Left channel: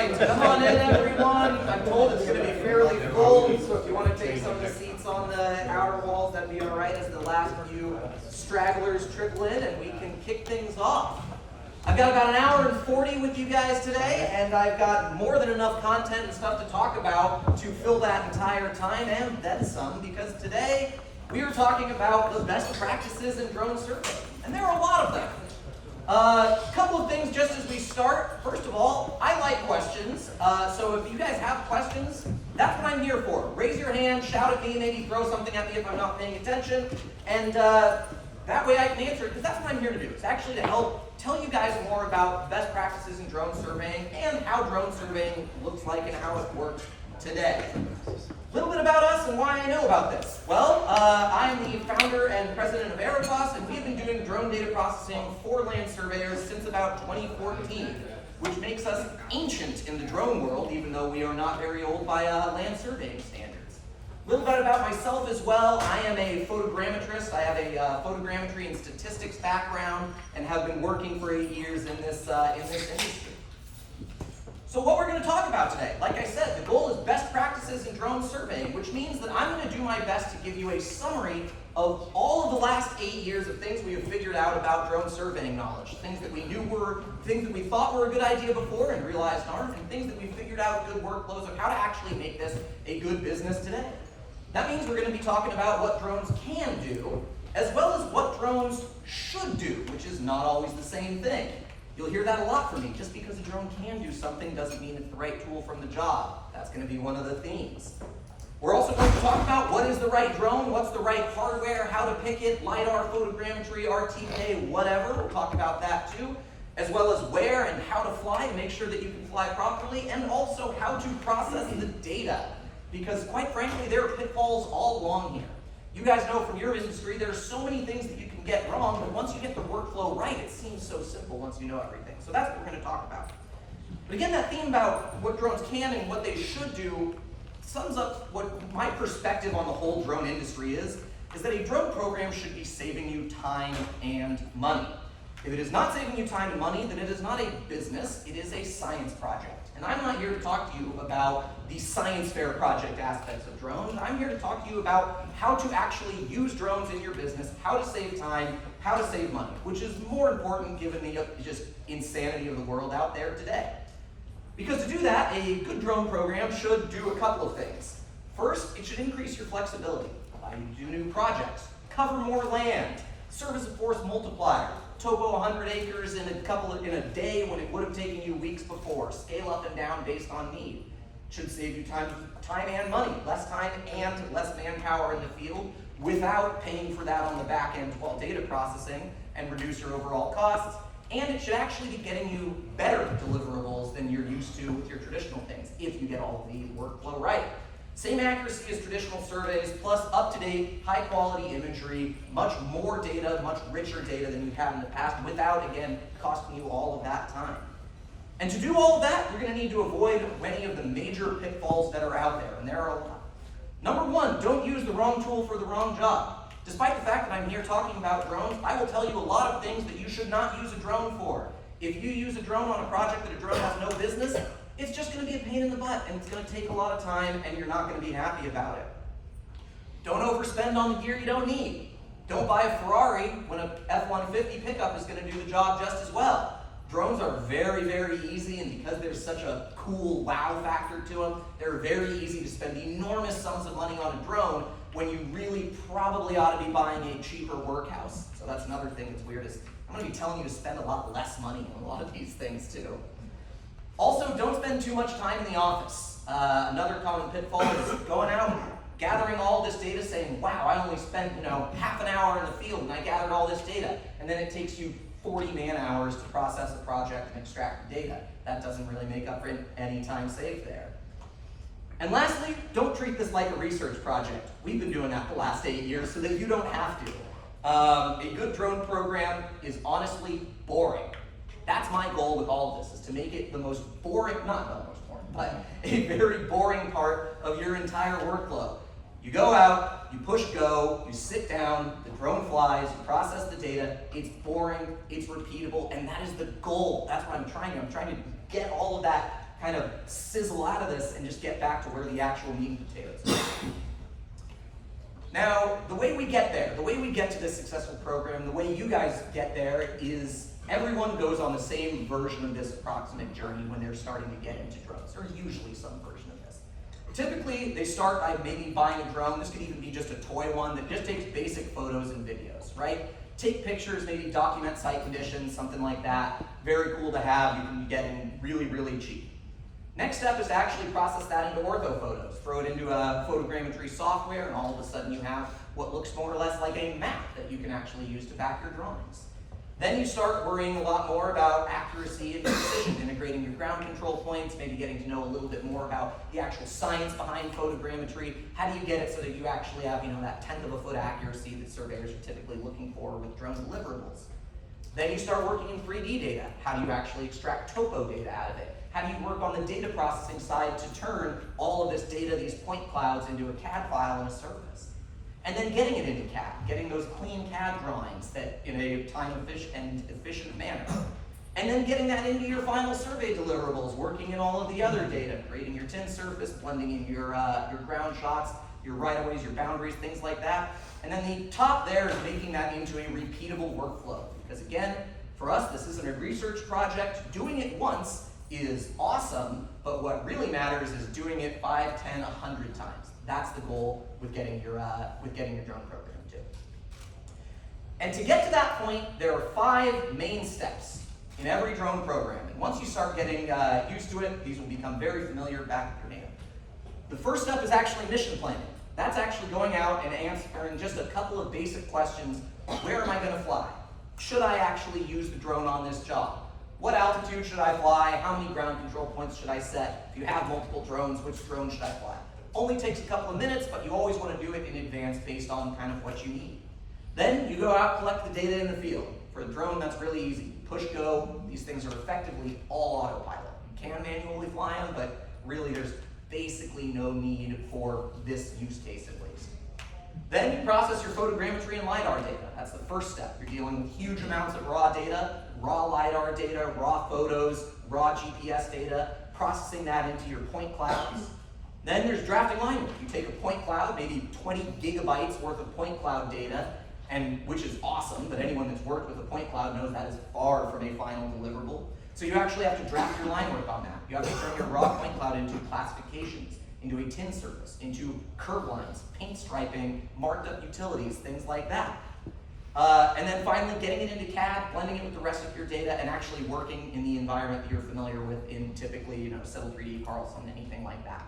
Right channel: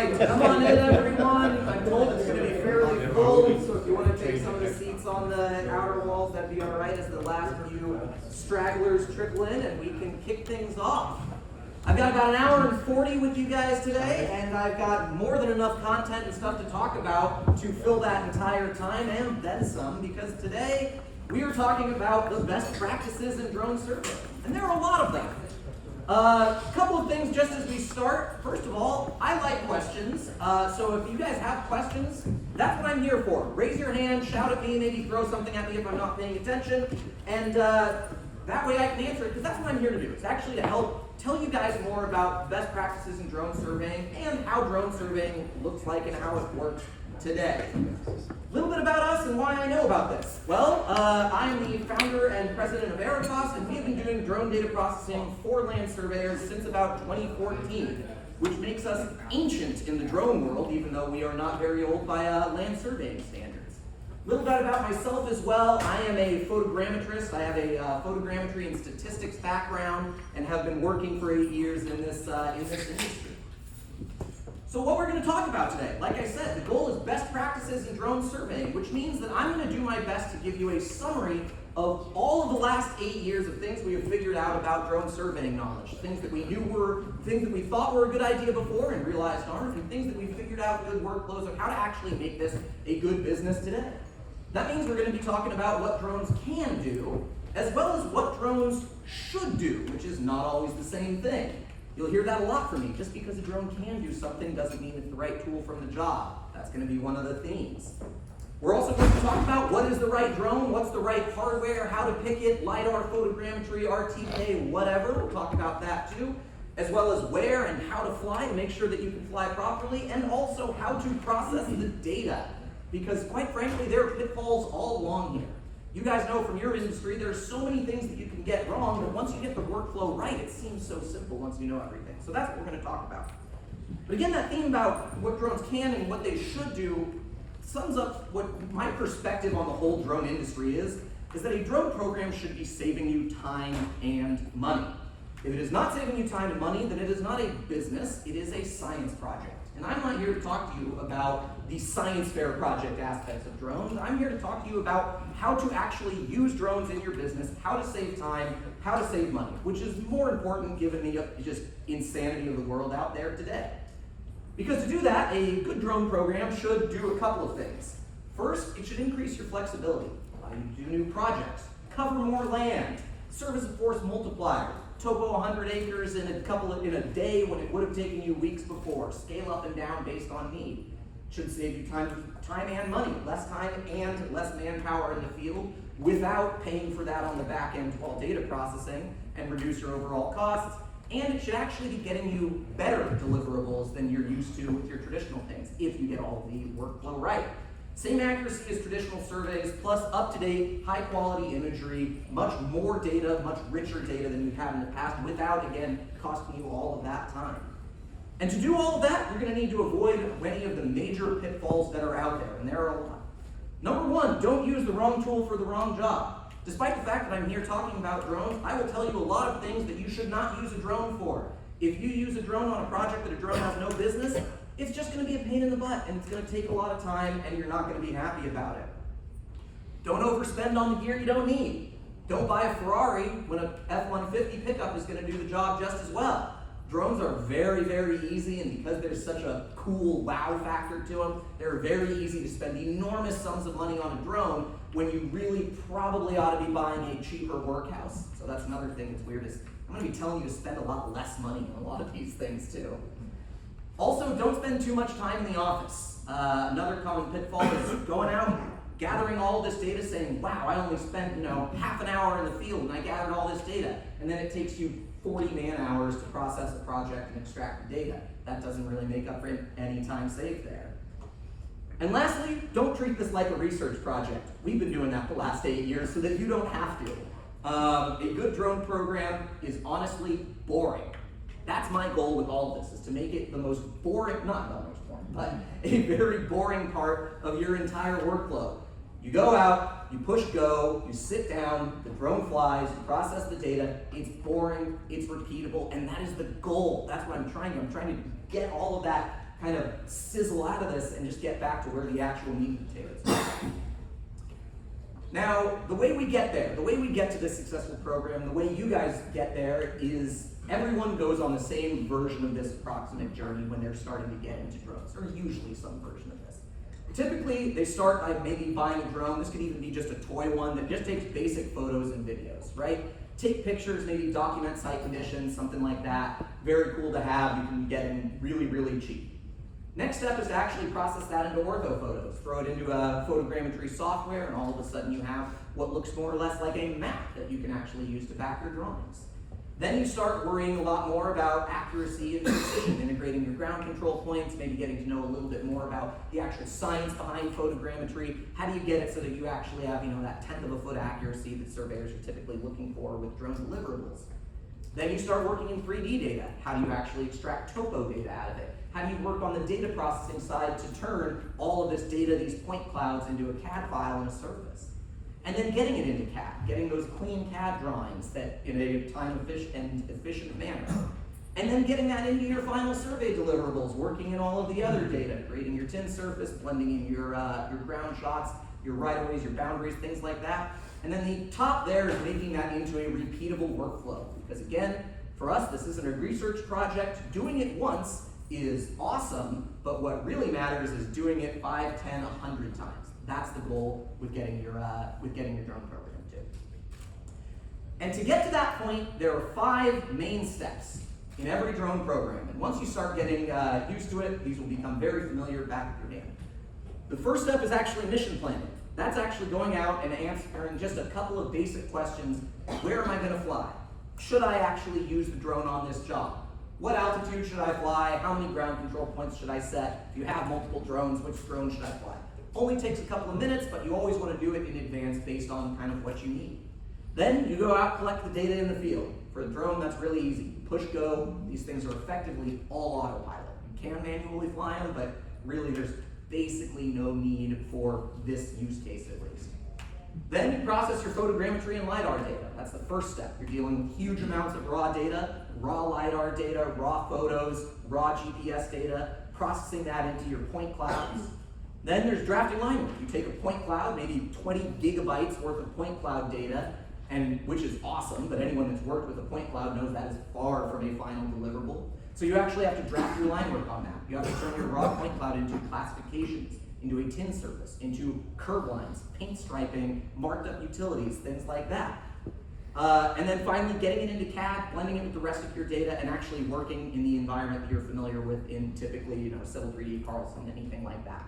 right, come on in everyone. I'm told it's going to be fairly full, so if you want to take some of the seats on the outer walls, that'd be all right as the last few stragglers trickle in and we can kick things off. I've got about an hour and 40 with you guys today, and I've got more than enough content and stuff to talk about to fill that entire time and then some, because today we are talking about the best practices in drone surveying, and there are a lot of them. A couple of things just as we start. First of all, I like questions, so if you guys have questions, that's what I'm here for. Raise your hand, shout at me, maybe throw something at me if I'm not paying attention, and that way I can answer it, because that's what I'm here to do. It's actually to help tell you guys more about best practices in drone surveying and how drone surveying looks like and how it works today. A little bit about us and why I know about this. Well, I'm the founder and president of Aerotas, and we have been doing drone data processing for land surveyors since about 2014, which makes us ancient in the drone world, even though we are not very old by land surveying standards. A little bit about myself as well. I am a photogrammetrist. I have a photogrammetry and statistics background and have been working for 8 years in this industry. So what we're going to talk about today, like I said, the goal is best practices in drone surveying, which means that I'm going to do my best to give you a summary of all of the last 8 years of things we have figured out about drone surveying knowledge. Things that we knew were, things that we thought were a good idea before and realized aren't, and things that we figured out good workflows of how to actually make this a good business today. That means we're going to be talking about what drones can do, as well as what drones should do, which is not always the same thing. You'll hear that a lot from me. Just because a drone can do something doesn't mean it's the right tool from the job. That's going to be one of the themes. We're also going to talk about what is the right drone, what's the right hardware, how to pick it, Lidar, photogrammetry, Rtk, whatever. We'll talk about that too, as well as where and how to fly and make sure that you can fly properly, and also how to process the data. Because quite frankly, there are pitfalls all along here. You guys know from your industry, there's so many things that you can get wrong, but once you get the workflow right, it seems so simple once you know everything. So that's what we're going to talk about. But again, that theme about what drones can and what they should do sums up what my perspective on the whole drone industry is that a drone program should be saving you time and money. If it is not saving you time and money, then it is not a business, it is a science project. And I'm not here to talk to you about the science fair project aspects of drones. I'm here to talk to you about how to actually use drones in your business, how to save time, how to save money, which is more important given the just insanity of the world out there today. Because to do that, a good drone program should do a couple of things. First, it should increase your flexibility, allow you to do new projects, cover more land, serve as a force multiplier, topo 100 acres in a day when it would have taken you weeks before, scale up and down based on need. Should save you time and money, less time and less manpower in the field without paying for that on the back end while data processing, and reduce your overall costs. And it should actually be getting you better deliverables than you're used to with your traditional things if you get all the workflow right. Same accuracy as traditional surveys, plus up-to-date, high-quality imagery, much more data, much richer data than you've had in the past, without, again, costing you all of that time. And to do all of that, you're going to need to avoid many of the major pitfalls that are out there, and there are a lot. Number one, don't use the wrong tool for the wrong job. Despite the fact that I'm here talking about drones, I will tell you a lot of things that you should not use a drone for. If you use a drone on a project that a drone has no business, it's just going to be a pain in the butt, and it's going to take a lot of time, and you're not going to be happy about it. Don't overspend on the gear you don't need. Don't buy a Ferrari when a F-150 pickup is going to do the job just as well. Drones are very, very easy, and because there's such a cool wow factor to them, they're very easy to spend enormous sums of money on a drone when you really probably ought to be buying a cheaper workhouse. So that's another thing that's weird, is I'm going to be telling you to spend a lot less money on a lot of these things too. Also, don't spend too much time in the office. Another common pitfall is going out, gathering all this data, saying, wow, I only spent half an hour in the field and I gathered all this data, and then it takes you 40 man-hours to process the project and extract the data. That doesn't really make up for any time saved there. And lastly, don't treat this like a research project. We've been doing that the last 8 years so that you don't have to. A good drone program is honestly boring. That's my goal with all of this, is to make it the most boring, not the most boring, but a very boring part of your entire workflow. You go out, you push go, you sit down, the drone flies, you process the data, it's boring, it's repeatable, and that is the goal. That's what I'm trying to get all of that kind of sizzle out of this and just get back to where the actual meat and potatoes are. Now, the way we get there, the way we get to this successful program, the way you guys get there is everyone goes on the same version of this approximate journey when they're starting to get into drones, or usually some version of this. Typically, they start by maybe buying a drone. This could even be just a toy one that just takes basic photos and videos, right? Take pictures, maybe document site conditions, something like that. Very cool to have. You can get in really, really cheap. Next step is to actually process that into ortho photos. Throw it into a photogrammetry software, and all of a sudden you have what looks more or less like a map that you can actually use to back your drawings. Then you start worrying a lot more about accuracy and precision, integrating your ground control points, maybe getting to know a little bit more about the actual science behind photogrammetry. How do you get it so that you actually have, that 1/10 of a foot accuracy that surveyors are typically looking for with drone deliverables? Then you start working in 3D data. How do you actually extract topo data out of it? How do you work on the data processing side to turn all of this data, these point clouds, into a CAD file and a surface? And then getting it into CAD, getting those clean CAD drawings that in a time-efficient manner. And then getting that into your final survey deliverables, working in all of the other data, creating your tin surface, blending in your ground shots, your right-of-ways, your boundaries, things like that. And then the top there is making that into a repeatable workflow. Because again, for us, this isn't a research project. Doing it once is awesome, but what really matters is doing it 5, 10, 100 times. That's the goal with getting your drone program too. And to get to that point, there are 5 main steps in every drone program. And once you start getting used to it, these will become very familiar back of your hand. The first step is actually mission planning. That's actually going out and answering just a couple of basic questions. Where am I going to fly? Should I actually use the drone on this job? What altitude should I fly? How many ground control points should I set? If you have multiple drones, which drone should I fly? Only takes a couple of minutes, but you always want to do it in advance based on kind of what you need. Then you go out, collect the data in the field. For a drone, that's really easy. Push go, these things are effectively all autopilot. You can manually fly them, but really there's basically no need for this use case at least. Then you process your photogrammetry and Lidar data. That's the first step. You're dealing with huge amounts of raw data, raw Lidar data, raw photos, raw GPS data, processing that into your point clouds. Then there's drafting Linework. You take a point cloud, maybe 20 gigabytes worth of point cloud data, and which is awesome, but anyone that's worked with a point cloud knows that is far from a final deliverable. So you actually have to draft your Linework on that. You have to turn your raw point cloud into classifications, into a tin surface, into curve lines, paint striping, marked up utilities, things like that. And then finally getting it into CAD, blending it with the rest of your data, and actually working in the environment that you're familiar with in typically Civil 3D, Carlson, anything like that.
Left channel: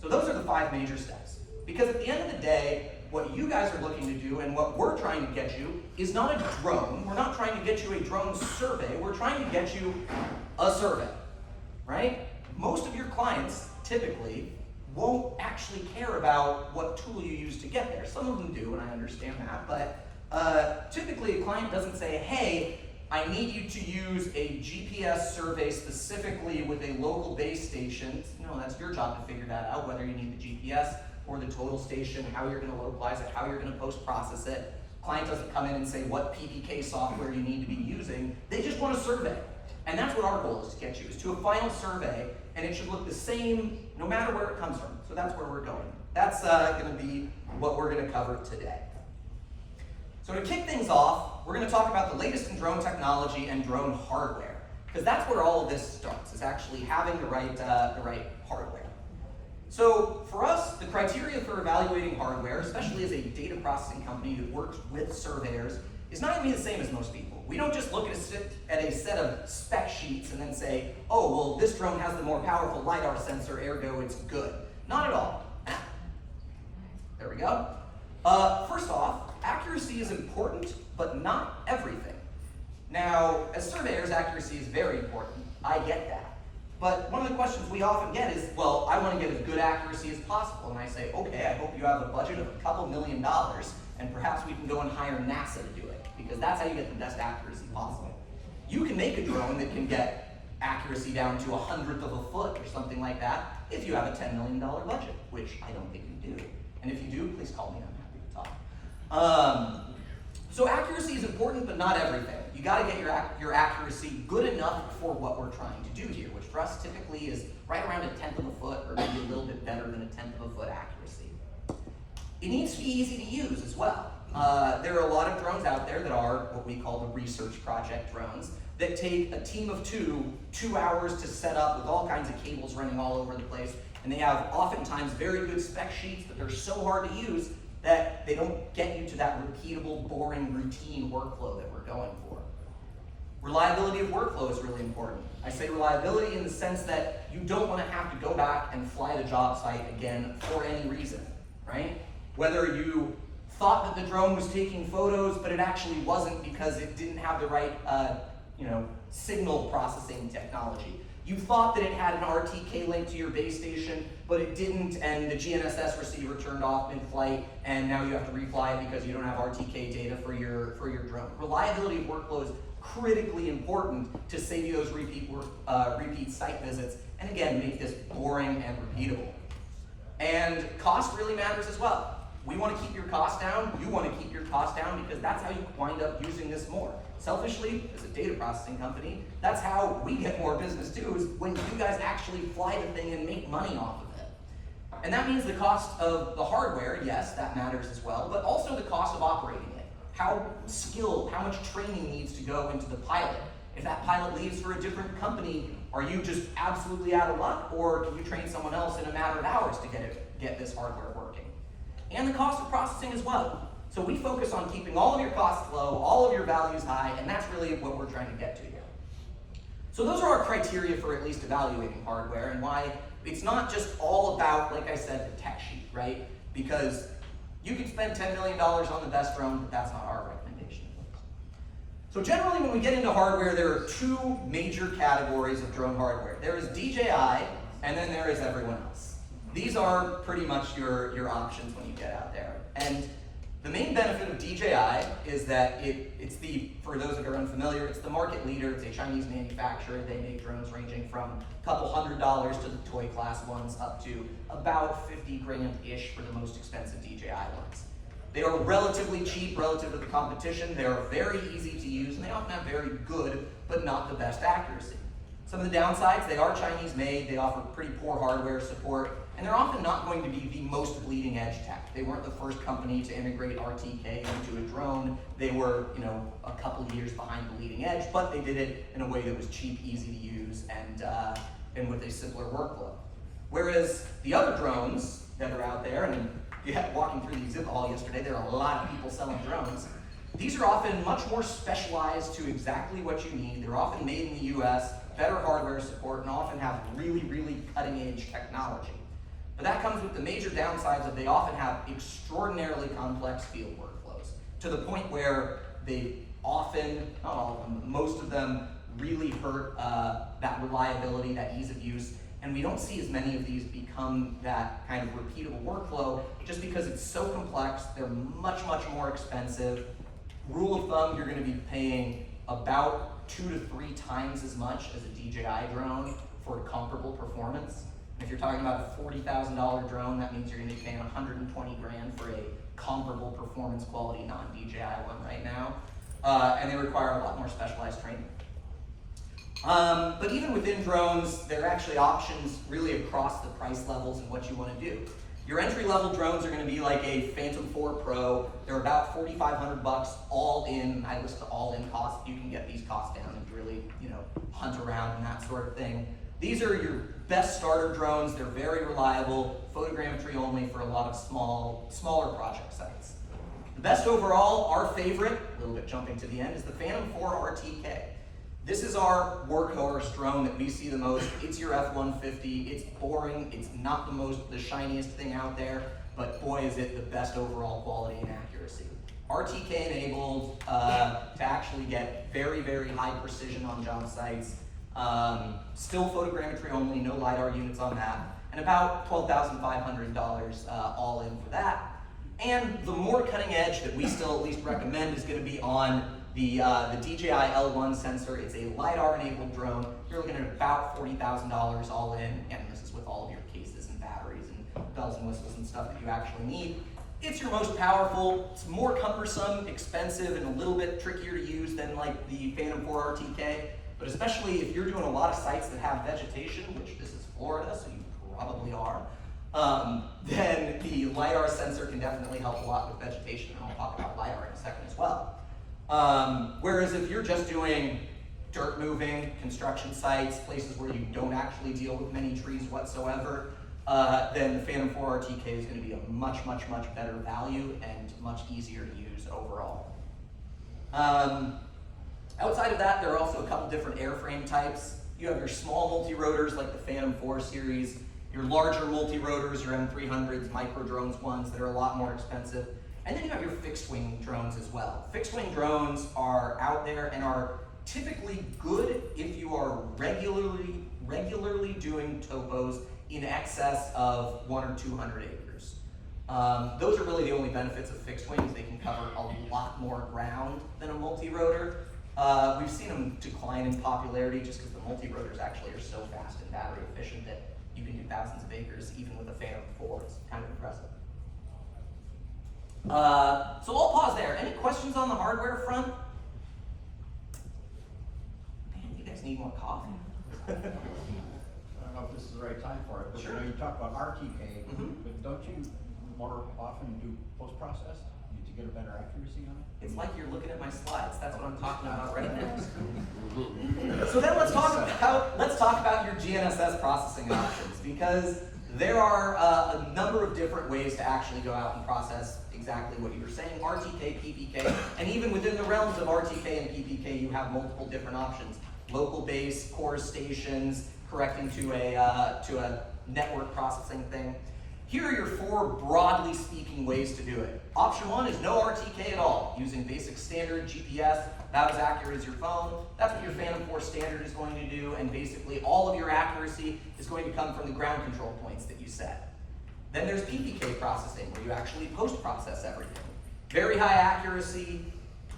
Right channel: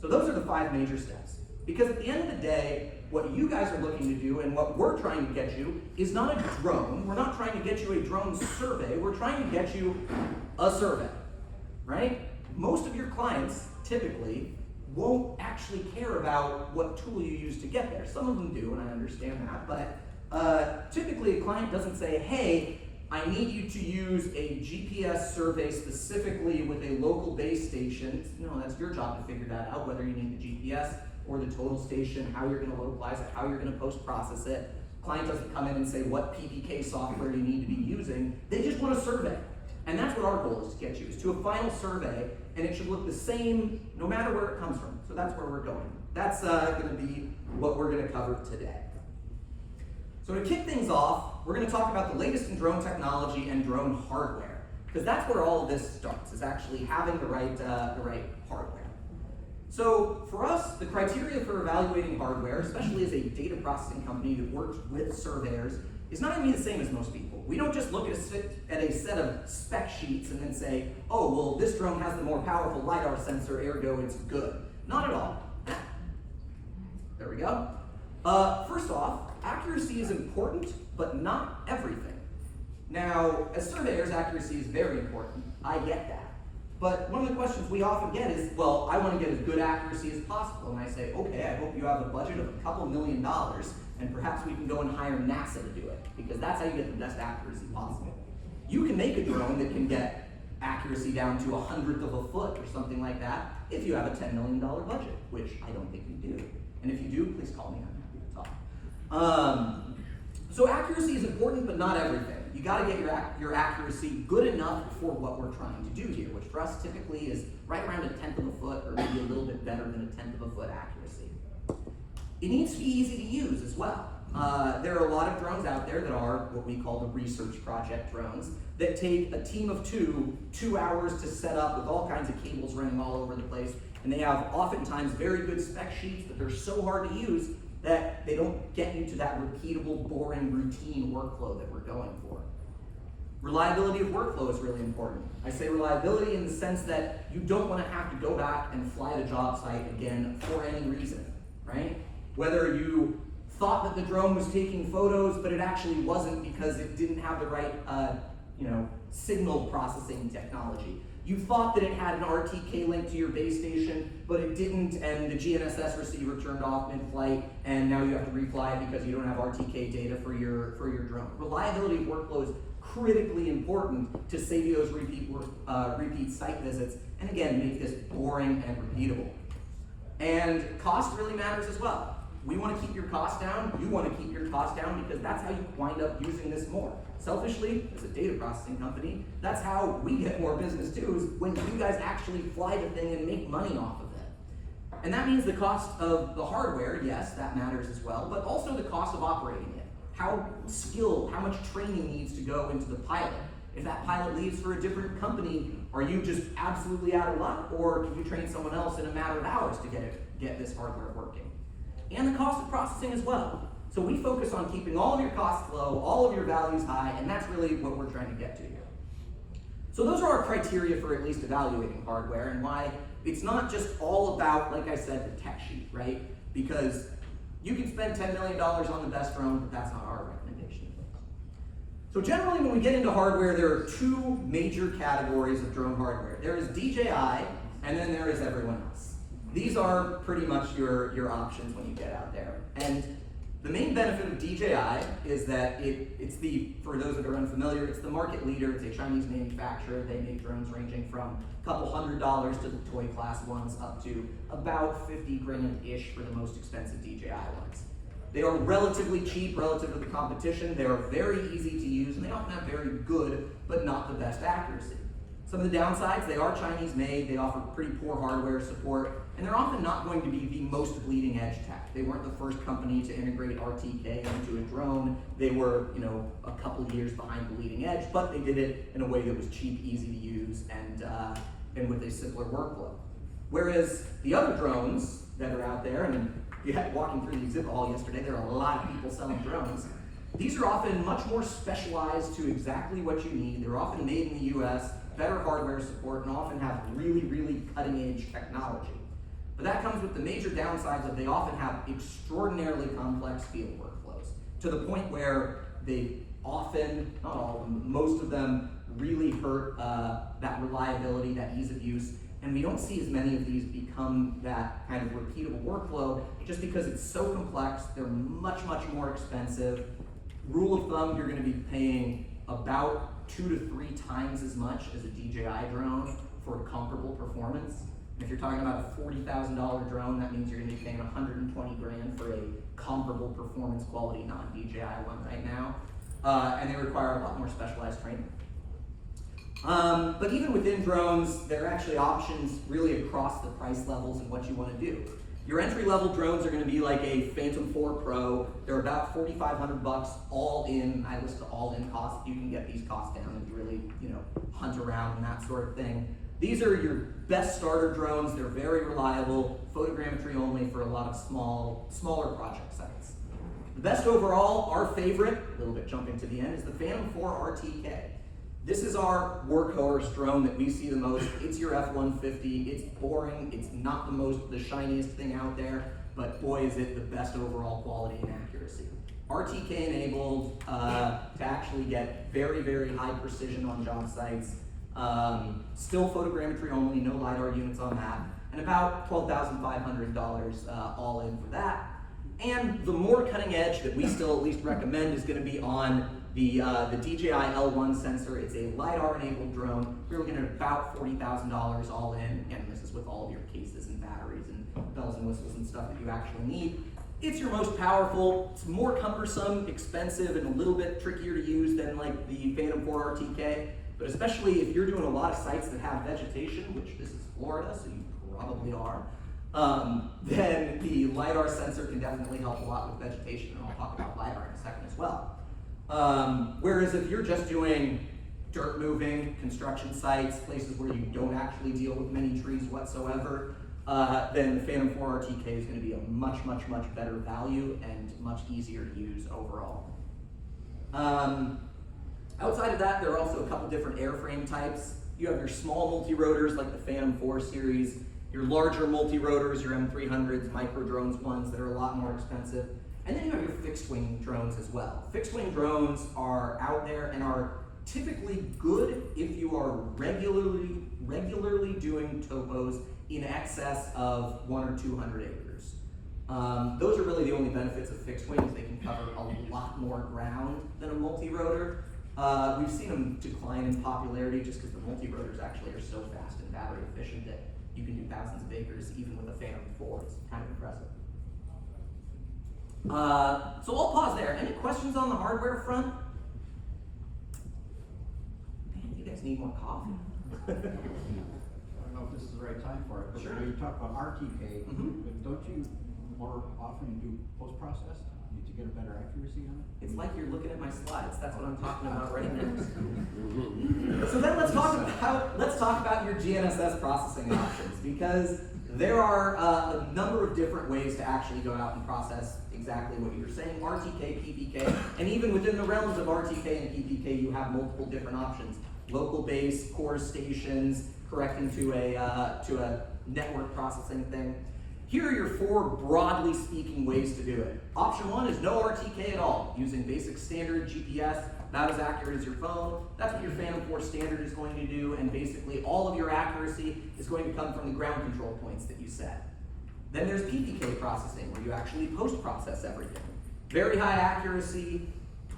So those are the 5 major steps. Because at the end of the day, what you guys are looking to do and what we're trying to get you is not a drone. We're not trying to get you a drone survey. We're trying to get you a survey, right? Most of your clients typically won't actually care about what tool you use to get there. Some of them do, and I understand that, but typically a client doesn't say, hey, I need you to use a GPS survey specifically with a local base station. No, that's your job to figure that out, whether you need the GPS or the total station, how you're going to localize it, how you're going to post-process it. Client doesn't come in and say what PPK software you need to be using. They just want a survey. And that's what our goal is to get you, is to a final survey, and it should look the same no matter where it comes from. So that's where we're going. That's going to be what we're going to cover today. So to kick things off, we're going to talk about the latest in drone technology and drone hardware, because that's where all of this starts, is actually having the right hardware. So for us, the criteria for evaluating hardware, especially as a data processing company that works with surveyors, is not going to be the same as most people. We don't just look at a set of spec sheets and then say, oh, well, this drone has the more powerful Lidar sensor, ergo it's good. Not at all. There we go. First off, accuracy is important, but not everything. Now, as surveyors, accuracy is very important. I get that. But one of the questions we often get is, well, I want to get as good accuracy as possible. And I say, okay, I hope you have a budget of a couple $1 million, and perhaps we can go and hire NASA to do it, because that's how you get the best accuracy possible. You can make a drone that can get accuracy down to 1/100th of a foot or something like that if you have a $10 million budget, which I don't think you do. And if you do, please call me, I'm happy to talk. So accuracy is important, but not everything. You got to get your accuracy good enough for what we're trying to do here, which for thrust typically is right around 1/10 of a foot, or maybe a little bit better than 1/10 of a foot accuracy. It needs to be easy to use as well. There are a lot of drones out there that are what we call the research project drones that take a team of 2 hours to set up with all kinds of cables running all over the place, and they have oftentimes very good spec sheets, but they're so hard to use that they don't get you to that repeatable, boring, routine workflow that we're going for. Reliability of workflow is really important. I say reliability in the sense that you don't want to have to go back and fly the job site again for any reason, right? Whether you thought that the drone was taking photos, but it actually wasn't because it didn't have the right signal processing technology. You thought that it had an RTK link to your base station, but it didn't, and the GNSS receiver turned off mid-flight, and now you have to refly it because you don't have RTK data for your drone. Reliability of workflow is critically important to save you those repeat site visits, and again, make this boring and repeatable. And cost really matters as well. We want to keep your costs down, you want to keep your costs down, because that's how you wind up using this more. Selfishly, as a data processing company, that's how we get more business too, is when you guys actually fly the thing and make money off of it. And that means the cost of the hardware, yes, that matters as well, but also the cost of operating it. How skilled, how much training needs to go into the pilot. If that pilot leaves for a different company, are you just absolutely out of luck, or can you train someone else in a matter of hours to get this hardware working? And the cost of processing as well. So we focus on keeping all of your costs low, all of your values high, and that's really what we're trying to get to here. So those are our criteria for at least evaluating hardware, and why it's not just all about, like I said, the tech sheet, right? Because you can spend $10 million on the best drone, but that's not our recommendation. So generally when we get into hardware, there are 2 major categories of drone hardware. There is DJI, and then there is everyone else. These are pretty much your options when you get out there. And the main benefit of DJI is that for those that are unfamiliar, it's the market leader. It's a Chinese manufacturer. They make drones ranging from a couple $100s to the toy class ones up to about 50 grand-ish for the most expensive DJI ones. They are relatively cheap relative to the competition. They are very easy to use, and they often have very good, but not the best accuracy. Some of the downsides, they are Chinese made, they offer pretty poor hardware support, and they're often not going to be the most bleeding edge tech. They weren't the first company to integrate RTK into a drone. They were, a couple of years behind the leading edge, but they did it in a way that was cheap, easy to use, and with a simpler workflow. Whereas the other drones that are out there, and walking through the exhibit hall yesterday, there are a lot of people selling drones. These are often much more specialized to exactly what you need. They're often made in the US, better hardware support, and often have really, really cutting-edge technology. But that comes with the major downsides that they often have extraordinarily complex field workflows, to the point where they often, not all of them, but most of them really hurt that reliability, that ease of use, and we don't see as many of these become that kind of repeatable workflow just because it's so complex. They're much, much more expensive. Rule of thumb, you're going to be paying about 2 to 3 times as much as a DJI drone for comparable performance. And if you're talking about a $40,000 drone, that means you're going to be paying 120 grand for a comparable performance quality non-DJI one right now. And they require a lot more specialized training. But even within drones, there are actually options really across the price levels and what you want to do. Your entry-level drones are going to be like a Phantom 4 Pro. They're about $4,500 all in. I list the all-in costs. You can get these costs down and really, hunt around and that sort of thing. These are your best starter drones. They're very reliable, photogrammetry only for a lot of smaller project sites. The best overall, our favorite, a little bit jumping to the end, is the Phantom 4 RTK. This is our workhorse drone that we see the most. It's your F-150. It's boring. It's not the shiniest thing out there, but boy, is it the best overall quality and accuracy. RTK enabled to actually get very, very high precision on job sites. Still photogrammetry only, no Lidar units on that, and about $12,500 all in for that. And the more cutting edge that we still at least recommend is going to be on the Dji L1 Sensor. It's a Lidar-enabled drone. We're looking at about $40,000 all in, and this is with all of your cases and batteries and bells and whistles and stuff that you actually need. It's your most powerful. It's more cumbersome, expensive, and a little bit trickier to use than like the Phantom 4 RTK. But especially if you're doing a lot of sites that have vegetation, which this is Florida, so you probably are, then the Lidar sensor can definitely help a lot with vegetation, and I'll talk about Lidar in a second as well. Whereas if you're just doing dirt moving, construction sites, places where you don't actually deal with many trees whatsoever, then the Phantom 4 Rtk is going to be a much, much, much better value and much easier to use overall. Outside of that, there are also a couple different airframe types. You have your small multi-rotors like the Phantom 4 series, your larger multi-rotors, your M300s, micro drones ones that are a lot more expensive, and then you have your fixed wing drones as well. Fixed wing drones are out there and are typically good if you are regularly doing topos in excess of 100 or 200 acres. Those are really the only benefits of fixed wings. They can cover a lot more ground than a multi-rotor. We've seen them decline in popularity just because the multi-rotors actually are so fast and battery efficient that you can do thousands of acres even with a Phantom 4. It's kind of impressive. So I'll pause there. Any questions on the hardware front? Man, you guys need more coffee. I don't know if this is the right time for it, but sure. You talk about Rtk, but don't you more often do post-process to get a better accuracy on it? It's like you're looking at my slides. That's what I'm talking about right now. So then let's talk about your GNSS processing options, because there are a number of different ways to actually go out and process exactly what you're saying, Rtk, Ppk, and even within the realms of Rtk and Ppk, you have multiple different options. Local base, core stations, correcting to a network processing thing. Here are your 4 broadly speaking ways to do it. Option 1 is no Rtk at all, using basic standard GPS, about as accurate as your phone. That's what your Phantom 4 standard is going to do, and basically all of your accuracy is going to come from the ground control points that you set. Then there's Ppk processing, where you actually post-process everything. Very high accuracy,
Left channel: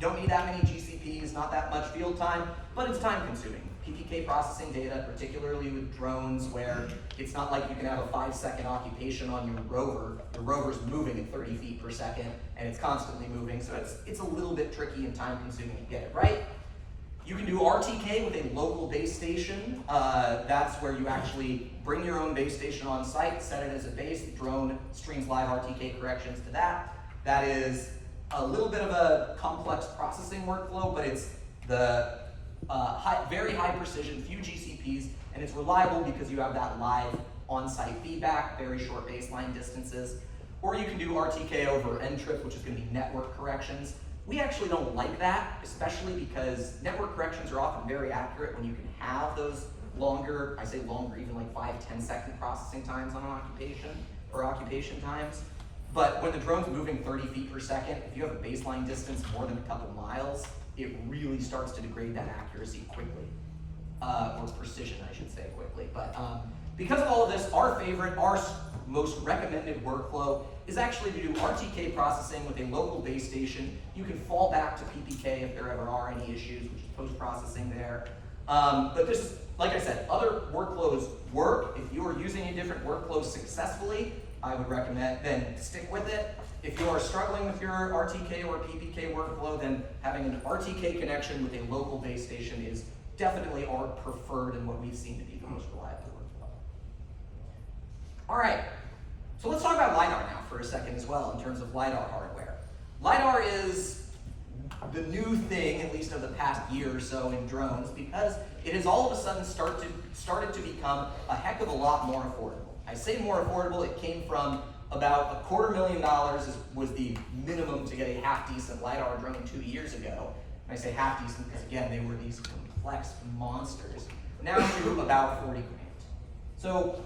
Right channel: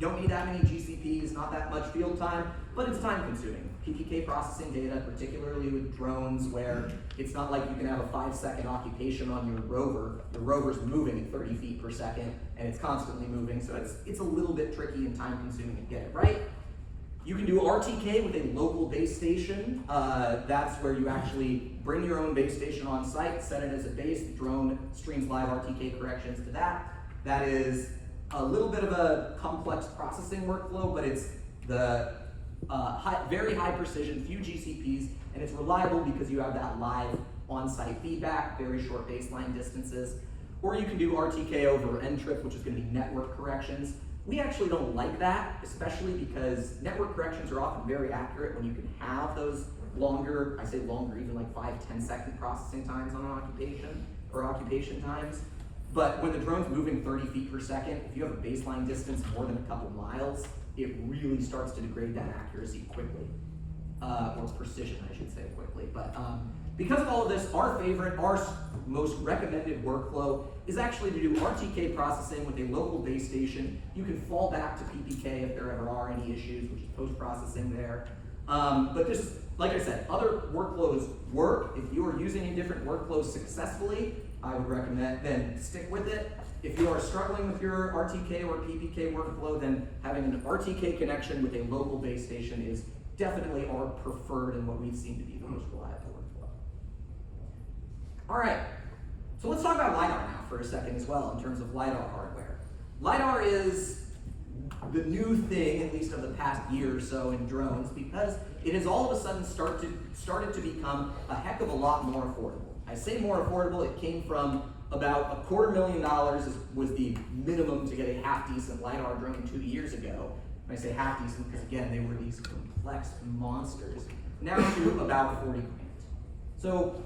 don't need that many GCPs, not that much field time, but it's time consuming. Ppk processing data, particularly with drones, where it's not like you can have a 5-second occupation on your rover. The rover's moving at 30 feet per second, and it's constantly moving, so it's a little bit tricky and time consuming to get it right. You can do Rtk with a local base station. That's where you actually bring your own base station on site, set it as a base, the drone streams live Rtk corrections to that. That is a little bit of a complex processing workflow, but it's the very high precision, few GCPs, and it's reliable because you have that live on-site feedback, very short baseline distances. Or you can do Rtk over NTRIP, which is going to be network corrections. We actually don't like that, especially because network corrections are often very accurate when you can have those longer, I say longer, even like 5-10 second processing times on an occupation, or occupation times. But when the drone's moving 30 feet per second, if you have a baseline distance more than a couple miles, it really starts to degrade that accuracy quickly, or precision, I should say, quickly. But because of all of this, our most recommended workflow is actually to do Rtk processing with a local base station. You can fall back to Ppk if there ever are any issues, which is post-processing there. But this, like I said, other workflows work. If you are using a different workflow successfully, I would recommend then stick with it. If you are struggling with your Rtk or Ppk workflow, then having an Rtk connection with a local base station is definitely our preferred and what we've seen to be the most reliable workflow. All right, so let's talk about Lidar now for a second as well in terms of Lidar hardware. Lidar is the new thing, at least of the past year or so in drones, because it has all of a sudden started to become a heck of a lot more affordable. I say more affordable, it came from about $250,000 was the minimum to get a half-decent Lidar drone 2 years ago. And I say half-decent because, again, they were these complex monsters. Now to about 40 grand. So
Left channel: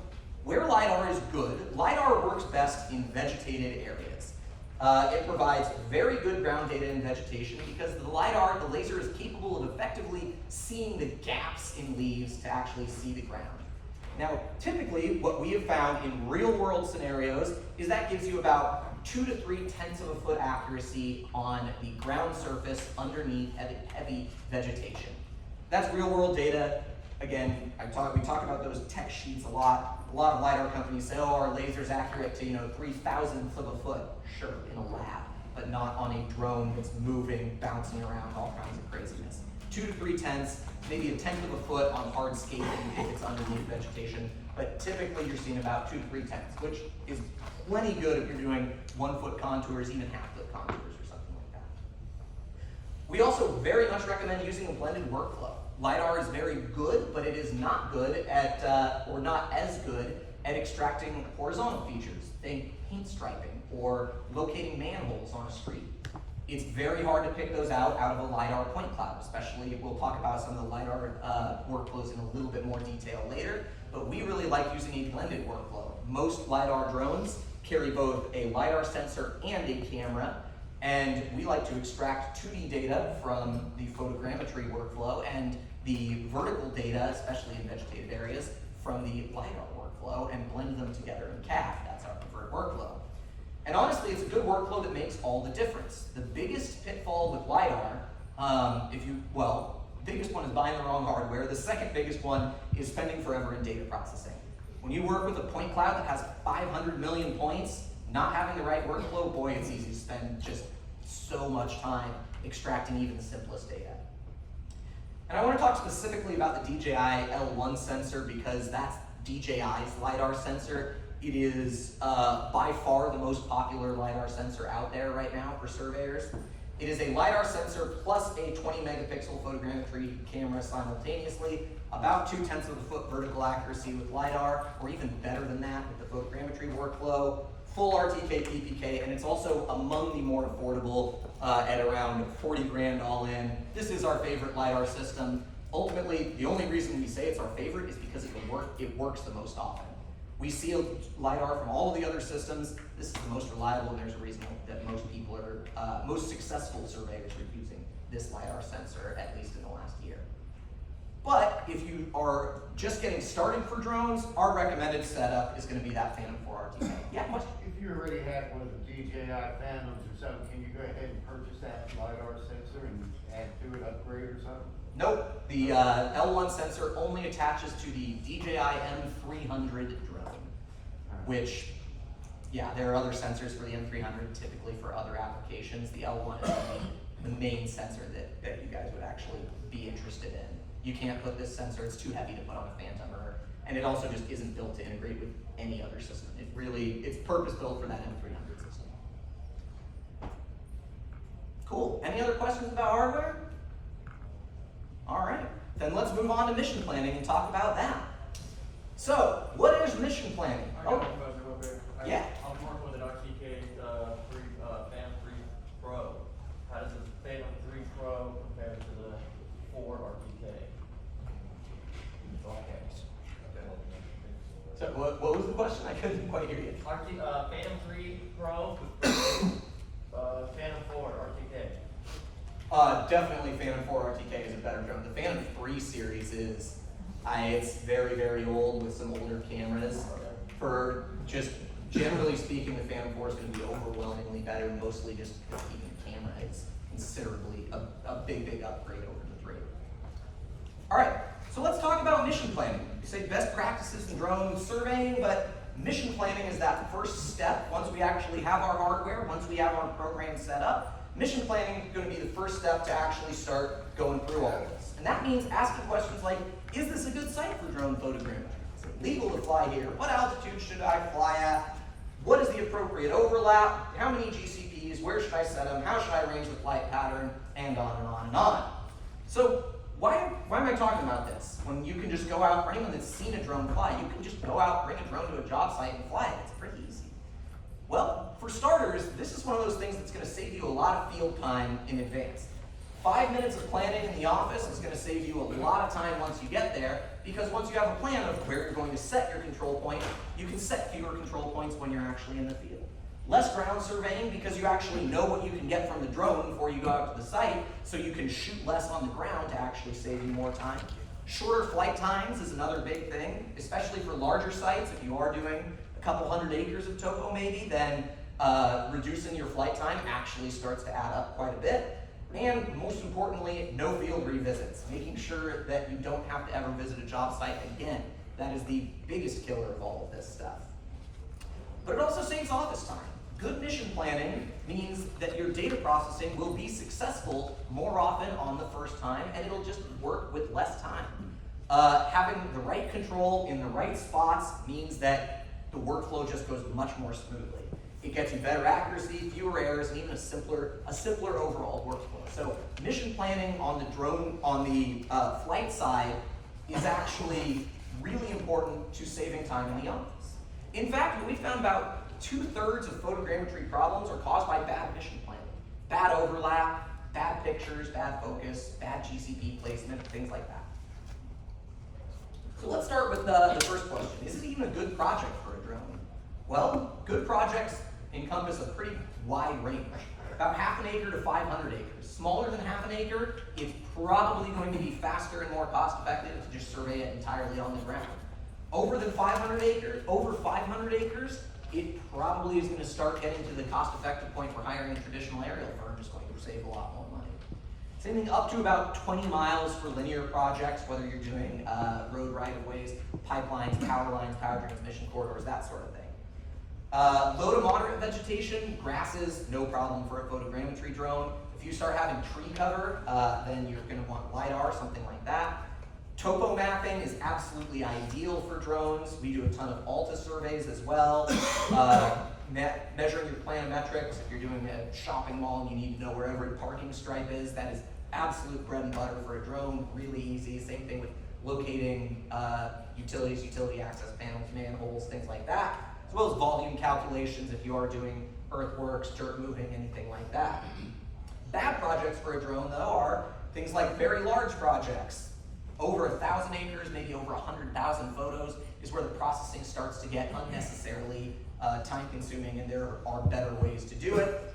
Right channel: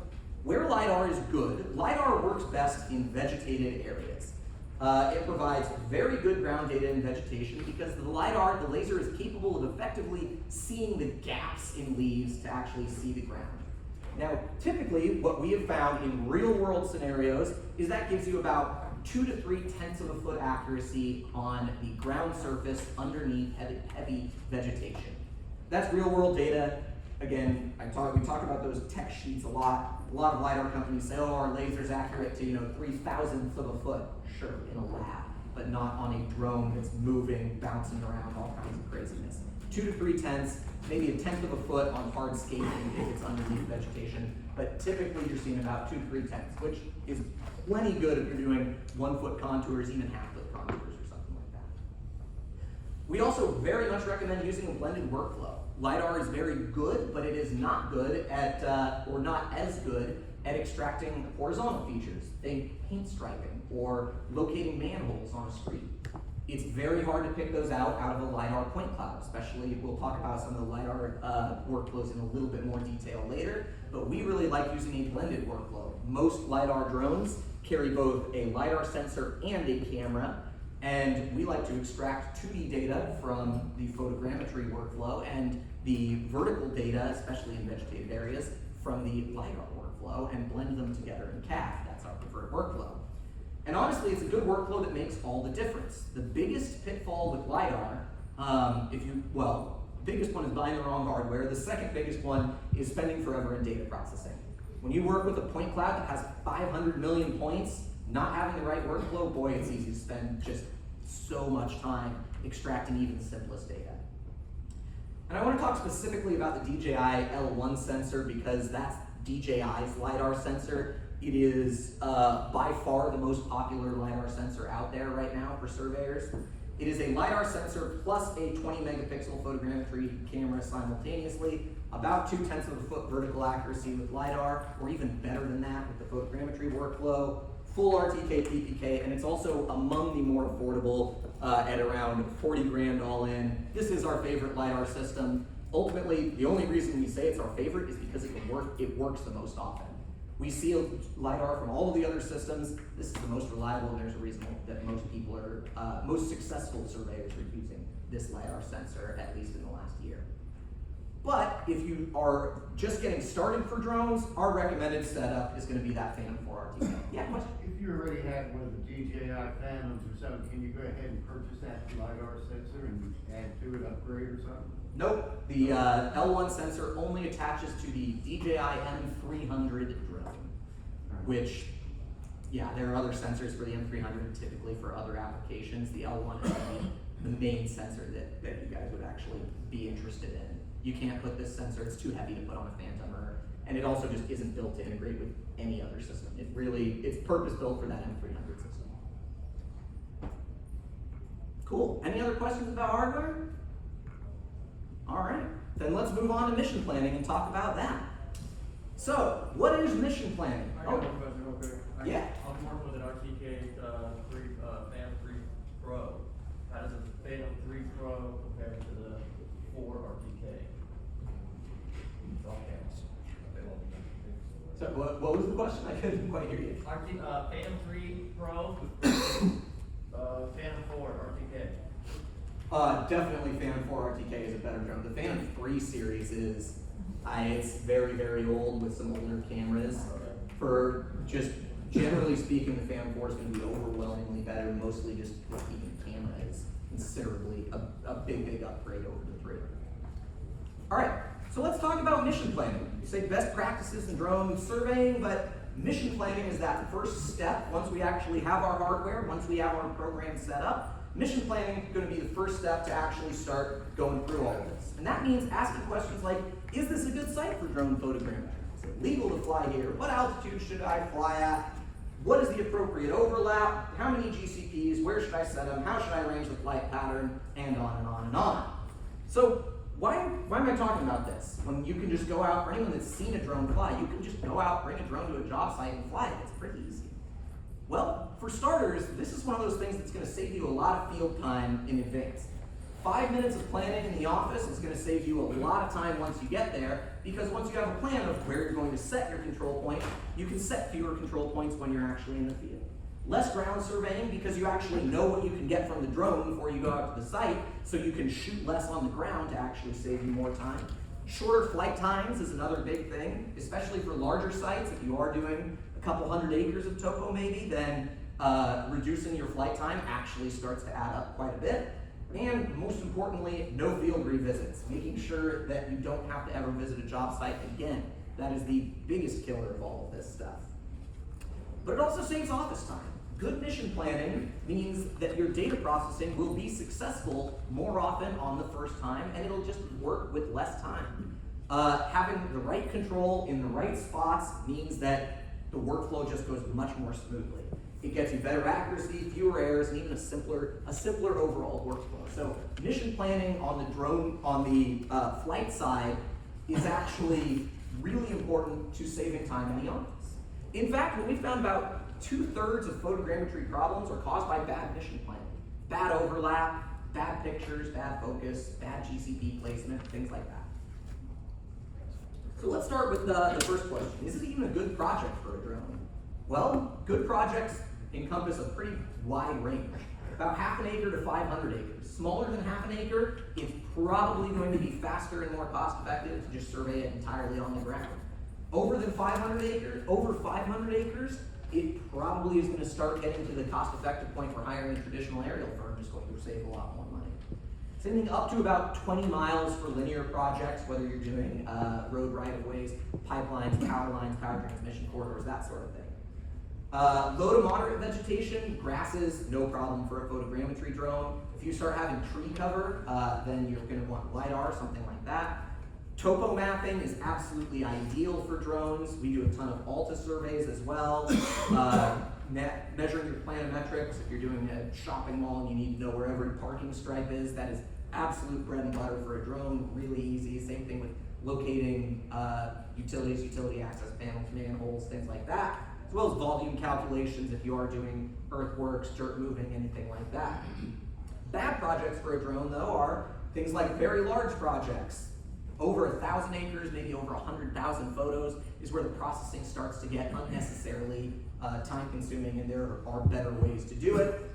where Lidar is good, Lidar works best in vegetated areas. It provides very good ground data in vegetation because the Lidar, the laser, is capable of effectively seeing the gaps in leaves to actually see the ground. Now, typically, what we have found in real-world scenarios is that gives you about 2 to 3 tenths of a foot accuracy on the ground surface underneath heavy vegetation. That's real-world data. Again, we talk about those tech sheets a lot. A lot of LiDAR companies say, oh, our laser's accurate to 3,000ths of a foot. Sure, in a lab, but not on a drone that's moving, bouncing around, all kinds of craziness. 2 to 3 tenths, maybe a tenth of a foot on hard scaping if it's underneath vegetation, but typically you're seeing about 2 to 3 tenths, which is plenty good if you're doing 1 foot contours, even half-foot contours or something like that. We also very much recommend using a blended workflow. Lidar is very good, but it is not good at, or not as good at extracting horizontal features, think paint striping or locating manholes on a street. It's very hard to pick those out of a Lidar point cloud, especially, we'll talk about some of the Lidar workflows in a little bit more detail later, but we really like using a blended workflow. Most Lidar drones carry both a Lidar sensor and a camera, and we like to extract 2D data from the photogrammetry workflow and the vertical data, especially in vegetated areas, from the Lidar workflow and blend them together in Cad. That's our preferred workflow. And honestly, it's a good workflow that makes all the difference. The biggest pitfall with Lidar, biggest one is buying the wrong hardware. The second biggest one is spending forever in data processing. When you work with a point cloud that has 500 million points, not having the right workflow, boy, it's easy to spend just so much time extracting even the simplest data. And I want to talk specifically about the Dji L1 sensor because that's DJI's Lidar sensor. It is by far the most popular Lidar sensor out there right now for surveyors. It is a Lidar sensor plus a 20 megapixel photogrammetry camera simultaneously, about 2/10 of a foot vertical accuracy with Lidar, or even better than that with the photogrammetry workflow, full Rtk Ppk, and it's also among the more affordable at around 40 grand all in. This is our favorite Lidar system. Ultimately, the only reason we say it's our favorite is because it works the most often. We see a Lidar from all of the other systems. This is the most reliable, and there's a reason that most people are, most successful surveyors are using this Lidar sensor, at least in the last year. But if you are just getting started for drones, our recommended setup is going to be that Phantom 4 RTK. Yeah, question? If you already had one of the DJI Phantoms or something, can you go ahead and purchase that Lidar sensor and add to it, upgrade or something? Nope. The L1 sensor only attaches to the DJI M300 drone, which, yeah, there are other sensors for the M300 typically for other applications. The L1 is the main sensor that you guys would actually be interested in. You can't put this sensor, it's too heavy to put on a Phantom, and it also just isn't built to integrate with any other system. It's purpose-built for that M300 system. Cool. Any other questions about hardware? All right, then let's move on to mission planning and talk about that. So, what is mission planning? I got one question real quick. Yeah. I'm working with an Rtk Phantom 3 Pro. How does the Phantom 3 Pro compare to the 4 RTK? So, what was the question? I couldn't quite hear you. Phantom 3 Pro, Phantom 4 RTK. Definitely Phantom 4 RTK is a better drone. The Phantom 3 series is, it's very, very old with some older cameras. For just generally speaking, the Phantom 4 is going to be overwhelmingly better, mostly just because even the camera is considerably a big upgrade over the 3. All right, so let's talk about mission planning. We say best practices in drone surveying, but mission planning is that first step. Once we actually have our hardware, once we have our program set up, mission planning is going to be the first step to actually start going through all of this. And that means asking questions like, is this a good site for drone photogrammetry? Is it legal to fly here? What altitude should I fly at? What is the appropriate overlap? How many GCPs? Where should I set them? How should I arrange the flight pattern? And on and on and on. So why am I talking about this? When you can just go out, for anyone that's seen a drone fly, you can just go out, bring a drone to a job site and fly it. It's pretty easy. Well, for starters, this is one of those things that's going to save you a lot of field time in advance. 5 minutes of planning in the office is going to save you a lot of time once you get there, because once you have a plan of where you're going to set your control point, you can set fewer control points when you're actually in the field. Less ground surveying because you actually know what you can get from the drone before you go out to the site, so you can shoot less on the ground to actually save you more time. Shorter flight times is another big thing, especially for larger sites. If you are doing a couple hundred acres of topo maybe, then reducing your flight time actually starts to add up quite a bit. And most importantly, no field revisits, making sure that you don't have to ever visit a job site again. That is the biggest killer of all of this stuff. But it also saves office time. good mission planning means that your data processing will be successful more often on the first time, and it'll just work with less time. Having the right control in the right spots means that the workflow just goes much more smoothly. It gets you better accuracy, fewer errors, and even a simpler overall workflow. So mission planning on the flight side is actually really important to saving time in the office. In fact, what we found, about 2/3 of photogrammetry problems are caused by bad mission planning. Bad overlap, bad pictures, bad focus, bad GCP placement, things like that. So let's start with the first question. Is it even a good project for a drone? Well, good projects encompass a pretty wide range. About 1/2 acre to 500 acres. Smaller than 1/2 acre, it's probably going to be faster and more cost effective to just survey it entirely on the ground. Over 500 acres, it probably is going to start getting to the cost effective point for hiring a traditional aerial firm, is going to save a lot more money. Same thing up to about 20 miles for linear projects, whether you're doing road right-of-ways, pipelines, power lines, power transmission corridors, that sort of thing. Low to moderate vegetation, grasses, no problem for a photogrammetry drone. If you start having tree cover, then you're going to want LiDAR, something like that. Topo mapping is absolutely ideal for drones. We do a ton of Alta surveys as well. Measuring your planimetrics, if you're doing a shopping mall and you need to know where every parking stripe is, that is absolute bread and butter for a drone, really easy. Same thing with locating utilities, utility access panels, manholes, things like that, as well as volume calculations if you are doing earthworks, dirt moving, anything like that. Bad projects for a drone, though, are things like very large projects. Over 1,000 acres, maybe over 100,000 photos is where the processing starts to get unnecessarily time consuming, and there are better ways to do it.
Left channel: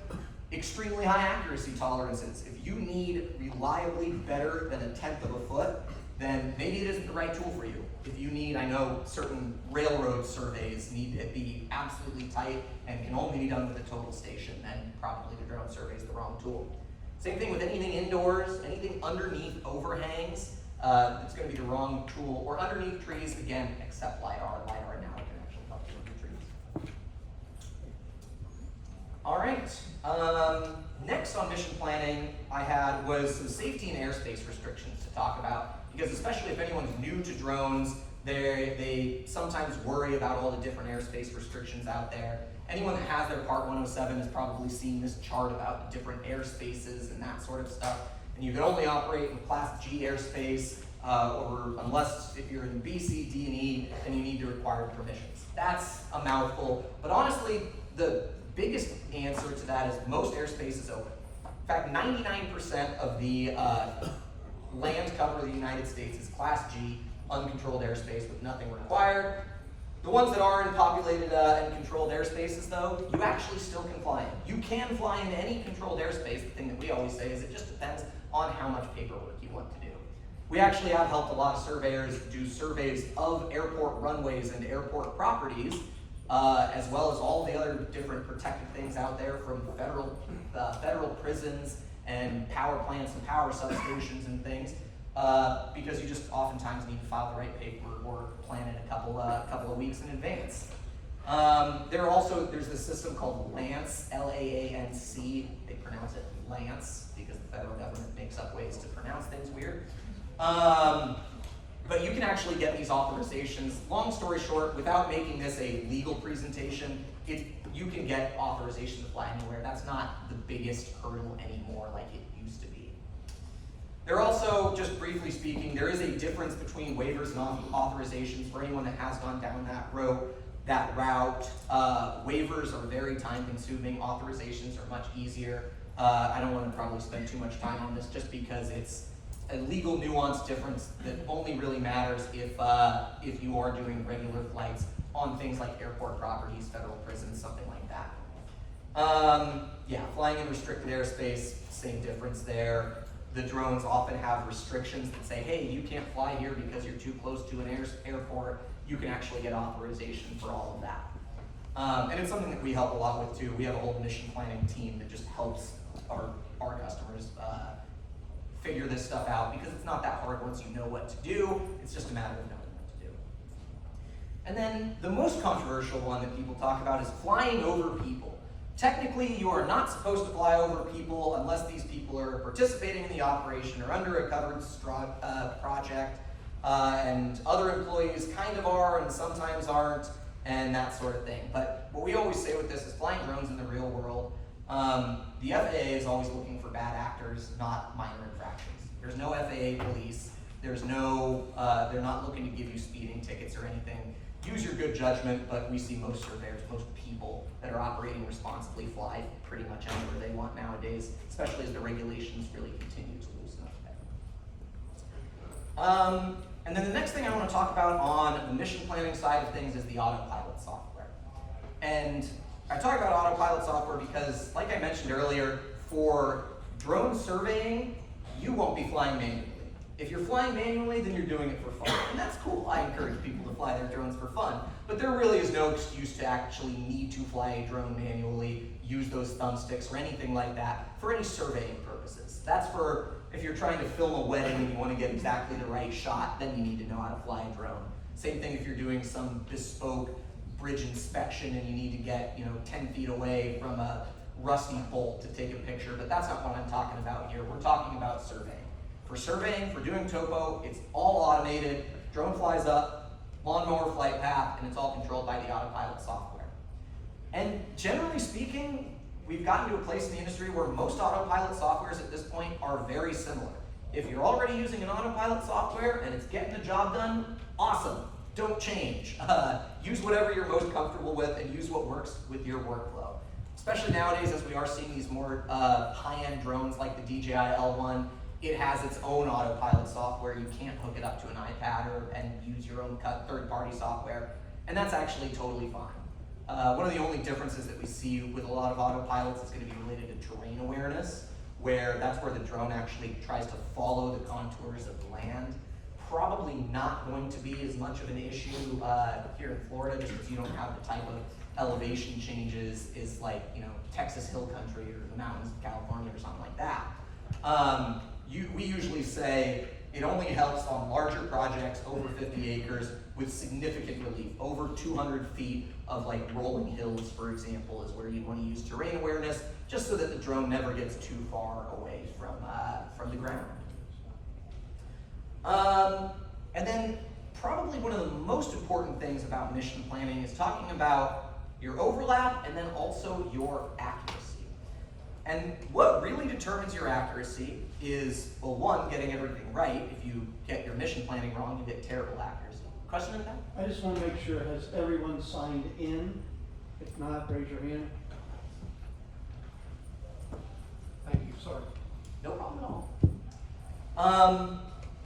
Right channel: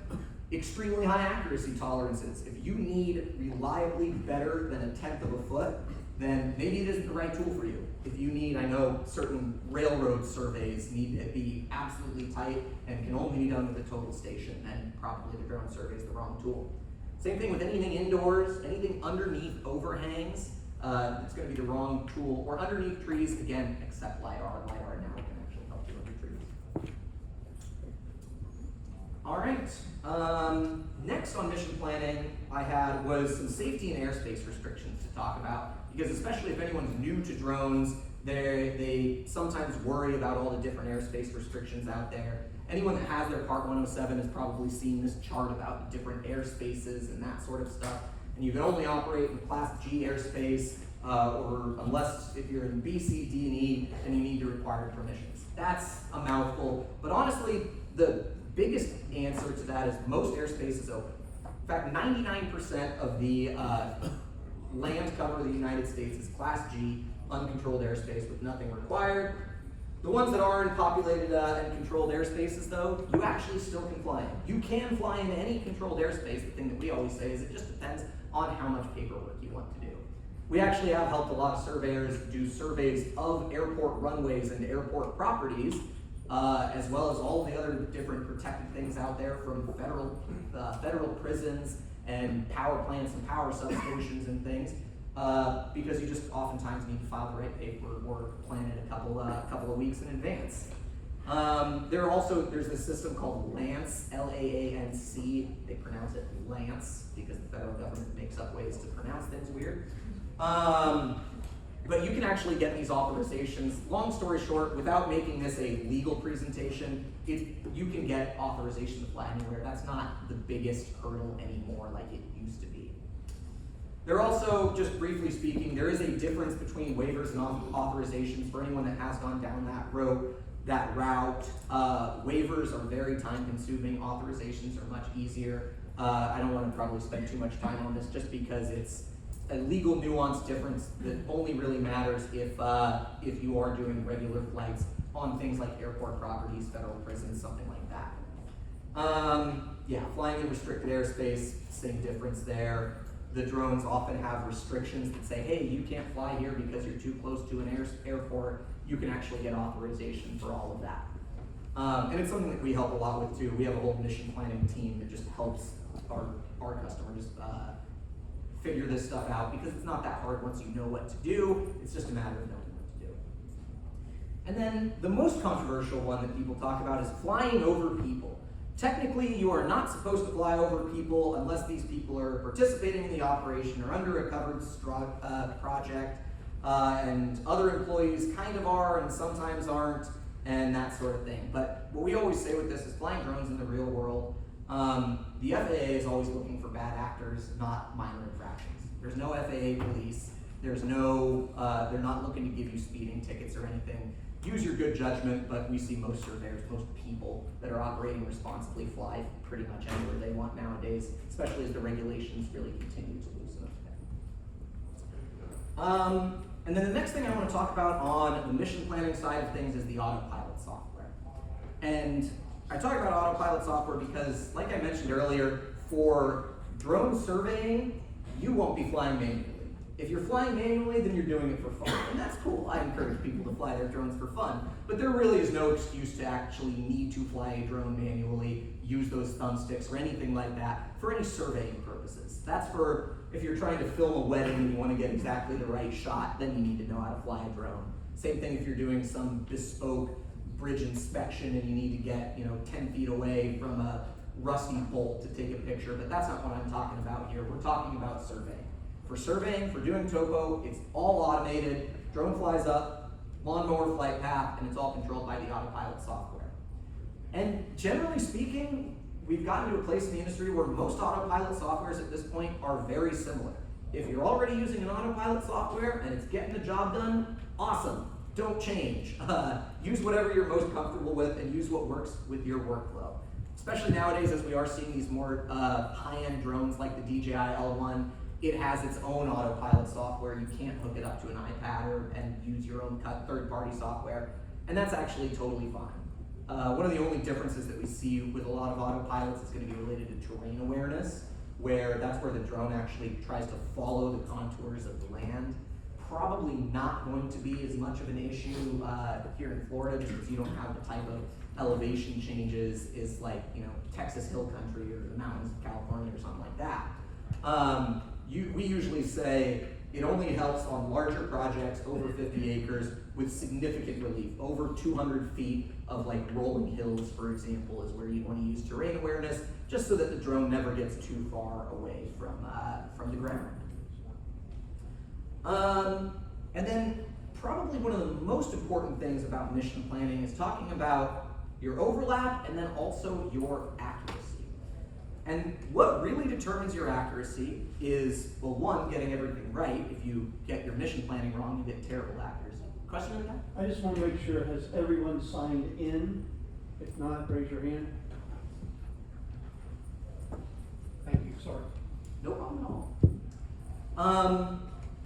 Extremely high accuracy tolerances. If you need reliably better than 1/10 of a foot, then maybe it isn't the right tool for you. If you need, I know certain railroad surveys need to be absolutely tight and can only be done with a total station, then probably the drone survey is the wrong tool. Same thing with anything indoors, anything underneath overhangs, it's going to be the wrong tool. Or underneath trees, again, except LiDAR. LiDAR now can actually help you with trees. All right. Next on mission planning I had was some safety and airspace restrictions to talk about, because especially if anyone's new to drones, they sometimes worry about all the different airspace restrictions out there. Anyone that has their Part 107 has probably seen this chart about the different airspaces and that sort of stuff. And you can only operate in Class G airspace, or unless if you're in B, C, D, and E, then you need to require permissions. That's a mouthful, but honestly, the biggest answer to that is most airspace is open. In fact, 99% of the land cover of the United States is Class G, uncontrolled airspace with nothing required. The ones that are in populated and controlled airspaces, though, you actually still can fly in. You can fly in any controlled airspace. The thing that we always say is it just depends on how much paperwork you want to do. We actually have helped a lot of surveyors do surveys of airport runways and airport properties, as well as all the other different protected things out there, from federal prisons and power plants and power substations and things, because you just oftentimes need to file the right paperwork or plan it a couple of weeks in advance. There's this system called LANC, L-A-A-N-C. They pronounce it Lance because the federal government makes up ways to pronounce things weird. But you can actually get these authorizations. Long story short, without making this a legal presentation, you can get authorization to fly anywhere. That's not the biggest hurdle anymore like it used to be. There are also, just briefly speaking, there is a difference between waivers and authorizations for anyone that has gone down that route. Waivers are very time consuming, authorizations are much easier. I don't want to probably spend too much time on this just because it's a legal nuance difference that only really matters if you are doing regular flights on things like airport properties, federal prisons, something like that. Flying in restricted airspace, same difference there. The drones often have restrictions that say, hey, you can't fly here because you're too close to an airport. You can actually get authorization for all of that. And it's something that we help a lot with too. We have a whole mission planning team that just helps our customers figure this stuff out, because it's not that hard once you know what to do. It's just a matter of knowing what to do. And then the most controversial one that people talk about is flying over people. Technically, you are not supposed to fly over people unless these people are participating in the operation or under a covered project, and other employees kind of are and sometimes aren't, and that sort of thing. But what we always say with this is flying drones in the real world, the FAA is always looking for bad actors, not minor infractions. There's no FAA police. There's no, they're not looking to give you speeding tickets or anything. Use your good judgment, but we see most surveyors, most people that are operating responsibly fly pretty much anywhere they want nowadays, especially as the regulations really continue to loosen up. And then the next thing I want to talk about on the mission planning side of things is the Autopilot software. And I talk about Autopilot software because, like I mentioned earlier, for drone surveying, you won't be flying manually. If you're flying manually, then you're doing it for fun. And that's cool. I encourage people to fly their drones for fun. But there really is no excuse to actually need to fly a drone manually, use those thumbsticks or anything like that for any surveying purposes. That's for if you're trying to film a wedding and you want to get exactly the right shot, then you need to know how to fly a drone. Same thing if you're doing some bespoke bridge inspection and you need to get 10 feet away from a rusty bolt to take a picture, but that's not what I'm talking about here. We're talking about surveying. For surveying, for doing topo, it's all automated. Drone flies up, lawnmower flight path, and it's all controlled by the Autopilot software. And generally speaking, we've gotten to a place in the industry where most Autopilot softwares at this point are very similar. If you're already using an Autopilot software and it's getting the job done, awesome. Don't change. Use whatever you're most comfortable with and use what works with your workflow. Especially nowadays as we are seeing these more high-end drones like the Dji L1, it has its own Autopilot software. You can't hook it up to an iPad and use your own third-party software, and that's actually totally fine. One of the only differences that we see with a lot of autopilots is going to be related to terrain awareness, where that's where the drone actually tries to follow the contours of the land. Probably not going to be as much of an issue here in Florida, just because you don't have the type of elevation changes is like Texas Hill Country or the mountains of California or something like that. We usually say it only helps on larger projects over 50 acres with significant relief. Over 200 feet of like rolling hills, for example, is where you want to use terrain awareness, just so that the drone never gets too far away from the ground. And then probably one of the most important things about mission planning is talking about your overlap and then also your accuracy. And what really determines your accuracy is, well, one, getting everything right. If you get your mission planning wrong, you get terrible accuracy. Question on that? I just want to make sure, has everyone signed in? If not, raise your hand. Thank you, sorry. No problem at all.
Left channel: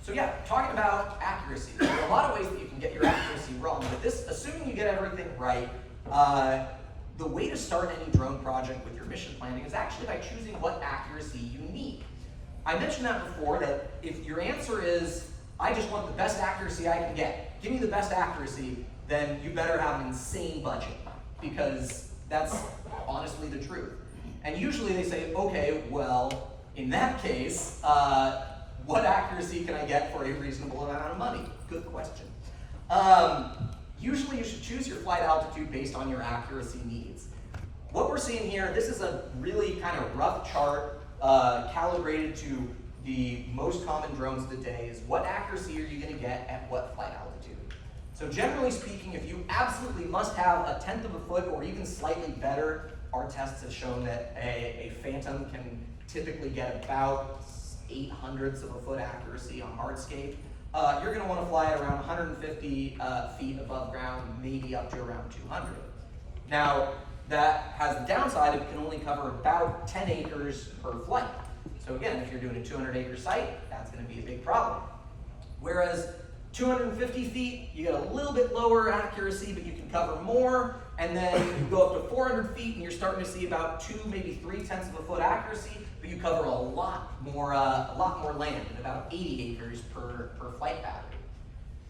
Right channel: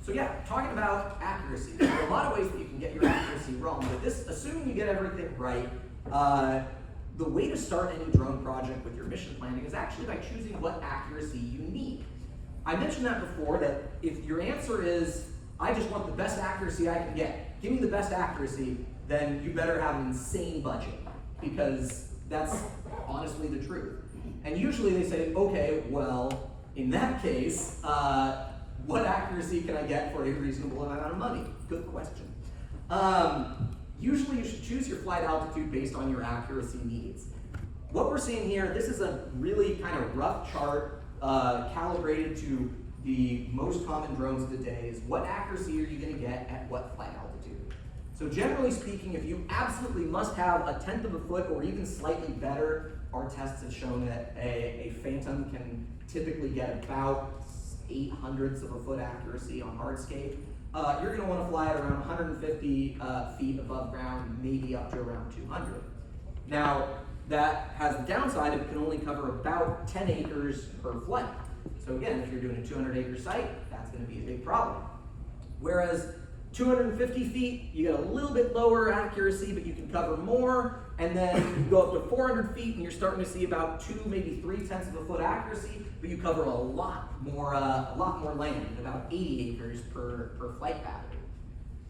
So yeah, talking about accuracy. There are a lot of ways that you can get your accuracy wrong, but this, assuming you get everything right, the way to start any drone project with your mission planning is actually by choosing what accuracy you need. I mentioned that before, that if your answer is, I just want the best accuracy I can get, give me the best accuracy, then you better have an insane budget, because that's honestly the truth. And usually they say, okay, well, in that case, what accuracy can I get for a reasonable amount of money? Good question. Usually you should choose your flight altitude based on your accuracy needs. What we're seeing here, this is a really kind of rough chart calibrated to the most common drones of the day, is what accuracy are you going to get at what flight altitude. So generally speaking, if you absolutely must have a 1/10 of a foot or even slightly better, our tests have shown that a Phantom can typically get about 0.08 of a foot accuracy on hardscape. You're going to want to fly at around 150 feet above ground, maybe up to around 200. Now, that has the downside of it can only cover about 10 acres per flight. So again, if you're doing a 200-acre site, that's going to be a big problem. Whereas 250 feet, you get a little bit lower accuracy, but you can cover more. And then you go up to 400 feet, and you're starting to see about 2, maybe 0.3 of a foot accuracy, but you cover a lot more land, at about 80 acres per flight pattern.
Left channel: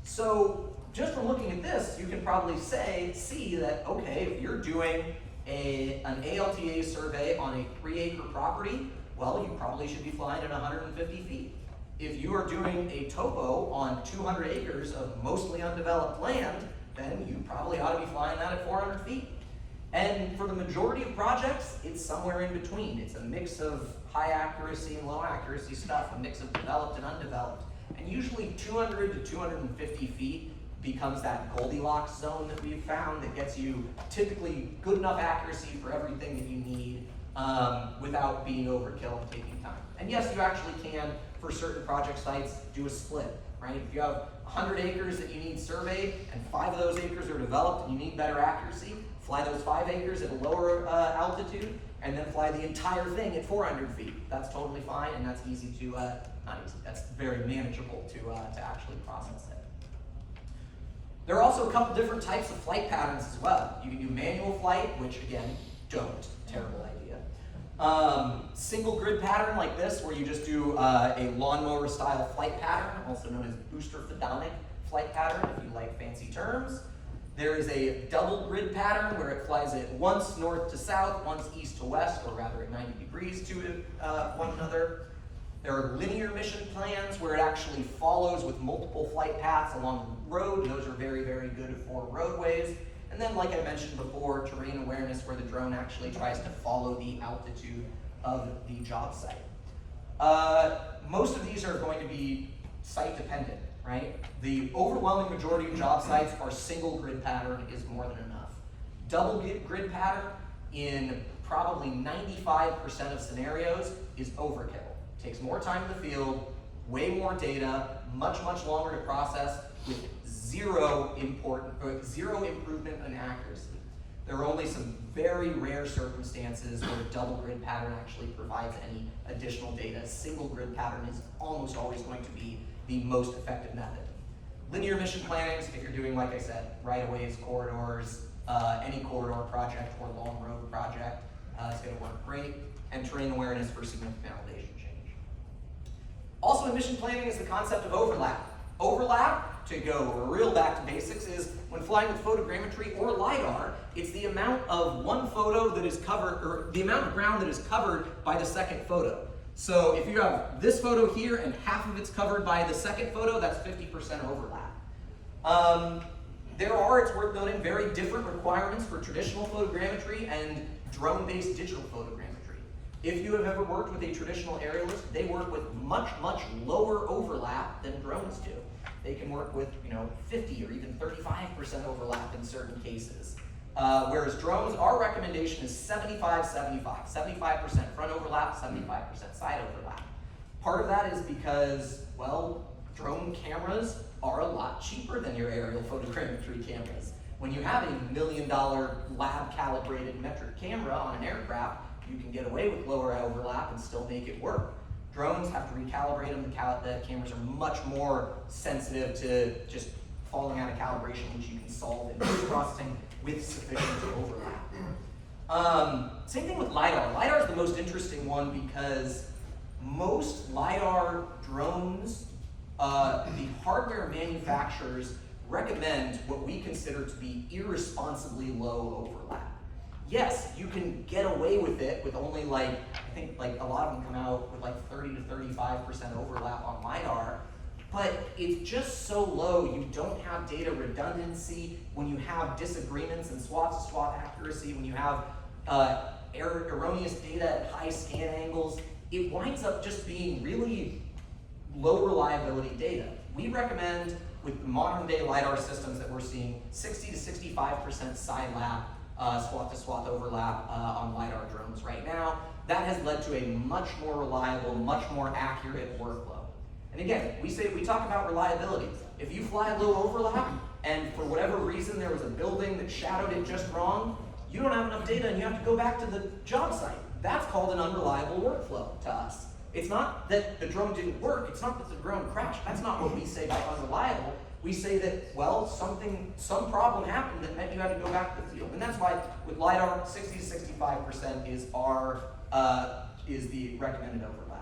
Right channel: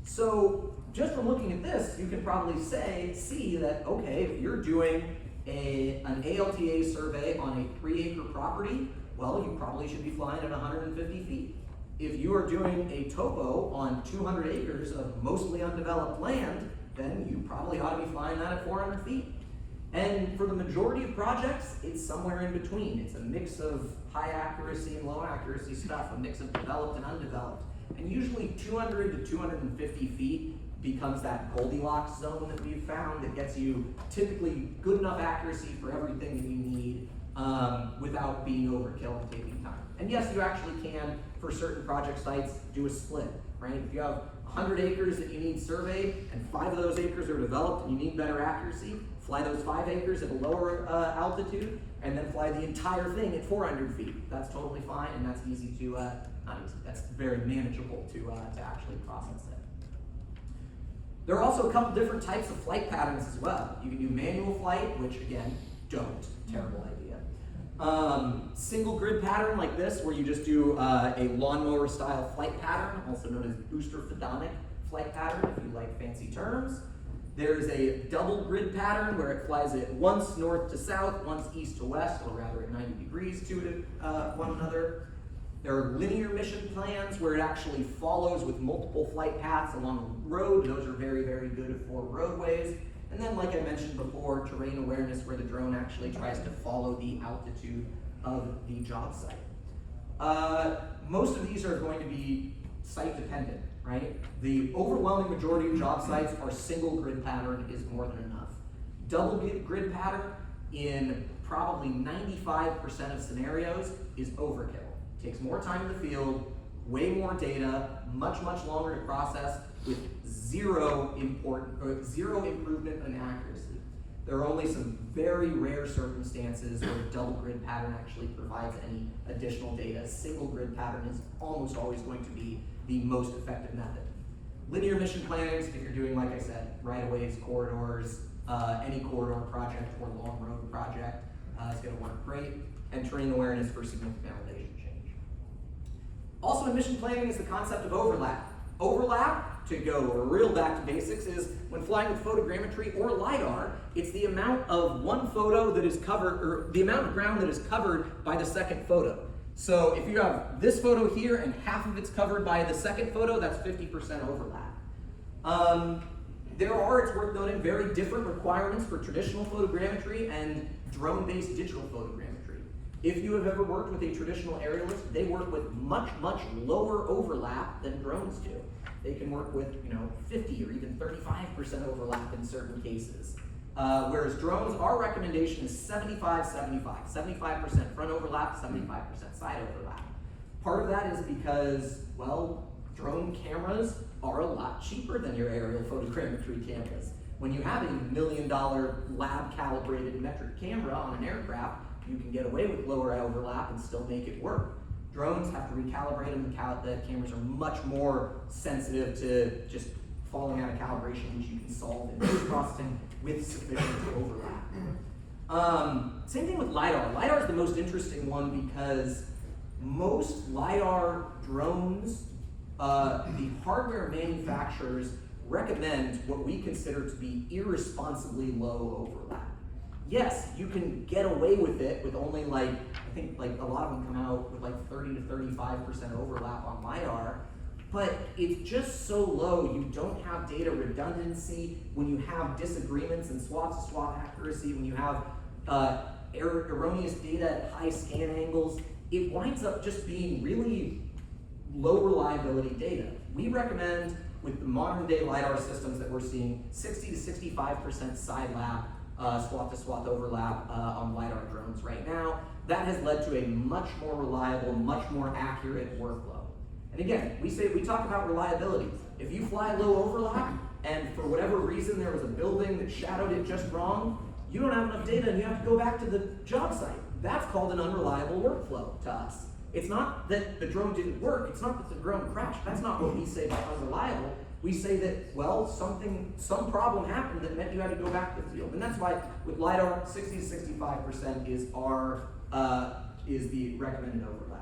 So just from looking at this, you can probably see that, okay, if you're doing an ALTA survey on a 3-acre property, well, you probably should be flying at 150 feet. If you are doing a topo on 200 acres of mostly undeveloped land, then you probably ought to be flying that at 400 feet. And for the majority of projects, it's somewhere in between. It's a mix of high accuracy and low accuracy stuff, a mix of developed and undeveloped. And usually 200 to 250 feet becomes that Goldilocks zone that we've found that gets you typically good enough accuracy for everything that you need without being overkill and taking time. And yes, you actually can, for certain project sites, do a split, right? If you have 100 acres that you need surveyed and 5 of those acres are developed and you need better accuracy, fly those 5 acres at a lower altitude and then fly the entire thing at 400 feet. That's totally fine, and that's easy to, not easy, that's very manageable to actually process it. There are also a couple different types of flight patterns as well. You can do manual flight, which again, don't, terrible idea. Single grid pattern like this, where you just do a lawnmower style flight pattern, also known as booster photonic flight pattern, if you like fancy terms. There is a double grid pattern where it flies it once north to south, once east to west, or rather at 90 degrees to one another. There are linear mission plans where it actually follows with multiple flight paths along the road. Those are very, very good for roadways. And then, like I mentioned before, terrain awareness, where the drone actually tries to follow the altitude of the job site. Most of these are going to be site dependent, right? The overwhelming majority of job sites are single grid pattern is more than enough. Double grid pattern in probably 95% of scenarios is overkill. Takes more time in the field, way more data, much, much longer to process with zero improvement in accuracy. There are only some very rare circumstances where a double grid pattern actually provides any additional data. A single grid pattern is almost always going to be the most effective method. Linear mission plannings, if you're doing, like I said, right-of-ways, corridors, any corridor project or long road project, is going to work great. And terrain awareness for significant elevation change. Also in mission planning is the concept of overlap. Overlap, to go real back to basics, is when flying with photogrammetry or Lidar, it's the amount of one photo that is covered, or the amount of ground that is covered by the second photo. So if you have this photo here and half of it's covered by the second photo, that's 50% overlap. There are, it's worth noting, very different requirements for traditional photogrammetry and drone-based digital photogrammetry. If you have ever worked with a traditional aerialist, they work with much, much lower overlap than drones do. They can work with, 50 or even 35% overlap in certain cases. Whereas drones, our recommendation is 75-75. 75% front overlap, 75% side overlap. Part of that is because, well, drone cameras are a lot cheaper than your aerial photogrammetry cameras. When you have $1 million lab calibrated metric camera on an aircraft, you can get away with lower overlap and still make it work. Drones have to recalibrate them. The cameras are much more sensitive to just falling out of calibration, which you can solve in post-processing with sufficient overlap. Same thing with LiDAR. LiDAR is the most interesting one because most LiDAR drones, the hardware manufacturers recommend what we consider to be irresponsibly low overlap. Yes, you can get away with it with only I think a lot of them come out with 30 to 35% overlap on LiDAR, but it's just so low, you don't have data redundancy. When you have disagreements in SWAT-to-SWAT accuracy, when you have erroneous data at high scan angles, it winds up just being really low reliability data. We recommend, with the modern day LiDAR systems that we're seeing, 60 to 65% side lap SWAT-to-SWAT overlap on LiDAR drones right now. That has led to a much more reliable, much more accurate workflow. And again, we talk about reliability. If you fly low overlap, and for whatever reason there was a building that shadowed it just wrong, you don't have enough data and you have to go back to the job site. That's called an unreliable workflow to us. It's not that the drone didn't work, it's not that the drone crashed. That's not what we say by unreliable. We say that, well, some problem happened that meant you had to go back to the field. And that's why with LiDAR, 60 to 65% is the recommended overlap.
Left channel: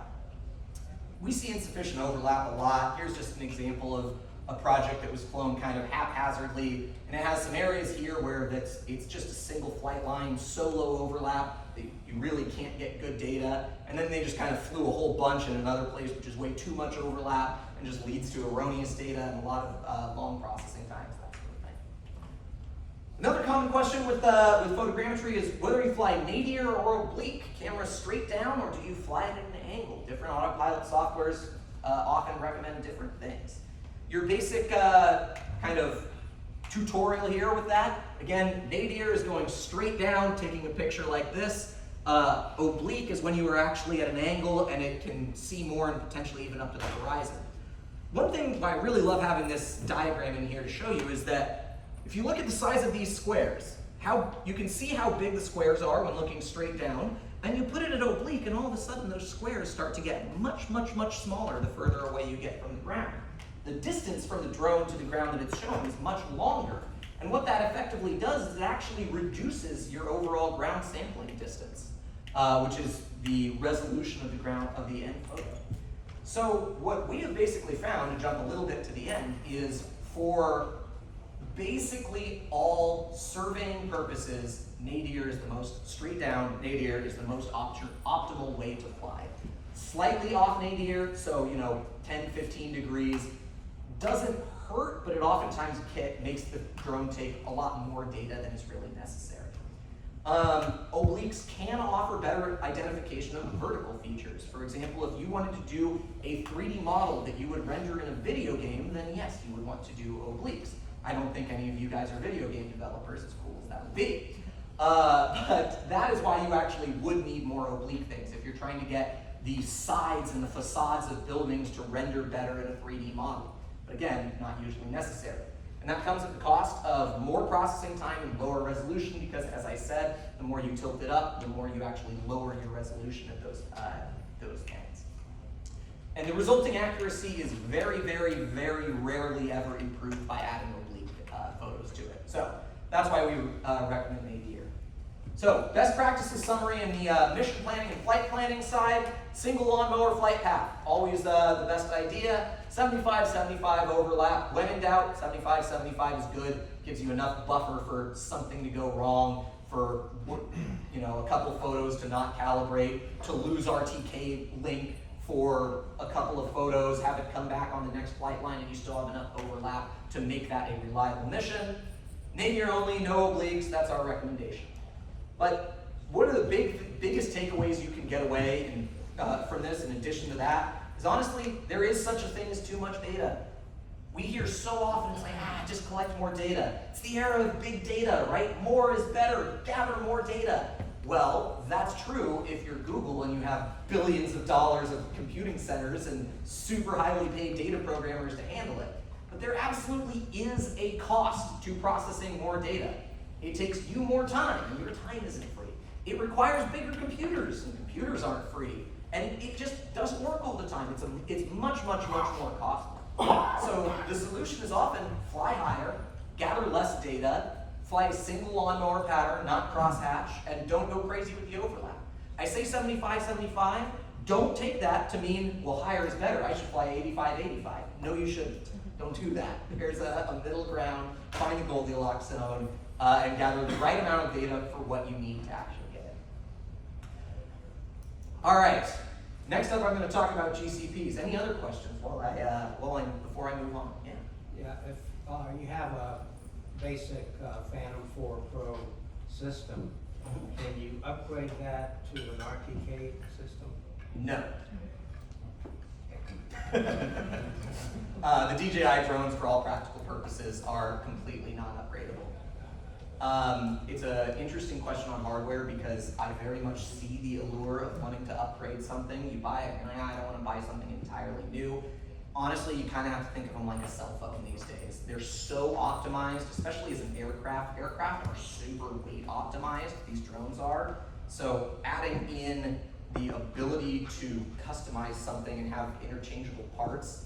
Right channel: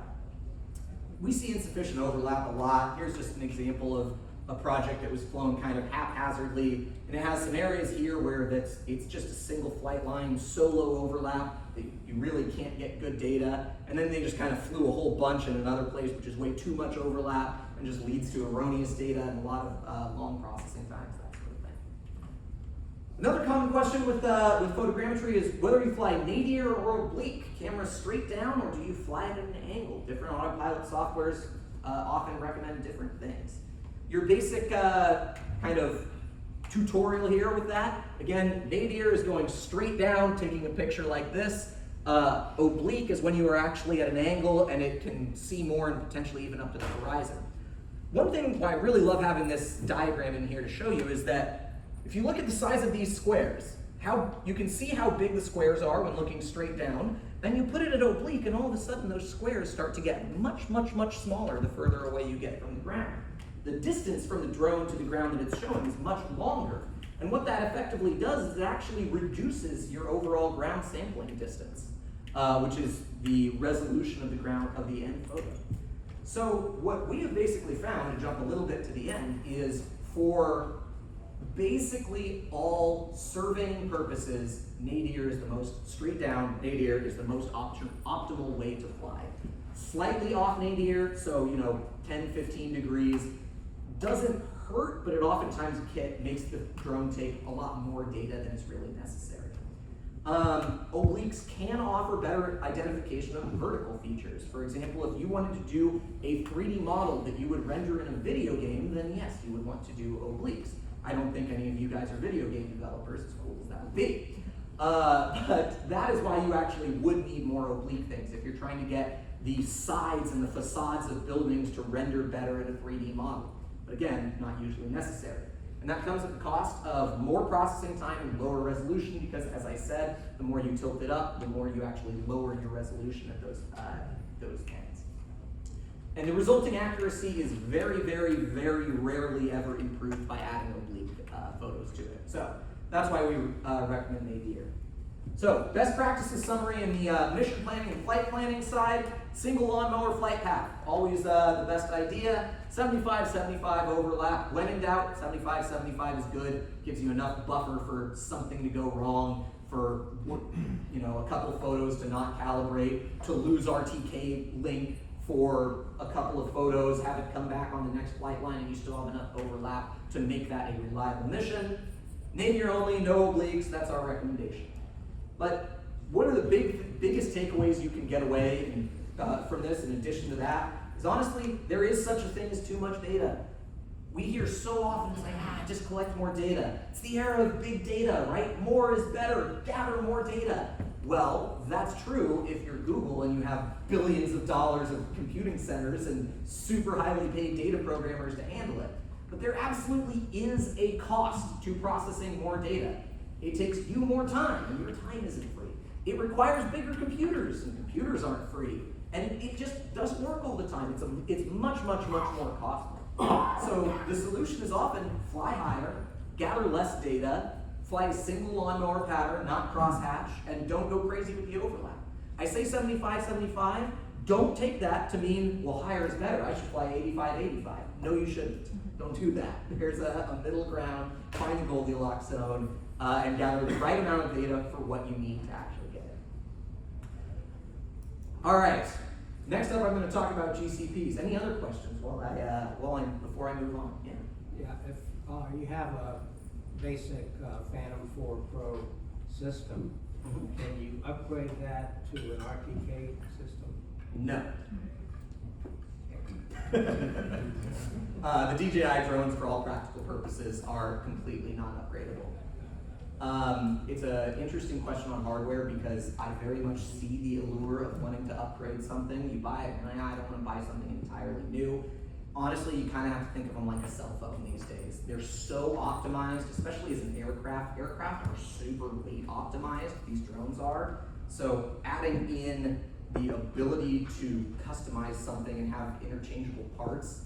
We see insufficient overlap a lot. Here's just an example of a project that was flown kind of haphazardly, and it has some areas here where it's just a single flight line, so low overlap that you really can't get good data, and then they just kind of flew a whole bunch in another place, which is way too much overlap, and just leads to erroneous data and a lot of long processing times, that sort of thing. Another common question with photogrammetry is whether you fly nadir or oblique, camera straight down, or do you fly it at an angle? Different autopilot softwares often recommend different things. Your basic kind of tutorial here with that, again, nadir is going straight down, taking a picture like this. Oblique is when you are actually at an angle and it can see more and potentially even up to the horizon. One thing why I really love having this diagram in here to show you is that if you look at the size of these squares, you can see how big the squares are when looking straight down, then you put it at oblique and all of a sudden those squares start to get much, much, much smaller the further away you get from the ground. The distance from the drone to the ground that it's showing is much longer. And what that effectively does is it actually reduces your overall ground sampling distance, which is the resolution of the ground of the end photo. So what we have basically found, to jump a little bit to the end, is for basically all surveying purposes, nadir is the most, straight down nadir is the most optimal way to fly. Slightly off nadir, so 10, 15 degrees, doesn't hurt, but it oftentimes makes the drone take a lot more data than is really necessary. Obliques can offer better identification of vertical features. For example, if you wanted to do a 3D model that you would render in a video game, then yes, you would want to do obliques. I don't think any of you guys are video game developers, as cool as that would be. But that is why you actually would need more oblique things if you're trying to get the sides and the facades of buildings to render better in a 3D model. But again, not usually necessary. And that comes at the cost of more processing time and lower resolution because, as I said, the more you tilt it up, the more you actually lower your resolution at those points. And the resulting accuracy is very, very, very rarely ever improved by adding oblique photos to it. So that's why we recommend nadir. So best practices summary in the mission planning and flight planning side: single lawnmower flight path, always the best idea. 75-75 overlap. When in doubt, 75-75 is good. Gives you enough buffer for something to go wrong, for a couple photos to not calibrate, to lose RTK link for a couple of photos, have it come back on the next flight line, and you still have enough overlap to make that a reliable mission. Nadir only, no obliques. That's our recommendation. But what are the biggest takeaways you can get away from this? In addition to that, is honestly, there is such a thing as too much data. We hear so often, it's like, just collect more data. It's the era of big data, right? More is better, gather more data. Well, that's true if you're Google and you have billions of dollars of computing centers and super highly paid data programmers to handle it. But there absolutely is a cost to processing more data. It takes you more time, and your time isn't free. It requires bigger computers, and computers aren't free. And it just doesn't work all the time. It's much, much, much more costly. So the solution is often fly higher, gather less data, fly a single lawnmower pattern, not crosshatch, and don't go crazy with the overlap. I say 75-75, don't take that to mean, well, higher is better. I should fly 85-85. No, you shouldn't. Don't do that. There's a middle ground, find a Goldilocks zone, and gather the right amount of data for what you need to actually get it. All right, next up I'm going to talk about GCPs. Any other questions before I move on? Yeah. Yeah, if you have a basic Phantom 4 Pro system, can you upgrade that to an Rtk system? No. The DJI drones, for all practical purposes, are completely non-upgradable. It's an interesting question on hardware because I very much see the allure of wanting to upgrade something. You buy it, and I don't want to buy something entirely new. Honestly, you kind of have to think of them like a cell phone these days. They're so optimized, especially as an aircraft. Aircraft are super weight optimized, these drones are. So adding in the ability to customize something and have interchangeable parts,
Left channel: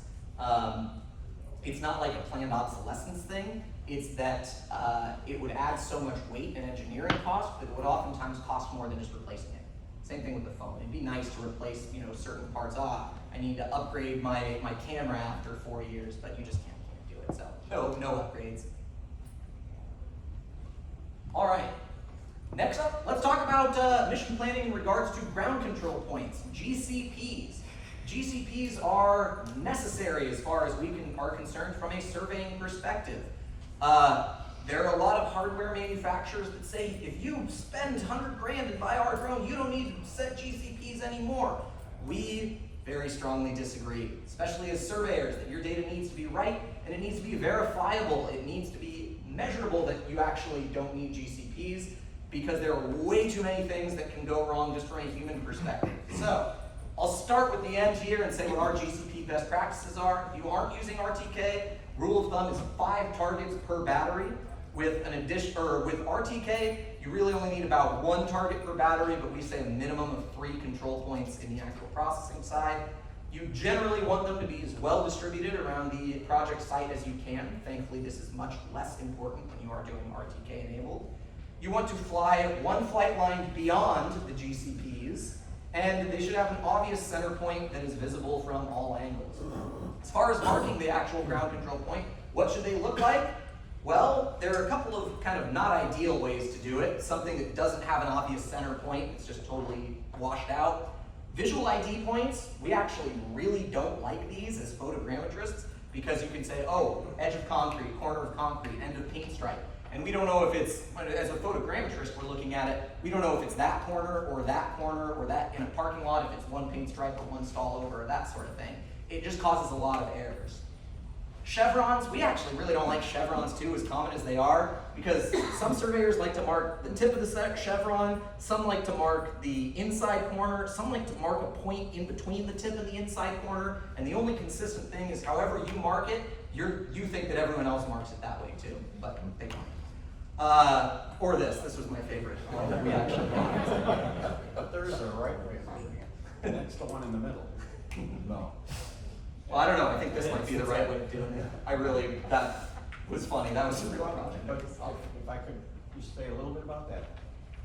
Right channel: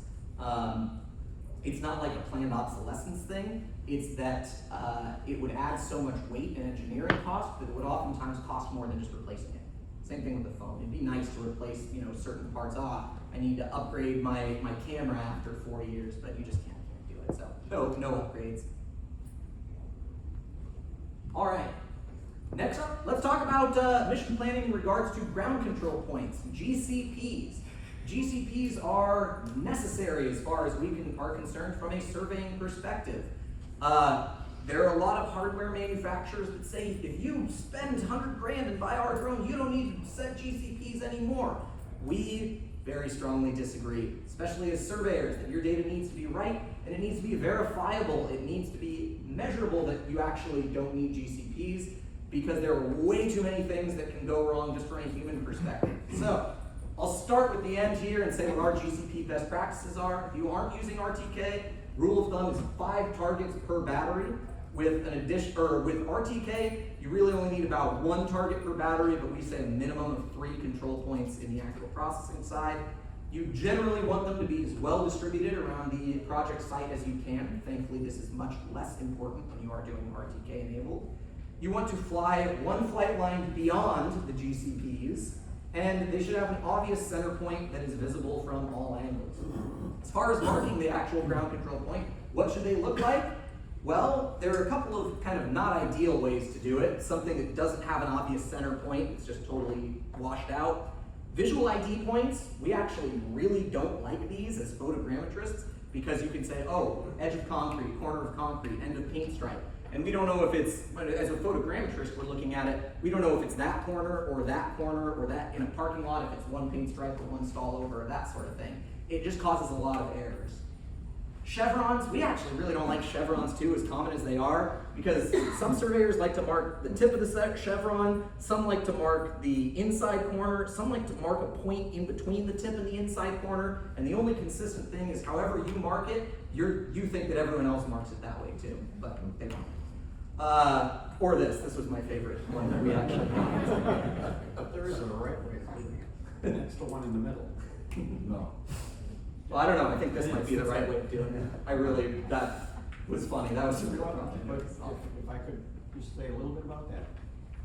it's not like a planned obsolescence thing. It's that it would add so much weight and engineering cost that it would oftentimes cost more than just replacing it. Same thing with the phone. It'd be nice to replace, certain parts. I need to upgrade my camera after 4 years, but you just can't do it. So no upgrades. All right. Next up, let's talk about mission planning in regards to ground control points, GCPs. GCPs are necessary as far as we are concerned from a surveying perspective. There are a lot of hardware manufacturers that say, if you spend 100 grand and buy our drone, you don't need to set GCPs anymore. We very strongly disagree, especially as surveyors, that your data needs to be right, and it needs to be verifiable. It needs to be measurable that you actually don't need GCPs, because there are way too many things that can go wrong just from a human perspective. So, I'll start with the end here and say what our Gcp best practices are. If you aren't using RTK, rule of thumb is 5 targets per battery. With with RTK, you really only need about 1 target per battery, but we say a minimum of 3 control points in the actual processing side. You generally want them to be as well distributed around the project site as you can. Thankfully, this is much less important when you are doing RTK enabled. You want to fly 1 flight line beyond the GCPs, and they should have an obvious center point that is visible from all angles. As far as marking the actual ground control point, what should they look like? Well, there are a couple of kind of not ideal ways to do it. Something that doesn't have an obvious center point, it's just totally washed out. Visual ID points, we actually really don't like these as photogrammetrists, because you can say, oh, edge of concrete, corner of concrete, end of paint stripe. And we don't know if it's, as a photogrammetrist, we're looking at it, we don't know if it's that corner or that in a parking lot, if it's 1 paint stripe or 1 stall over, that sort of thing. It just causes a lot of errors. Chevrons, we actually really don't like chevrons too, as common as they are, because some surveyors like to mark the tip of the chevron, some like to mark the inside corner, some like to mark a point in between the tip and the inside corner, and the only consistent thing is however you mark it, you think that everyone else marks it that way too, but they don't. Or this was my favorite one that we actually got. There is a right way of doing it, and it's the one in the middle. No. Well, I don't know, I think this might be the right way of doing it. That was funny, that was a real project. But if I could just say a little bit about that.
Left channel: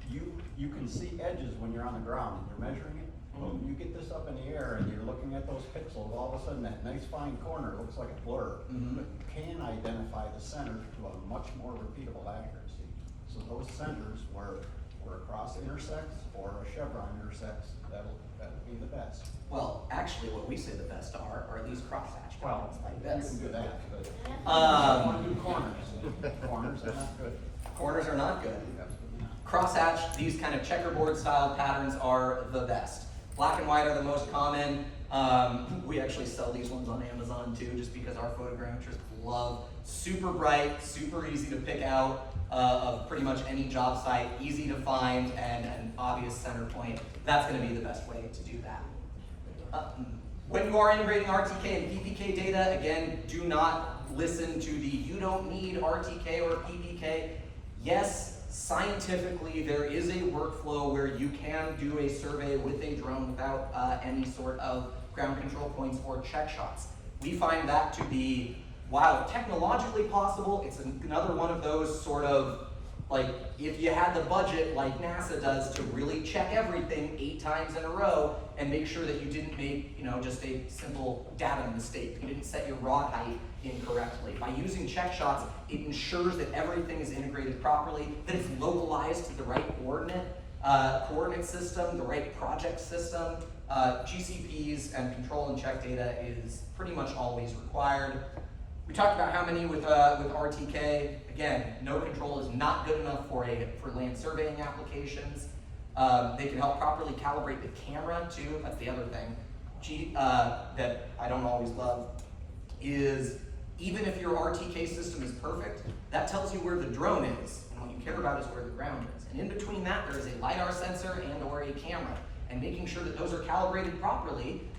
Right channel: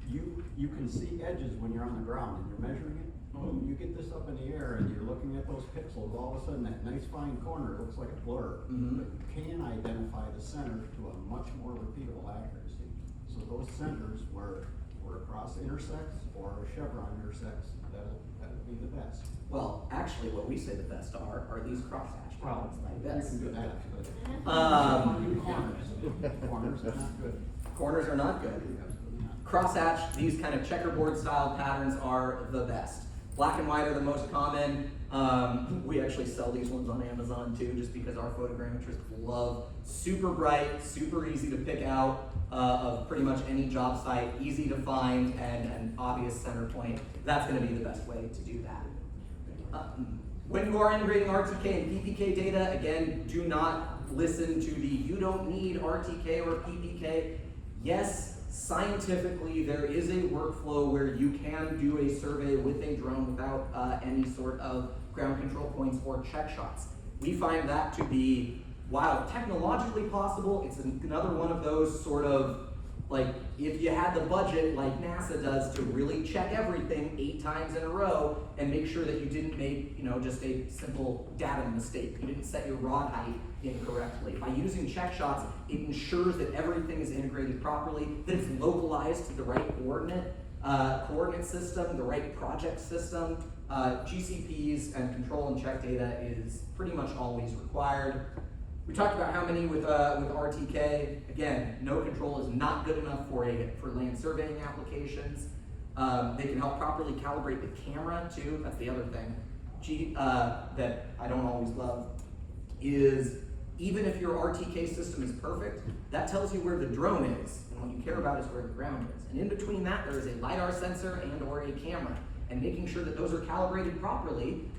You can see edges when you're on the ground and you're measuring it. When you get this up in the air and you're looking at those pixels, all of a sudden that nice fine corner looks like a blur. But you can identify the center to a much more repeatable accuracy. So those centers where a cross intersects or a chevron intersects, that would be the best. Well, actually, what we say the best are these crosshatch problems like You this. can do that, but do corners. Corners are not good. Corners are not good. Crosshatch, these kind of checkerboard style patterns are the best. Black and white are the most common. We actually sell these ones on Amazon too, just because our photogrammetrists love super bright, super easy to pick out of pretty much any job site, easy to find, and an obvious center point. That's going to be the best way to do that. When you are integrating RTK and Ppk data, again, do not listen to the you don't need RTK or Ppk. Yes, scientifically, there is a workflow where you can do a survey with a drone without any sort of ground control points or check shots. We find that to be, while technologically possible, it's another one of those sort of, like, if you had the budget like NASA does to really check everything 8 times in a row and make sure that you didn't make, just a simple data mistake. You didn't set your rod height incorrectly. By using check shots, it ensures that everything is integrated properly, that it's localized to the right coordinate system, the right project system. GCPs and control and check data is pretty much always required. We talked about how many with RTK. Again, no control is not good enough for land surveying applications. They can help properly calibrate the camera too. That's the other thing that I don't always love is even if your RTK system is perfect, that tells you where the drone is, and what you care about is where the ground is. And in between that, there is a Lidar sensor and or a camera. And making sure that those are calibrated properly,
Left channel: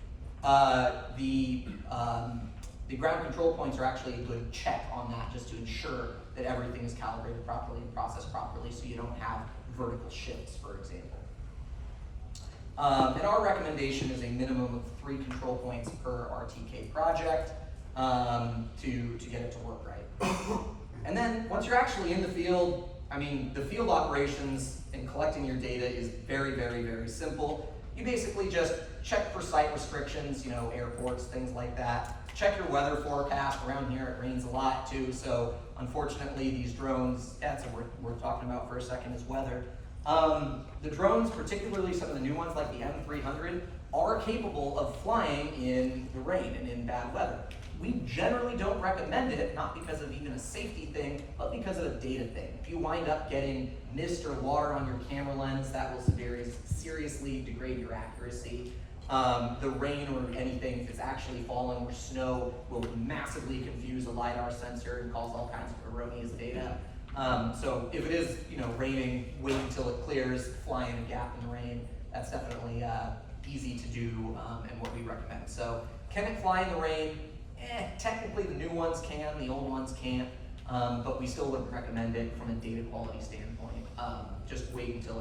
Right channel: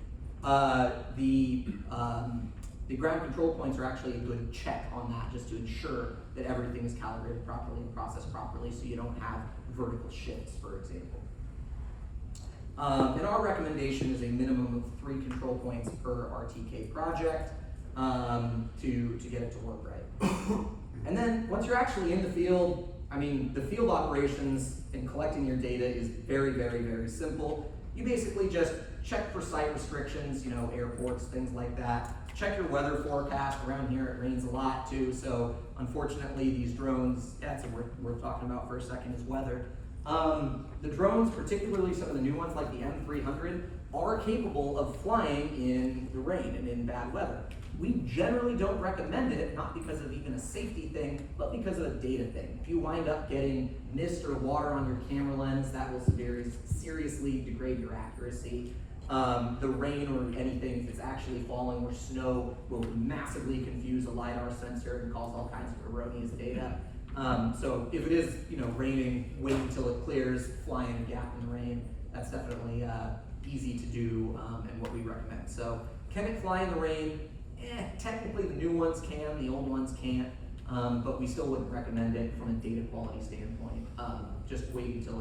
the ground control points are actually a good check on that, just to ensure that everything is calibrated properly and processed properly so you don't have vertical shifts, for example. And our recommendation is a minimum of 3 control points per RTK project to get it to work right. And then once you're actually in the field, the field operations and collecting your data is very, very, very simple. You basically just check for site restrictions, airports, things like that. Check your weather forecast. Around here it rains a lot too, so unfortunately these drones, that's what we're talking about for a second, is weather. The drones, particularly some of the new ones like the M300, are capable of flying in the rain and in bad weather. We generally don't recommend it, not because of even a safety thing, but because of a data thing. If you wind up getting mist or water on your camera lens, that will seriously degrade your accuracy. The rain or anything, if it's actually falling, or snow, will massively confuse a Lidar sensor and cause all kinds of erroneous data. So if it is, raining, wait until it clears, fly in a gap in the rain. That's definitely easy to do and what we recommend. So can it fly in the rain? Technically the new ones can, the old ones can't, but we still wouldn't recommend it from a data quality standpoint. Just wait until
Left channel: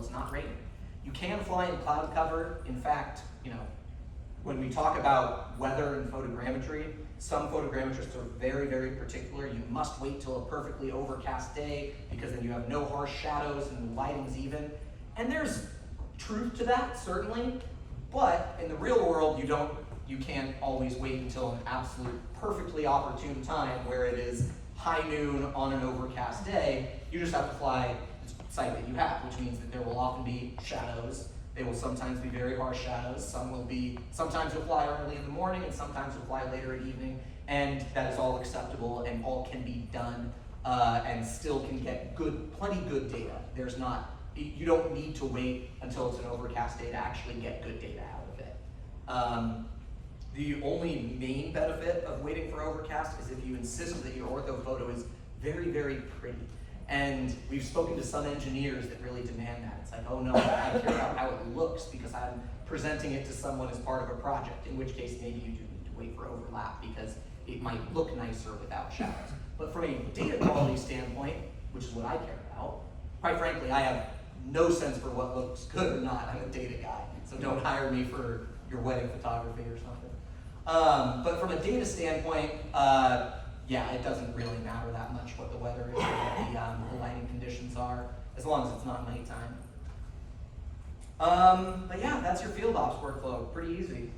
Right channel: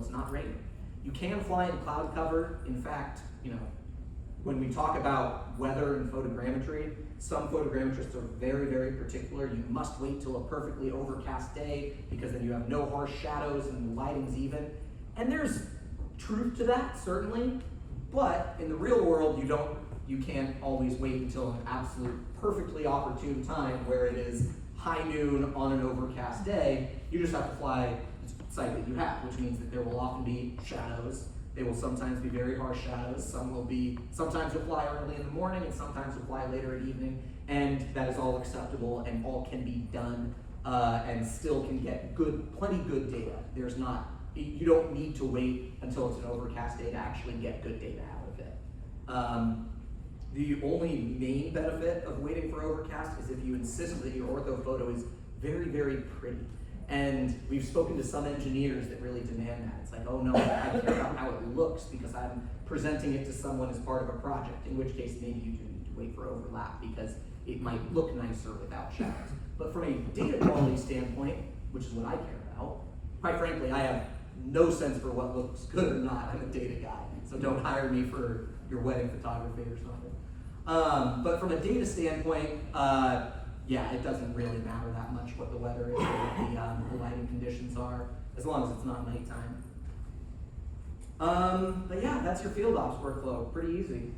it's not raining. You can fly in cloud cover. In fact, when we talk about weather and photogrammetry, some photogrammetrists are very, very particular. You must wait till a perfectly overcast day because then you have no harsh shadows and the lighting's even. And there's truth to that, certainly, but in the real world, you can't always wait until an absolute perfectly opportune time where it is high noon on an overcast day. You just have to fly the site that you have, which means that there will often be shadows. They will sometimes be very harsh shadows. Sometimes you'll fly early in the morning and sometimes you'll fly later at evening, and that is all acceptable and all can be done and still can get plenty good data. You don't need to wait until it's an overcast day to actually get good data out of it. The only main benefit of waiting for overcast is if you insist that your ortho photo is very, very pretty. And we've spoken to some engineers that really demand that. It's like, oh no, I care about how it looks because I'm presenting it to someone as part of a project, in which case maybe you do need to wait for overlap because it might look nicer without shadows. But from a data quality standpoint, which is what I care about, quite frankly, I have no sense for what looks good or not. I'm a data guy, so don't hire me for your wedding photography or something. But from a data standpoint, it doesn't really matter that much what the weather is or what the lighting conditions are, as long as it's not nighttime. But yeah, that's your field ops workflow, pretty easy.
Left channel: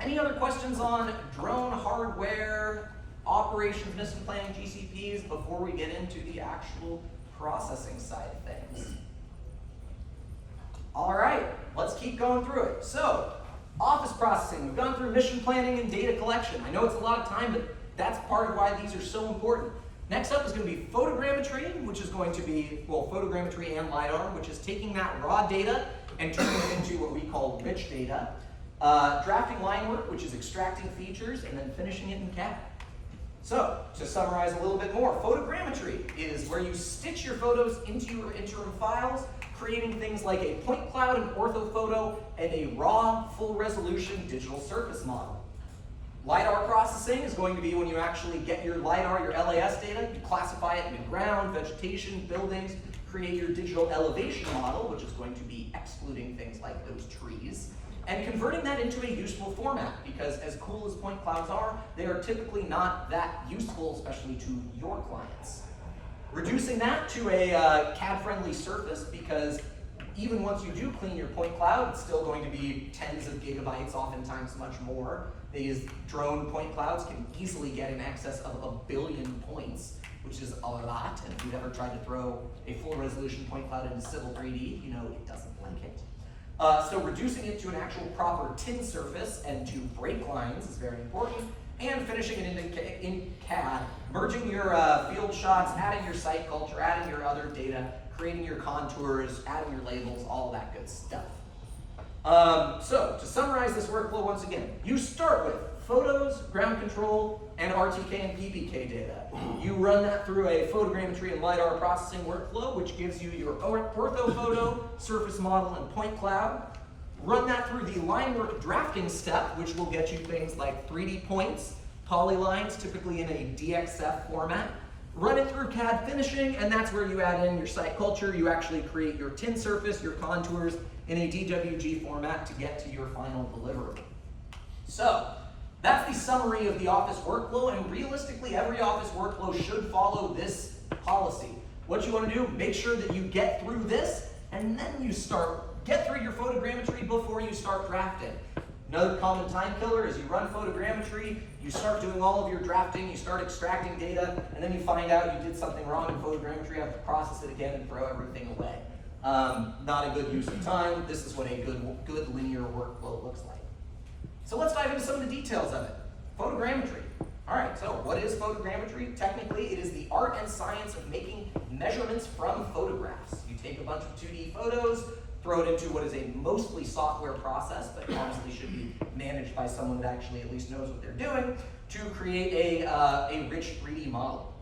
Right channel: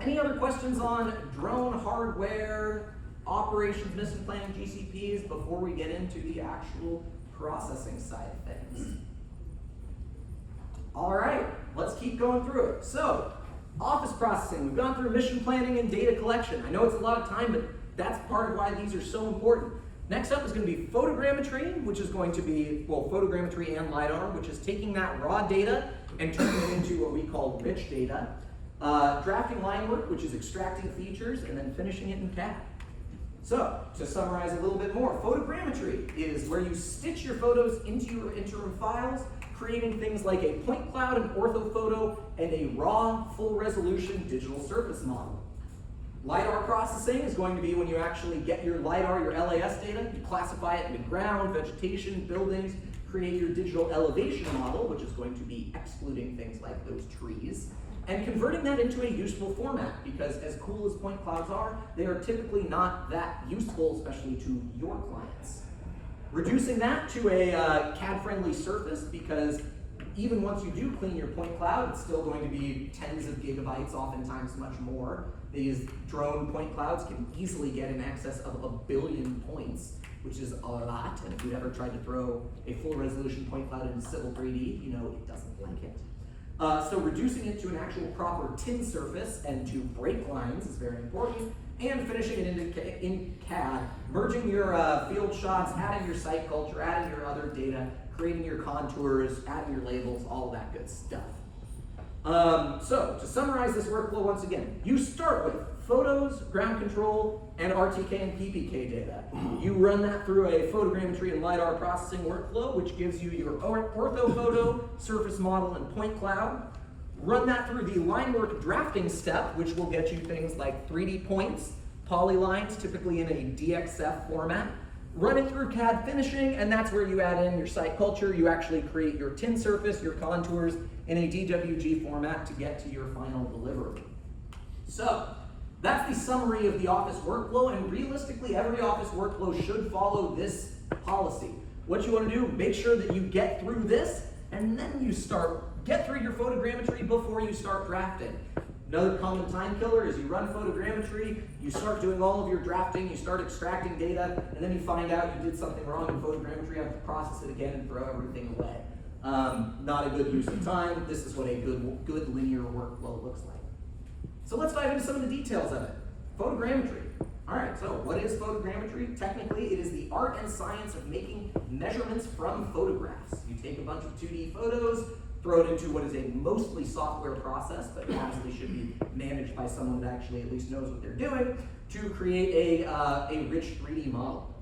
Any other questions on drone hardware, operations, mission planning, GCPs before we get into the actual processing side of things? All right, let's keep going through it. So, office processing, we've gone through mission planning and data collection. I know it's a lot of time, but that's part of why these are so important. Next up is going to be photogrammetry, which is going to be, photogrammetry and Lidar, which is taking that raw data and turning it into what we call rich data. Drafting Linework, which is extracting features and then finishing it in Cad. So, to summarize a little bit more, photogrammetry is where you stitch your photos into your interim files, creating things like a point cloud, an orthophoto, and a raw, full-resolution digital surface model. Lidar processing is going to be when you actually get your Lidar, your LAS data, you classify it into ground, vegetation, buildings, create your digital elevation model, which is going to be excluding things like those trees, and converting that into a useful format, because as cool as point clouds are, they are typically not that useful, especially to your clients. Reducing that to a CAD-friendly surface, because even once you do clean your point cloud, it's still going to be tens of gigabytes, oftentimes much more. These drone point clouds can easily get in excess of 1 billion points, which is a lot. And if you've ever tried to throw a full resolution point cloud into Civil 3D, you know it doesn't like it. So reducing it to an actual proper tin surface and to break lines is very important. And finishing it in CAD, merging your field shots, adding your site culture, adding your other data, creating your contours, adding your labels, all that good stuff. So, to summarize this workflow once again, you start with photos, ground control, and Rtk and Ppk data. You run that through a photogrammetry and Lidar processing workflow, which gives you your orthophoto, surface model, and point cloud. Run that through the Linework drafting step, which will get you things like 3D points, polylines, typically in a DXF format. Run it through CAD finishing, and that's where you add in your site culture. You actually create your tin surface, your contours, in a DWG format to get to your final deliverable. So, that's the summary of the Office workflow, and realistically, every Office workflow should follow this policy. What you want to do, make sure that you get through this, and then you get through your photogrammetry before you start drafting. Another common time killer is you run photogrammetry, you start doing all of your drafting, you start extracting data, and then you find out you did something wrong in photogrammetry, you have to process it again and throw everything away. Not a good use of time. This is what a good linear workflow looks like. So let's dive into some of the details of it. Photogrammetry. All right, so what is photogrammetry? Technically, it is the art and science of making measurements from photographs. You take a bunch of 2D photos, throw it into what is a mostly software process, but honestly should be managed by someone that actually at least knows what they're doing, to create a rich 3D model.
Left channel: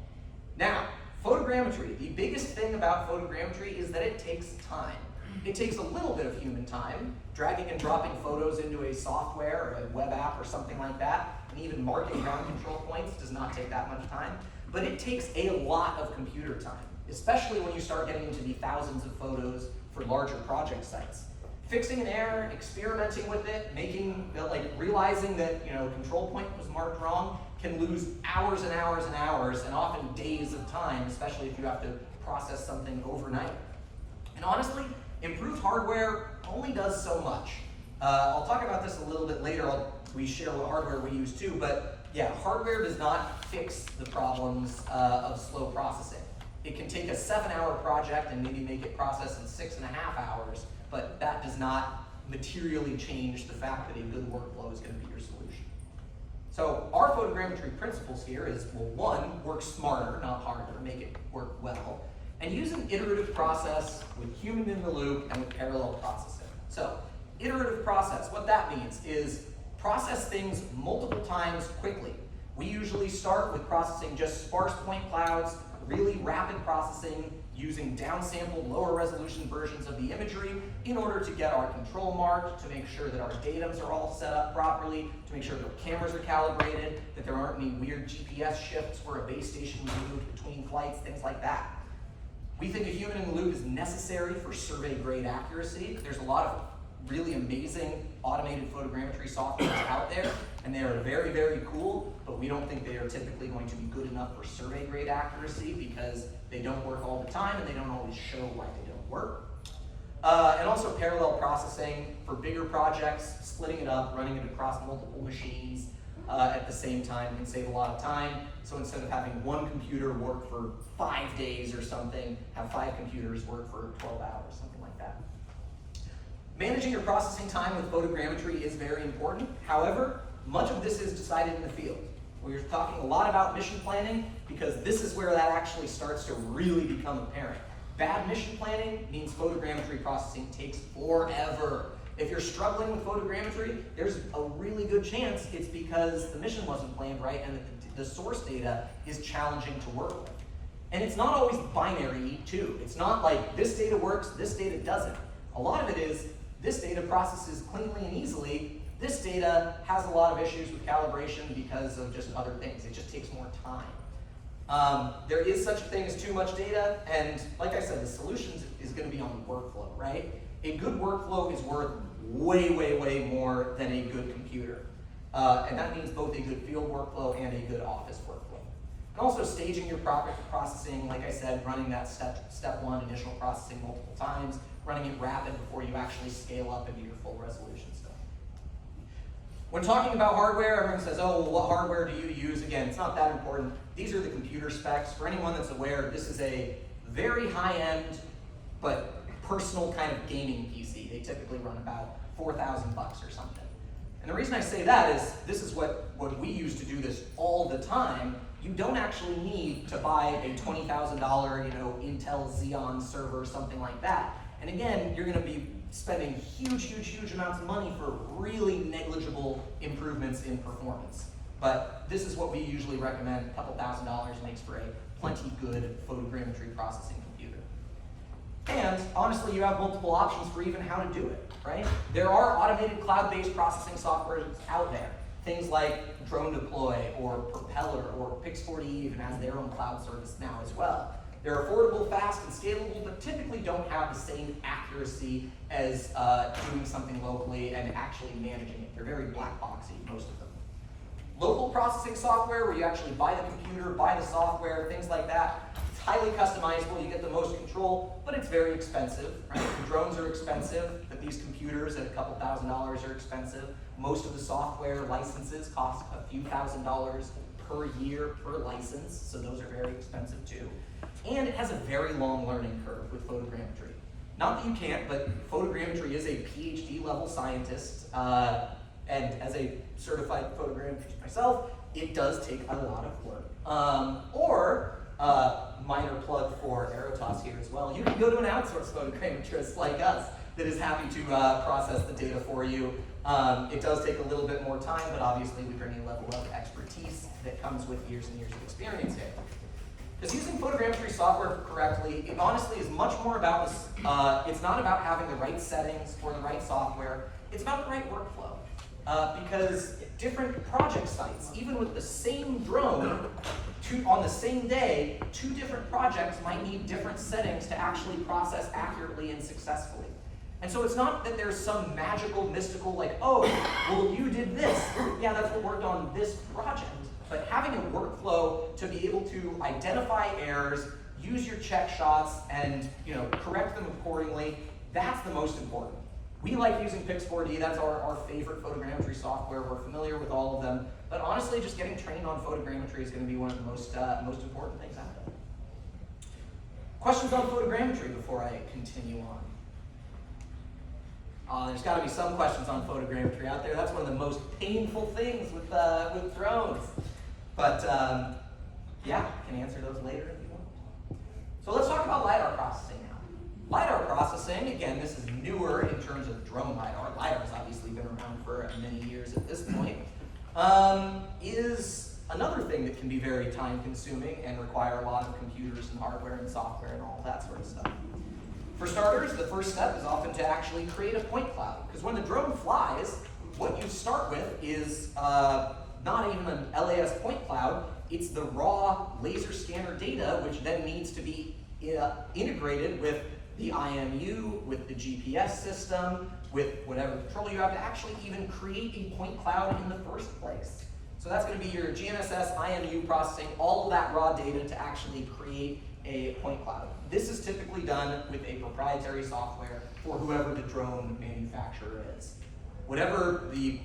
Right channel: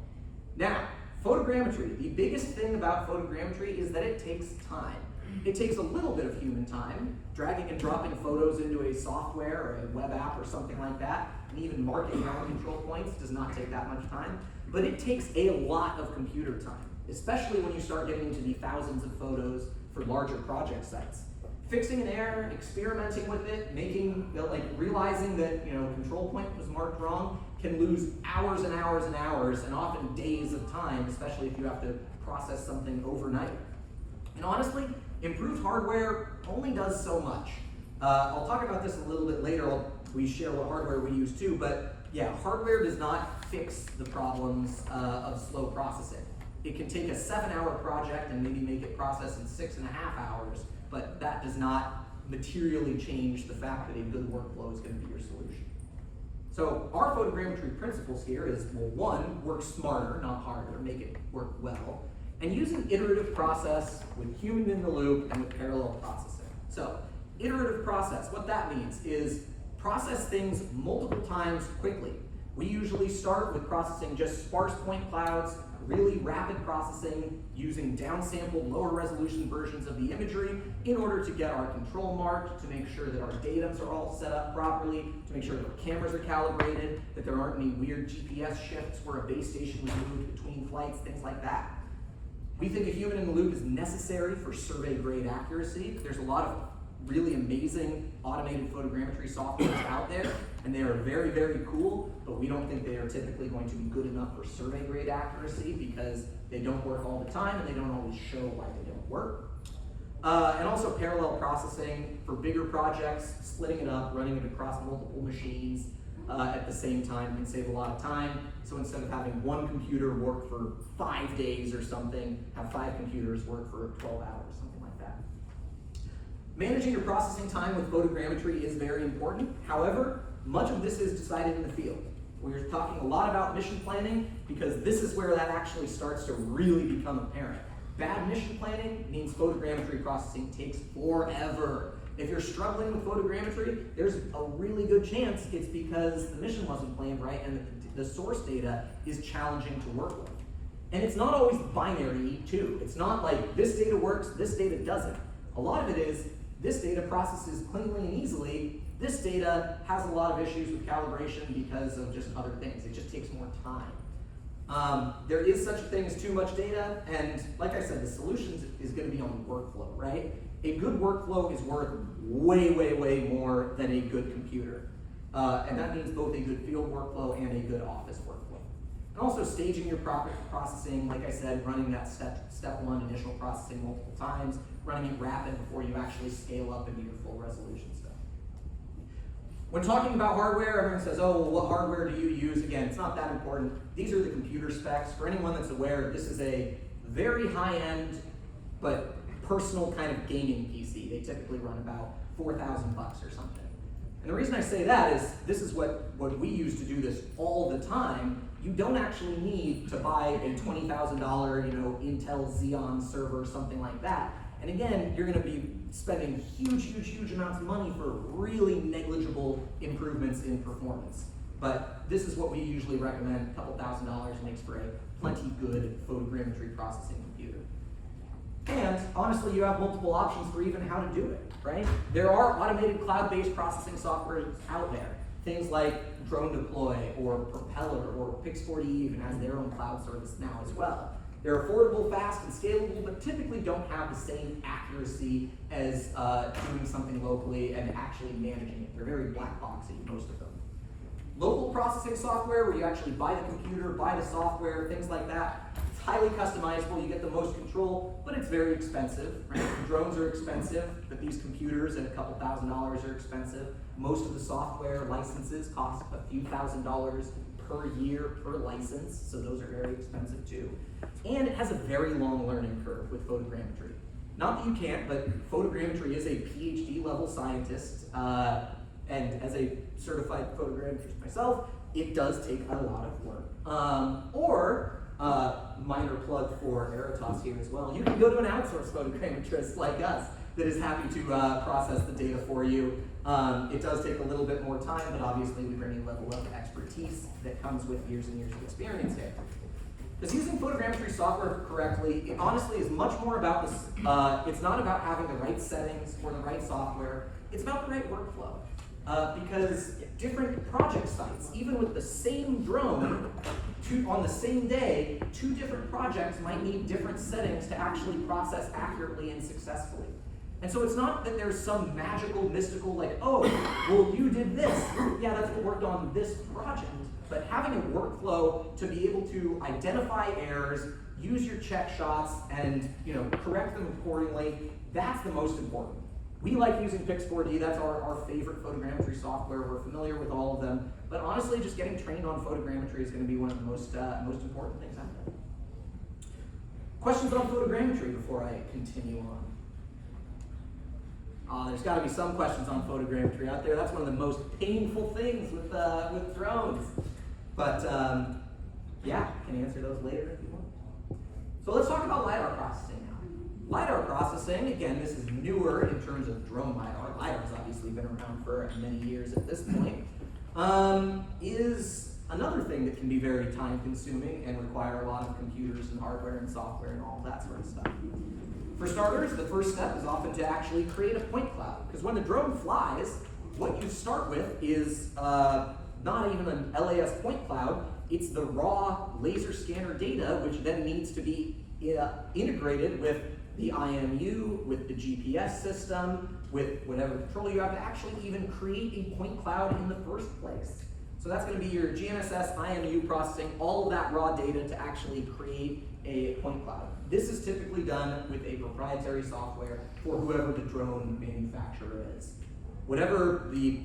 Now, photogrammetry, the biggest thing about photogrammetry is that it takes time. It takes a little bit of human time, dragging and dropping photos into a software or a web app or something like that, and even marking ground control points does not take that much time, but it takes a lot of computer time, especially when you start getting into the thousands of photos for larger project sites. Fixing an error, experimenting with it, realizing that a control point was marked wrong can lose hours and hours and hours, and often days of time, especially if you have to process something overnight. And honestly, improved hardware only does so much. I'll talk about this a little bit later. We share what hardware we use too, but yeah, hardware does not fix the problems of slow processing. It can take a 7-hour project and maybe make it process in 6.5 hours, but that does not materially change the fact that a good workflow is going to be your solution. So our photogrammetry principles here is, well, one, work smarter, not harder, make it work well, and use an iterative process with human in the loop and with parallel processing. So iterative process, what that means is process things multiple times quickly. We usually start with processing just sparse point clouds, really rapid processing using downsampled, lower resolution versions of the imagery in order to get our control marked, to make sure that our datums are all set up properly, to make sure that our cameras are calibrated, that there aren't any weird GPS shifts where a base station was moved between flights, things like that. We think a human in the loop is necessary for survey grade accuracy. There's a lot of really amazing automated photogrammetry software out there, and they are very, very cool, but we don't think they are typically going to be good enough for survey grade accuracy because they don't work all the time and they don't always show why they don't work. And also parallel processing for bigger projects, splitting it up, running it across multiple machines at the same time can save a lot of time. So instead of having one computer work for 5 days or something, have 5 computers work for 12 hours, something like that. Managing your processing time with photogrammetry is very important. However, much of this is decided in the field. We're talking a lot about mission planning because this is where that actually starts to really become apparent. Bad mission planning means photogrammetry processing takes forever. If you're struggling with photogrammetry, there's a really good chance it's because the mission wasn't planned right and the source data is challenging to work with. And it's not always binary too. It's not like this data works, this data doesn't. A lot of it is this data processes cleanly and easily. This data has a lot of issues with calibration because of just other things. It just takes more time. There is such a thing as too much data, and like I said, the solution is going to be on the workflow, right? A good workflow is worth way, way, way more than a good computer. And that means both a good field workflow and a good office workflow. And also staging your processing, like I said, running that step one initial processing multiple times, running it rapid before you actually scale up into your full resolution stuff. When talking about hardware, everyone says, oh, well, what hardware do you use? Again, it's not that important. These are the computer specs. For anyone that's aware, this is a very high-end, but personal kind of gaming PC. They typically run about $4,000 or something. And the reason I say that is, this is what we use to do this all the time. You don't actually need to buy a $20,000, Intel Xeon server, something like that. And again, you're going to be spending huge, huge, huge amounts of money for really negligible improvements in performance. But this is what we usually recommend. A couple $1,000 makes for a plenty good photogrammetry processing computer. And honestly, you have multiple options for even how to do it, right? There are automated cloud-based processing software out there. Things like Drone Deploy or Propeller or Pix40 even has their own cloud service now as well. They're affordable, fast, and scalable, but typically don't have the same accuracy as doing something locally and actually managing it. They're very black boxy, most of them. Local processing software, where you actually buy the computer, buy the software, things like that. It's highly customizable, you get the most control, but it's very expensive, right? The drones are expensive, but these computers at a couple $1,000s are expensive. Most of the software licenses cost a few $1,000s per year per license, so those are very expensive too. And it has a very long learning curve with photogrammetry. Not that you can't, but photogrammetry is a PhD level scientist, And as a certified photogrammetrist myself, it does take a lot of work. Minor plug for Aerotas here as well. You can go to an outsourced photogrammetrist like us that is happy to process the data for you. It does take a little bit more time, but obviously we bring a level of expertise that comes with years and years of experience here. Because using photogrammetry software correctly, it honestly is much more about this. It's not about having the right settings or the right software. It's about the right workflow. Because different project sites, even with the same drone, on the same day, 2 different projects might need different settings to actually process accurately and successfully. And so it's not that there's some magical, mystical, like, oh, well, you did this. Yeah, that's what worked on this project. But having a workflow to be able to identify errors, use your check shots, and correct them accordingly, that's the most important. We like using Pix4D, that's our favorite photogrammetry software. We're familiar with all of them. But honestly, just getting trained on photogrammetry is going to be one of the most important things out there. Questions on photogrammetry before I continue on? There's got to be some questions on photogrammetry out there. That's one of the most painful things with drones. But yeah, I can answer those later if you want. So let's talk about Lidar processing now. Lidar processing, again, this is newer in terms of drone Lidar. Lidar's obviously been around for many years at this point. Is another thing that can be very time consuming and require a lot of computers and hardware and software and all that sort of stuff. For starters, the first step is often to actually create a point cloud. Because when the drone flies, what you start with is not even an LAS point cloud, it's the raw laser scanner data, which then needs to be integrated with the IMU, with the GPS system, with whatever control you have to actually even create a point cloud in the first place. So that's going to be your GNSS, IMU processing, all of that raw data to actually create a point cloud. This is typically done with a proprietary software for whoever the drone manufacturer is. Whatever the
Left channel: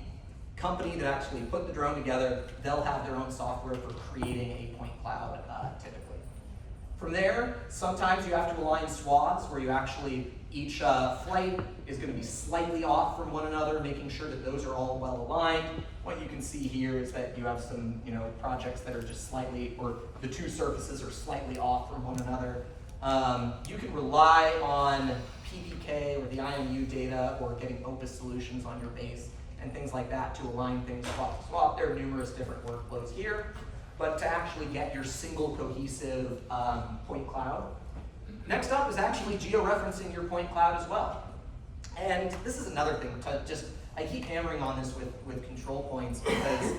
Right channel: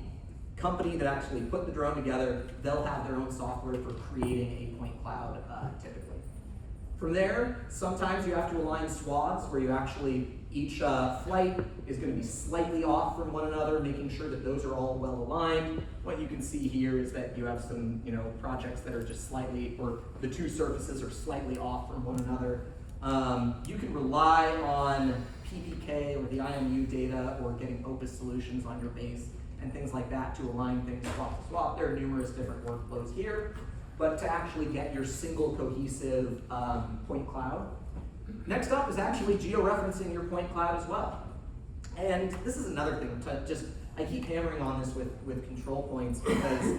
company that actually put the drone together, they'll have their own software for creating a point cloud typically. From there, sometimes you have to align swaths where you actually, each flight is going to be slightly off from one another, making sure that those are all well aligned. What you can see here is that you have some projects that are just slightly, or the 2 surfaces are slightly off from one another. You can rely on PPK or the IMU data or getting Opus solutions on your base and things like that to align things swap to swap. There are numerous different workflows here, but to actually get your single cohesive point cloud. Next up is actually geo-referencing your point cloud as well. And this is another thing, I keep hammering on this with control points because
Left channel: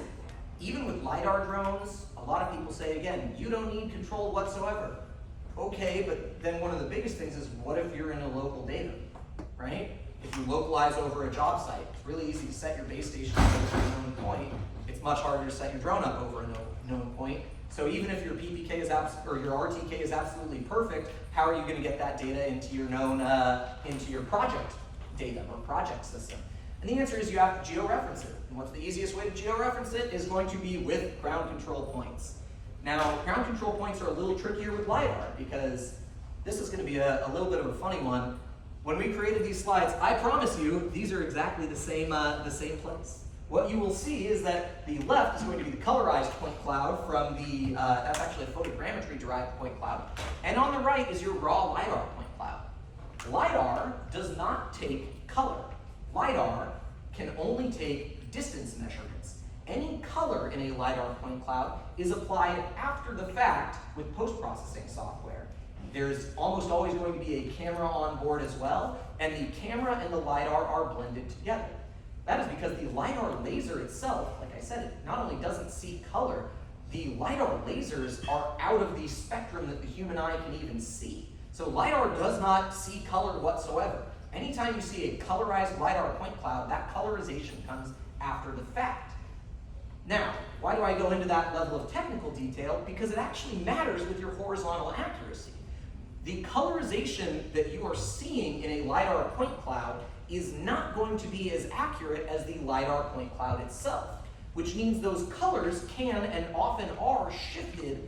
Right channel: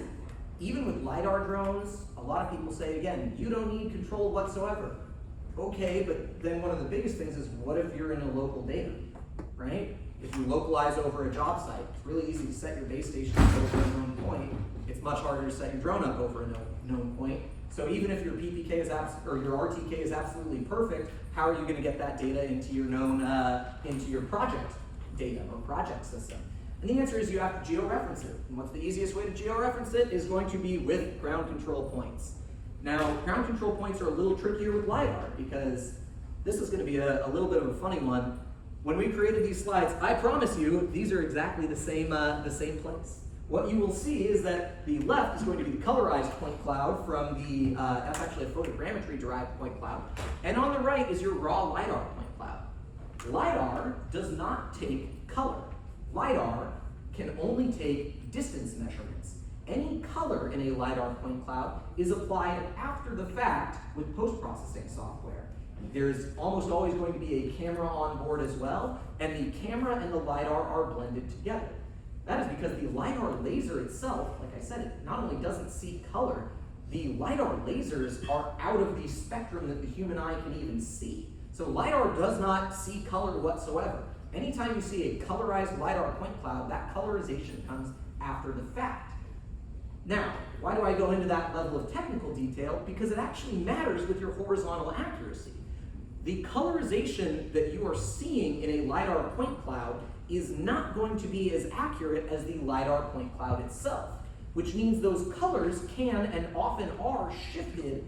even with Lidar drones, a lot of people say, again, you don't need control whatsoever. Okay, but then one of the biggest things is what if you're in a local data, right? If you localize over a job site, it's really easy to set your base station up over a known point. It's much harder to set your drone up over a known point. So even if your PPK is or your RTK is absolutely perfect, how are you going to get that data into your known into your project data or project system? And the answer is you have to geo-reference it. And what's the easiest way to geo-reference it is going to be with ground control points. Now, ground control points are a little trickier with Lidar because this is going to be a little bit of a funny one. When we created these slides, I promise you, these are exactly the same place. What you will see is that the left is going to be the colorized point cloud from the, that's actually a photogrammetry derived point cloud. And on the right is your raw Lidar point cloud. Lidar does not take color. Lidar can only take distance measurements. Any color in a Lidar point cloud is applied after the fact with post-processing software. There's almost always going to be a camera on board as well, and the camera and the Lidar are blended together. That is because the Lidar laser itself, like I said, it not only doesn't see color, the Lidar lasers are out of the spectrum that the human eye can even see. So Lidar does not see color whatsoever. Anytime you see a colorized Lidar point cloud, that colorization comes after the fact. Now, why do I go into that level of technical detail? Because it actually matters with your horizontal accuracy. The colorization that you are seeing in a Lidar point cloud is not going to be as accurate as the Lidar point cloud itself, which means those colors can and often are shifted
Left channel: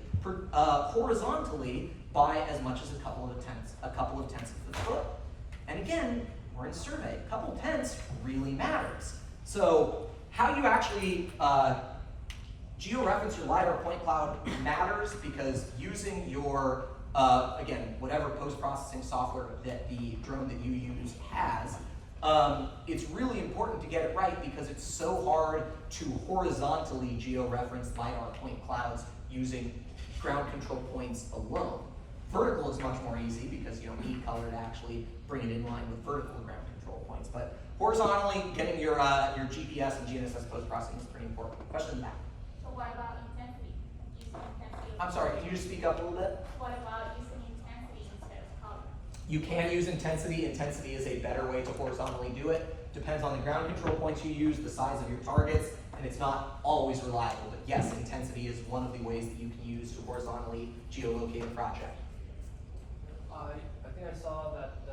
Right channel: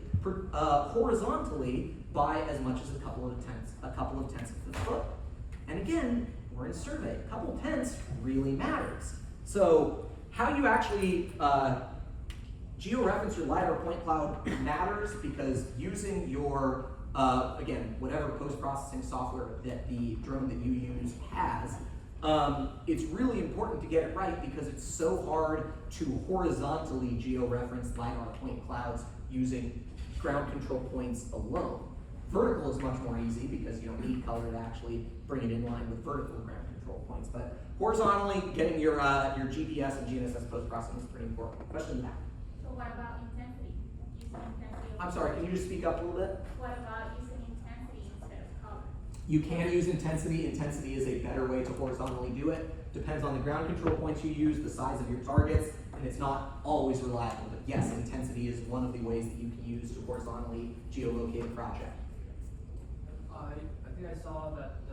horizontally by as much as a couple of tenths of the foot. And again, we're in survey. A couple tenths really matters. So how you actually georeference your LiDAR point cloud matters, because using your, again, whatever post-processing software that the drone that you use has, it's really important to get it right, because it's so hard to horizontally georeference LiDAR point clouds using ground control points alone. Vertical is much more easy because you don't need color to actually bring it in line with vertical ground control points. But horizontally, getting your GPS and GNSS post-processing is pretty important. Question in the back. So what about intensity? Using intensity? I'm sorry, can you just speak up a little bit? What about using intensity instead of color? You can use intensity. Intensity is a better way to horizontally do it. Depends on the ground control points you use, the size of your targets, and it's not always reliable. But yes, intensity is one of the ways that you can use to horizontally geolocate a project. I think I saw that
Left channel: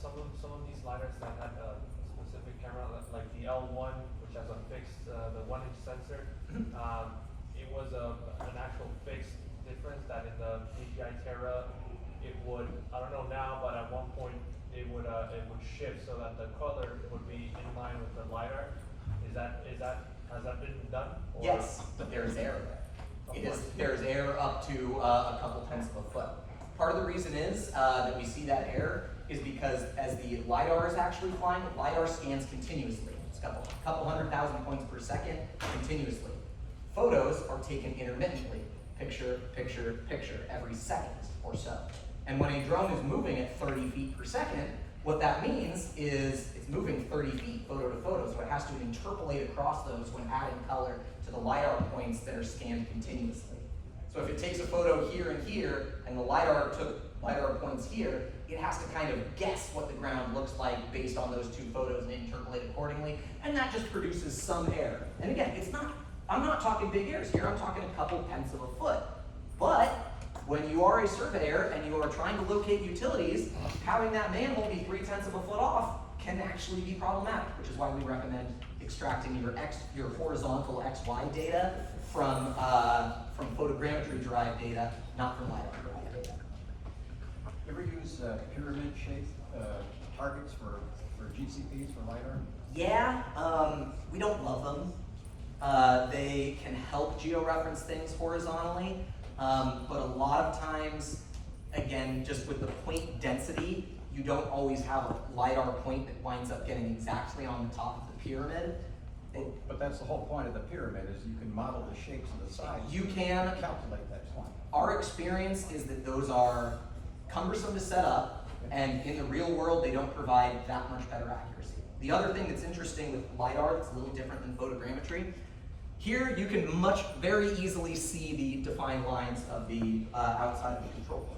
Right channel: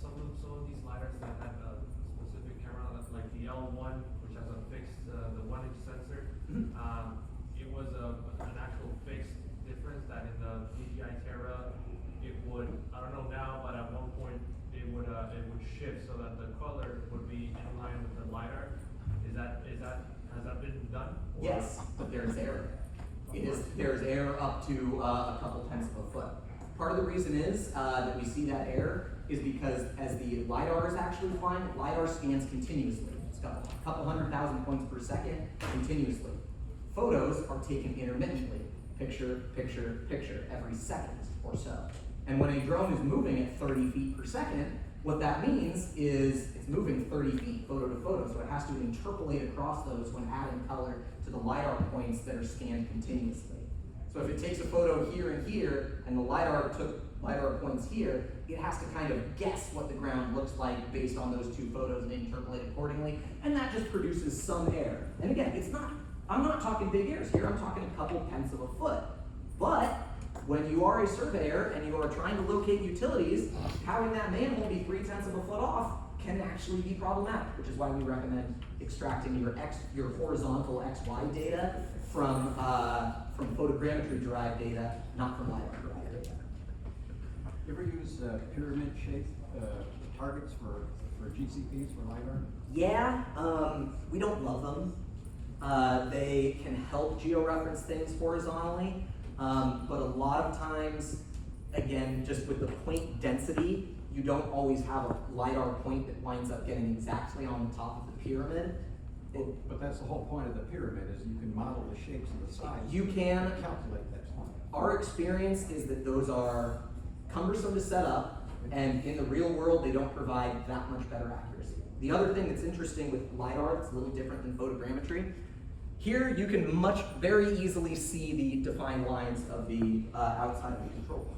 some of these lidars that have a specific camera, like the L1, which has a fixed the 1-inch sensor. It was an actual fixed difference that in the DJI Terra it would, I don't know now, but at one point it would shift so that the color would be in line with the lidar. Has that been done? Or? Yes, but there's error there. There's error up to a couple tenths of a foot. Part of the reason is that we see that error is because as the LiDAR is actually flying, LiDAR scans continuously. It's a couple 100,000 points per second continuously. Photos are taken intermittently, picture, picture, picture, every second or so. And when a drone is moving at 30 feet per second, what that means is it's moving 30 feet photo to photo, so it has to interpolate across those when adding color to the LiDAR points that are scanned continuously. So if it takes a photo here and here, and the LiDAR took LiDAR points here, it has to kind of guess what the ground looks like based on those two photos and interpolate accordingly, and that just produces some error. And again, I'm not talking big errors here, I'm talking a couple tenths of a foot. But when you are a surveyor and you are trying to locate utilities, having that manhole be 3/10 of a foot off can actually be problematic, which is why we recommend extracting your horizontal XY data from photogrammetry derived data, not from LiDAR derived data. Ever use pyramid shaped targets for GCPs for LiDAR? Yeah, we don't love them. They can help georeference things horizontally, but a lot of times, again, just with the point density, you don't always have a LiDAR point that winds up getting exactly on the top of the pyramid. But that's the whole point of the pyramid, is you can model the shapes and the sides. You can calculate that point. Our experience is that those are cumbersome to set up, and in the real world, they don't provide that much better accuracy. The other thing that's interesting with LiDAR, it's a little different than photogrammetry. Here, you can very easily see the defined lines of the outside of the control point.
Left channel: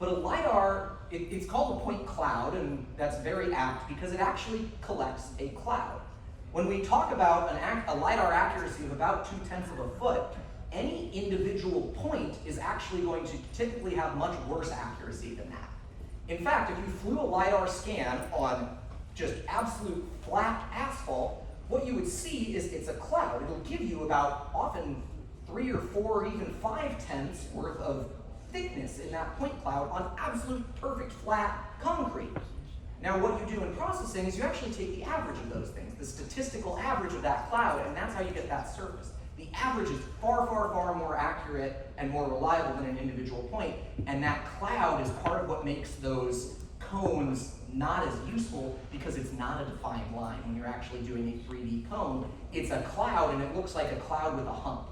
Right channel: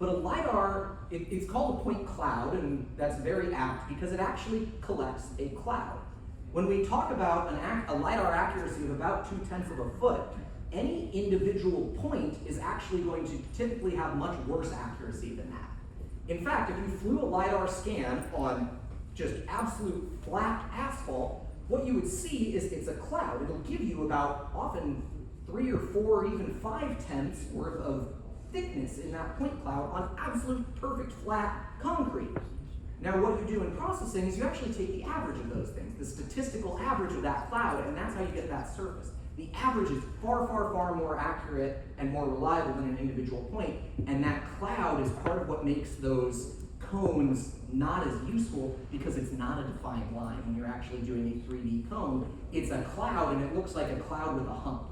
But a LiDAR, it's called a point cloud, and that's very apt because it actually collects a cloud. When we talk about a LiDAR accuracy of about 2/10 of a foot, any individual point is actually going to typically have much worse accuracy than that. In fact, if you flew a LiDAR scan on just absolute flat asphalt, what you would see is it's a cloud. It'll give you about often 3 or 4 or even 5/10 worth of thickness in that point cloud on absolute perfect flat concrete. Now what you do in processing is you actually take the average of those things, the statistical average of that cloud, and that's how you get that surface. The average is far, far, far more accurate and more reliable than an individual point, and that cloud is part of what makes those cones not as useful because it's not a defined line. When you're actually doing a 3D cone, it's a cloud and it looks like a cloud with a hump.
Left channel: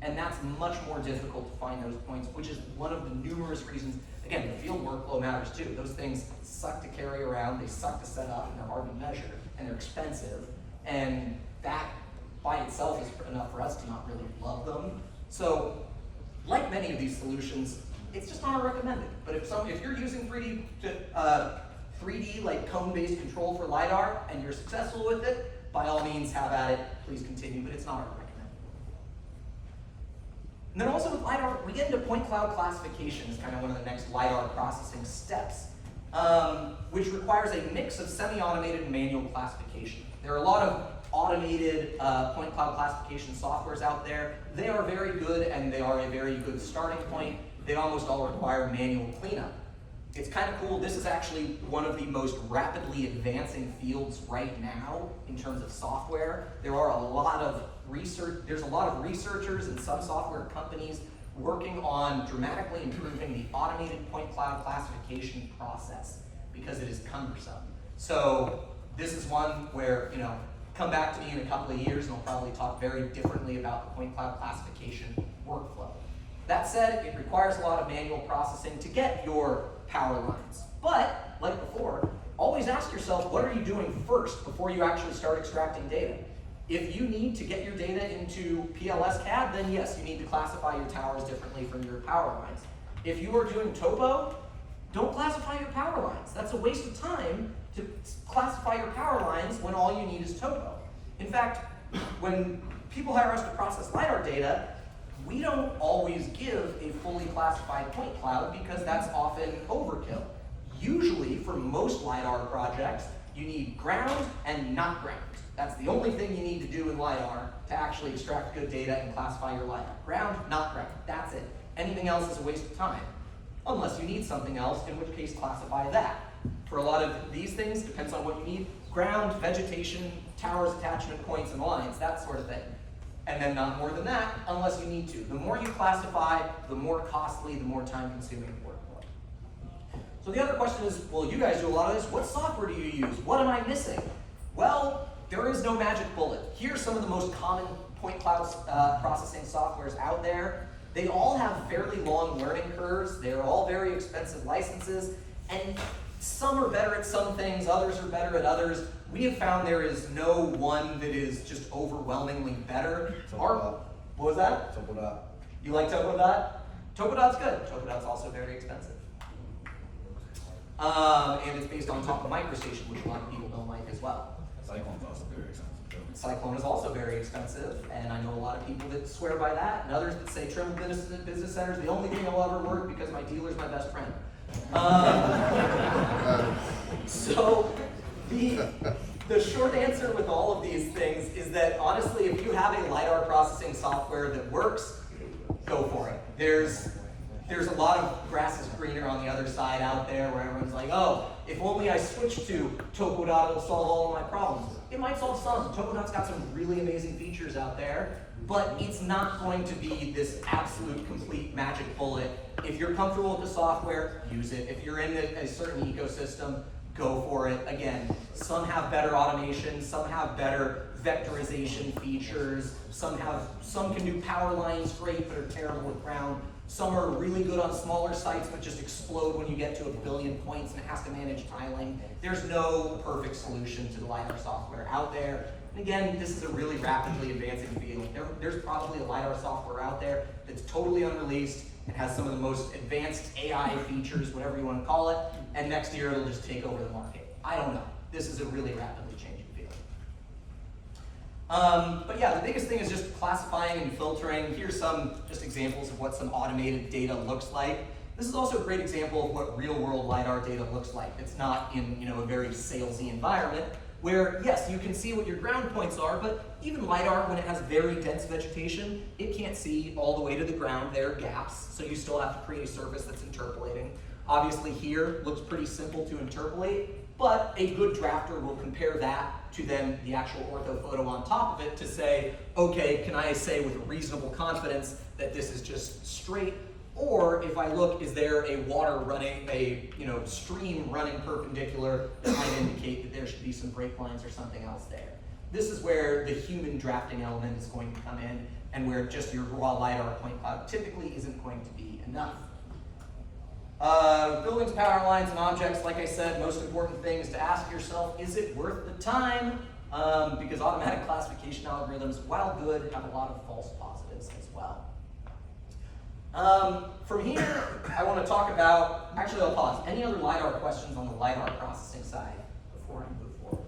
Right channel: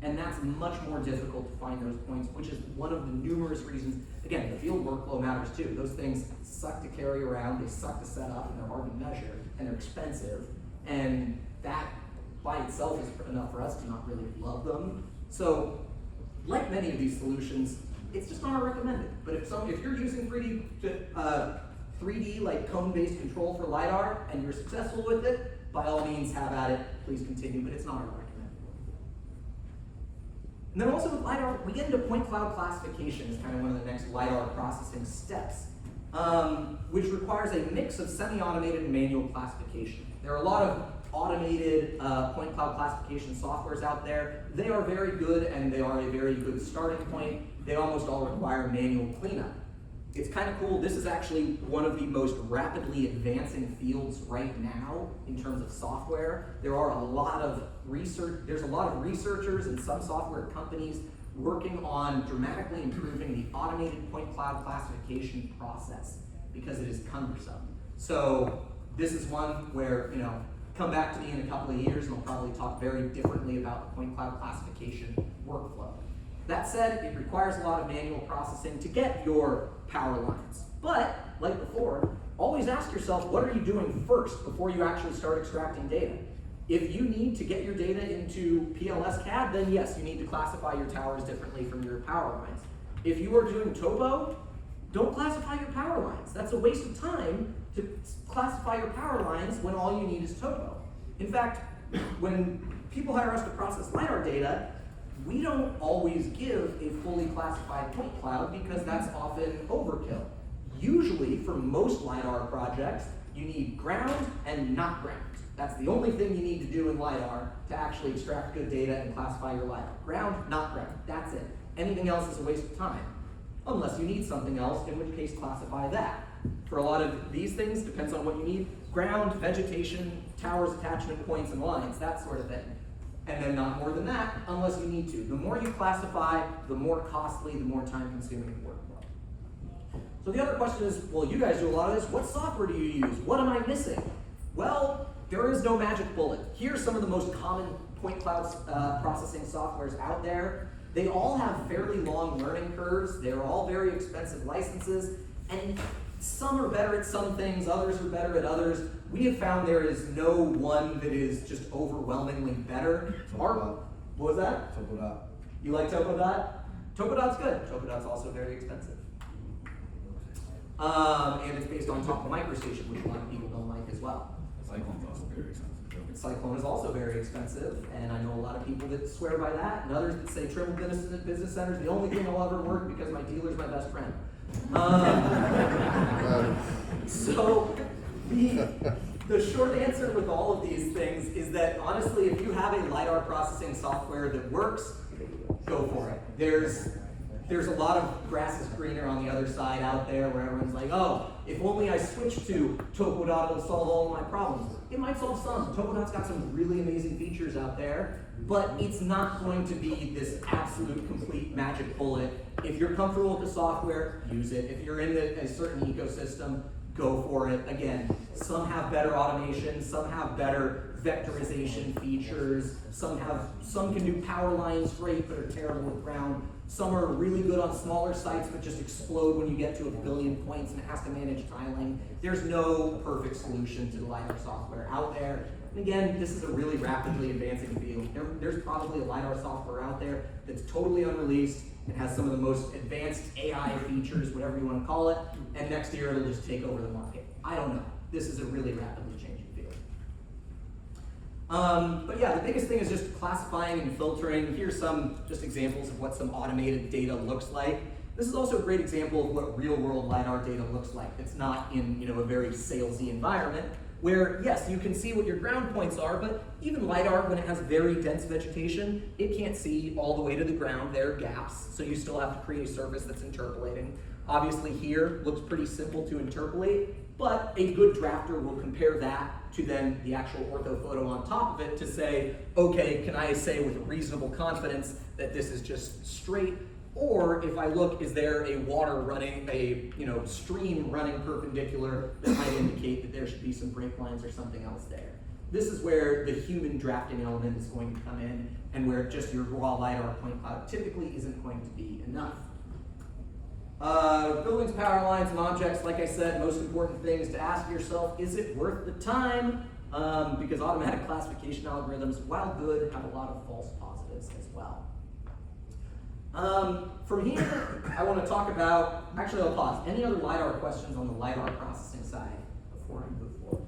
And that's much more difficult to find those points, which is one of the numerous reasons. Again, the field workflow matters too. Those things suck to carry around, they suck to set up, and they're hard to measure, and they're expensive. And that by itself is enough for us to not really love them. So, like many of these solutions, it's just not recommended. But if you're using 3D like cone-based control for LiDAR and you're successful with it, by all means have at it, please continue, but it's not recommended. And then also with LiDAR, we get into point cloud classification as kind of one of the next LiDAR processing steps, which requires a mix of semi-automated and manual classification. There are a lot of automated point cloud classification softwares out there. They are very good and they are a very good starting point. They almost all require manual cleanup. It's kind of cool. This is actually one of the most rapidly advancing fields right now in terms of software. There's a lot of researchers and some software companies working on dramatically improving the automated point cloud classification process because it is cumbersome. So this is one where, come back to me in a couple of years and I'll probably talk very differently about the point cloud classification workflow. That said, it requires a lot of manual processing to get your power lines. But, like before, always ask yourself, what are you doing first before you actually start extracting data? If you need to get your data into PLS CAD, then yes, you need to classify your towers differently from your power lines. If you are doing topo, don't classify your power lines. That's a waste of time to classify your power lines when all you need is topo. In fact, when people hire us to process LiDAR data, we don't always give a fully classified point cloud because that's often overkill. Usually, for most LiDAR projects, you need ground and not ground. That's the only thing you need to do in LiDAR to actually extract good data and classify your LiDAR. Ground, not ground, that's it. Anything else is a waste of time. Unless you need something else, in which case classify that. For a lot of these things, depends on what you need. Ground, vegetation, towers, attachment points, and lines, that sort of thing. And then not more than that, unless you need to. The more you classify, the more costly, the more time consuming the workflow. So the other question is, well, you guys do a lot of this. What software do you use? What am I missing? Well, there is no magic bullet. Here's some of the most common point cloud processing softwares out there. They all have fairly long learning curves. They're all very expensive licenses, and some are better at some things, others are better at others. We have found there is no one that is just overwhelmingly better. What was that? Topodot. You like Topodot? Topodot's good. Topodot's also very expensive. And it's based on top of MicroStation, which a lot of people don't like as well. Cyclone's also very expensive. Cyclone is also very expensive, and I know a lot of people that swear by that, and others that say Trim Business Center is the only thing I'll ever work because my dealer's my best friend. So the short answer with all of these things is that honestly, if you have a LiDAR processing software that works, go for it. There's a lot of grass is greener on the other side out there where everyone's like, oh, if only I switch to Topodot, it'll solve all of my problems. It might solve some. Topodot's got some really amazing features out there, but it's not going to be this absolute complete magic bullet. If you're comfortable with the software, use it. If you're in a certain ecosystem, go for it. Again, some have better automation, some have better vectorization features, some can do power lines great but are terrible with ground. Some are really good on smaller sites but just explode when you get to 1 billion points and it has to manage tiling. There's no perfect solution to the LiDAR software out there. And again, this is a really rapidly advancing field. There's probably a LiDAR software out there that's totally unreleased and has some of the most advanced AI features, whatever you want to call it, and next year it'll just take over the market. I don't know. This is a really rapidly changing field. But yeah, the biggest thing is just classifying and filtering. Here's some just examples of what some automated data looks like. This is also a great example of what real-world LiDAR data looks like. It's not in a very salesy environment where, yes, you can see what your ground points are, but even LiDAR, when it has very dense vegetation, it can't see all the way to the ground. There are gaps, so you still have to create a surface that's interpolating. Obviously here, looks pretty simple to interpolate, but a good drafter will compare that to then the actual orthophoto on top of it to say, okay, can I say with reasonable confidence that this is just straight? Or if I look, is there a water running, a stream running perpendicular that might indicate that there should be some break lines or something else there? This is where the human drafting element is going to come in, and where just your raw LiDAR point cloud typically isn't going to be enough. Buildings, power lines, and objects, like I said, most important thing is to ask yourself, is it worth the time? Because automatic classification algorithms, while good, have a lot of false positives as well. From here, I want to talk about, actually I'll pause. Any other LiDAR questions on the LiDAR processing side before I move forward?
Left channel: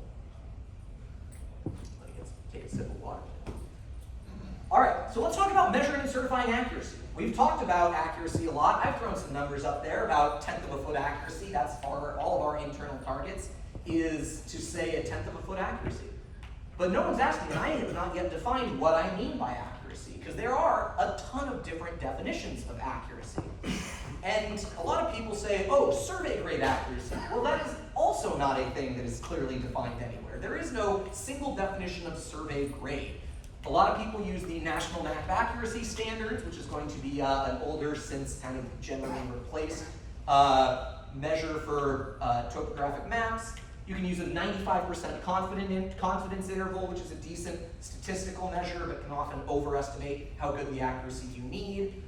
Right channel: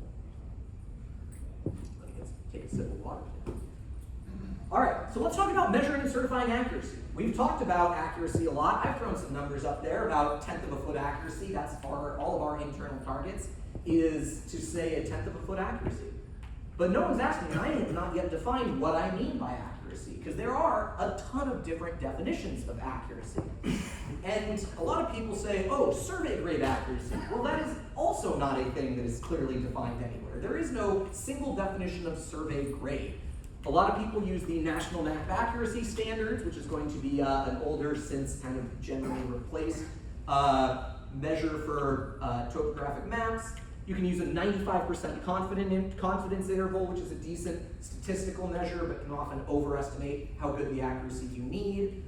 Let me take a sip of water. All right, so let's talk about measuring and certifying accuracy. We've talked about accuracy a lot. I've thrown some numbers up there, about 1/10 of a foot accuracy. That's all of our internal targets, is to say 1/10 of a foot accuracy. But no one's asking, and I have not yet defined what I mean by accuracy. accuracy, because there are a ton of different definitions of accuracy. And a lot of people say, oh, survey grade accuracy. Well, that is also not a thing that is clearly defined anywhere. There is no single definition of survey grade. A lot of people use the National Map Accuracy Standards, which is going to be an older, since kind of generally replaced measure for topographic maps. You can use a 95% confidence interval, which is a decent statistical measure, but can often overestimate how good the accuracy you need.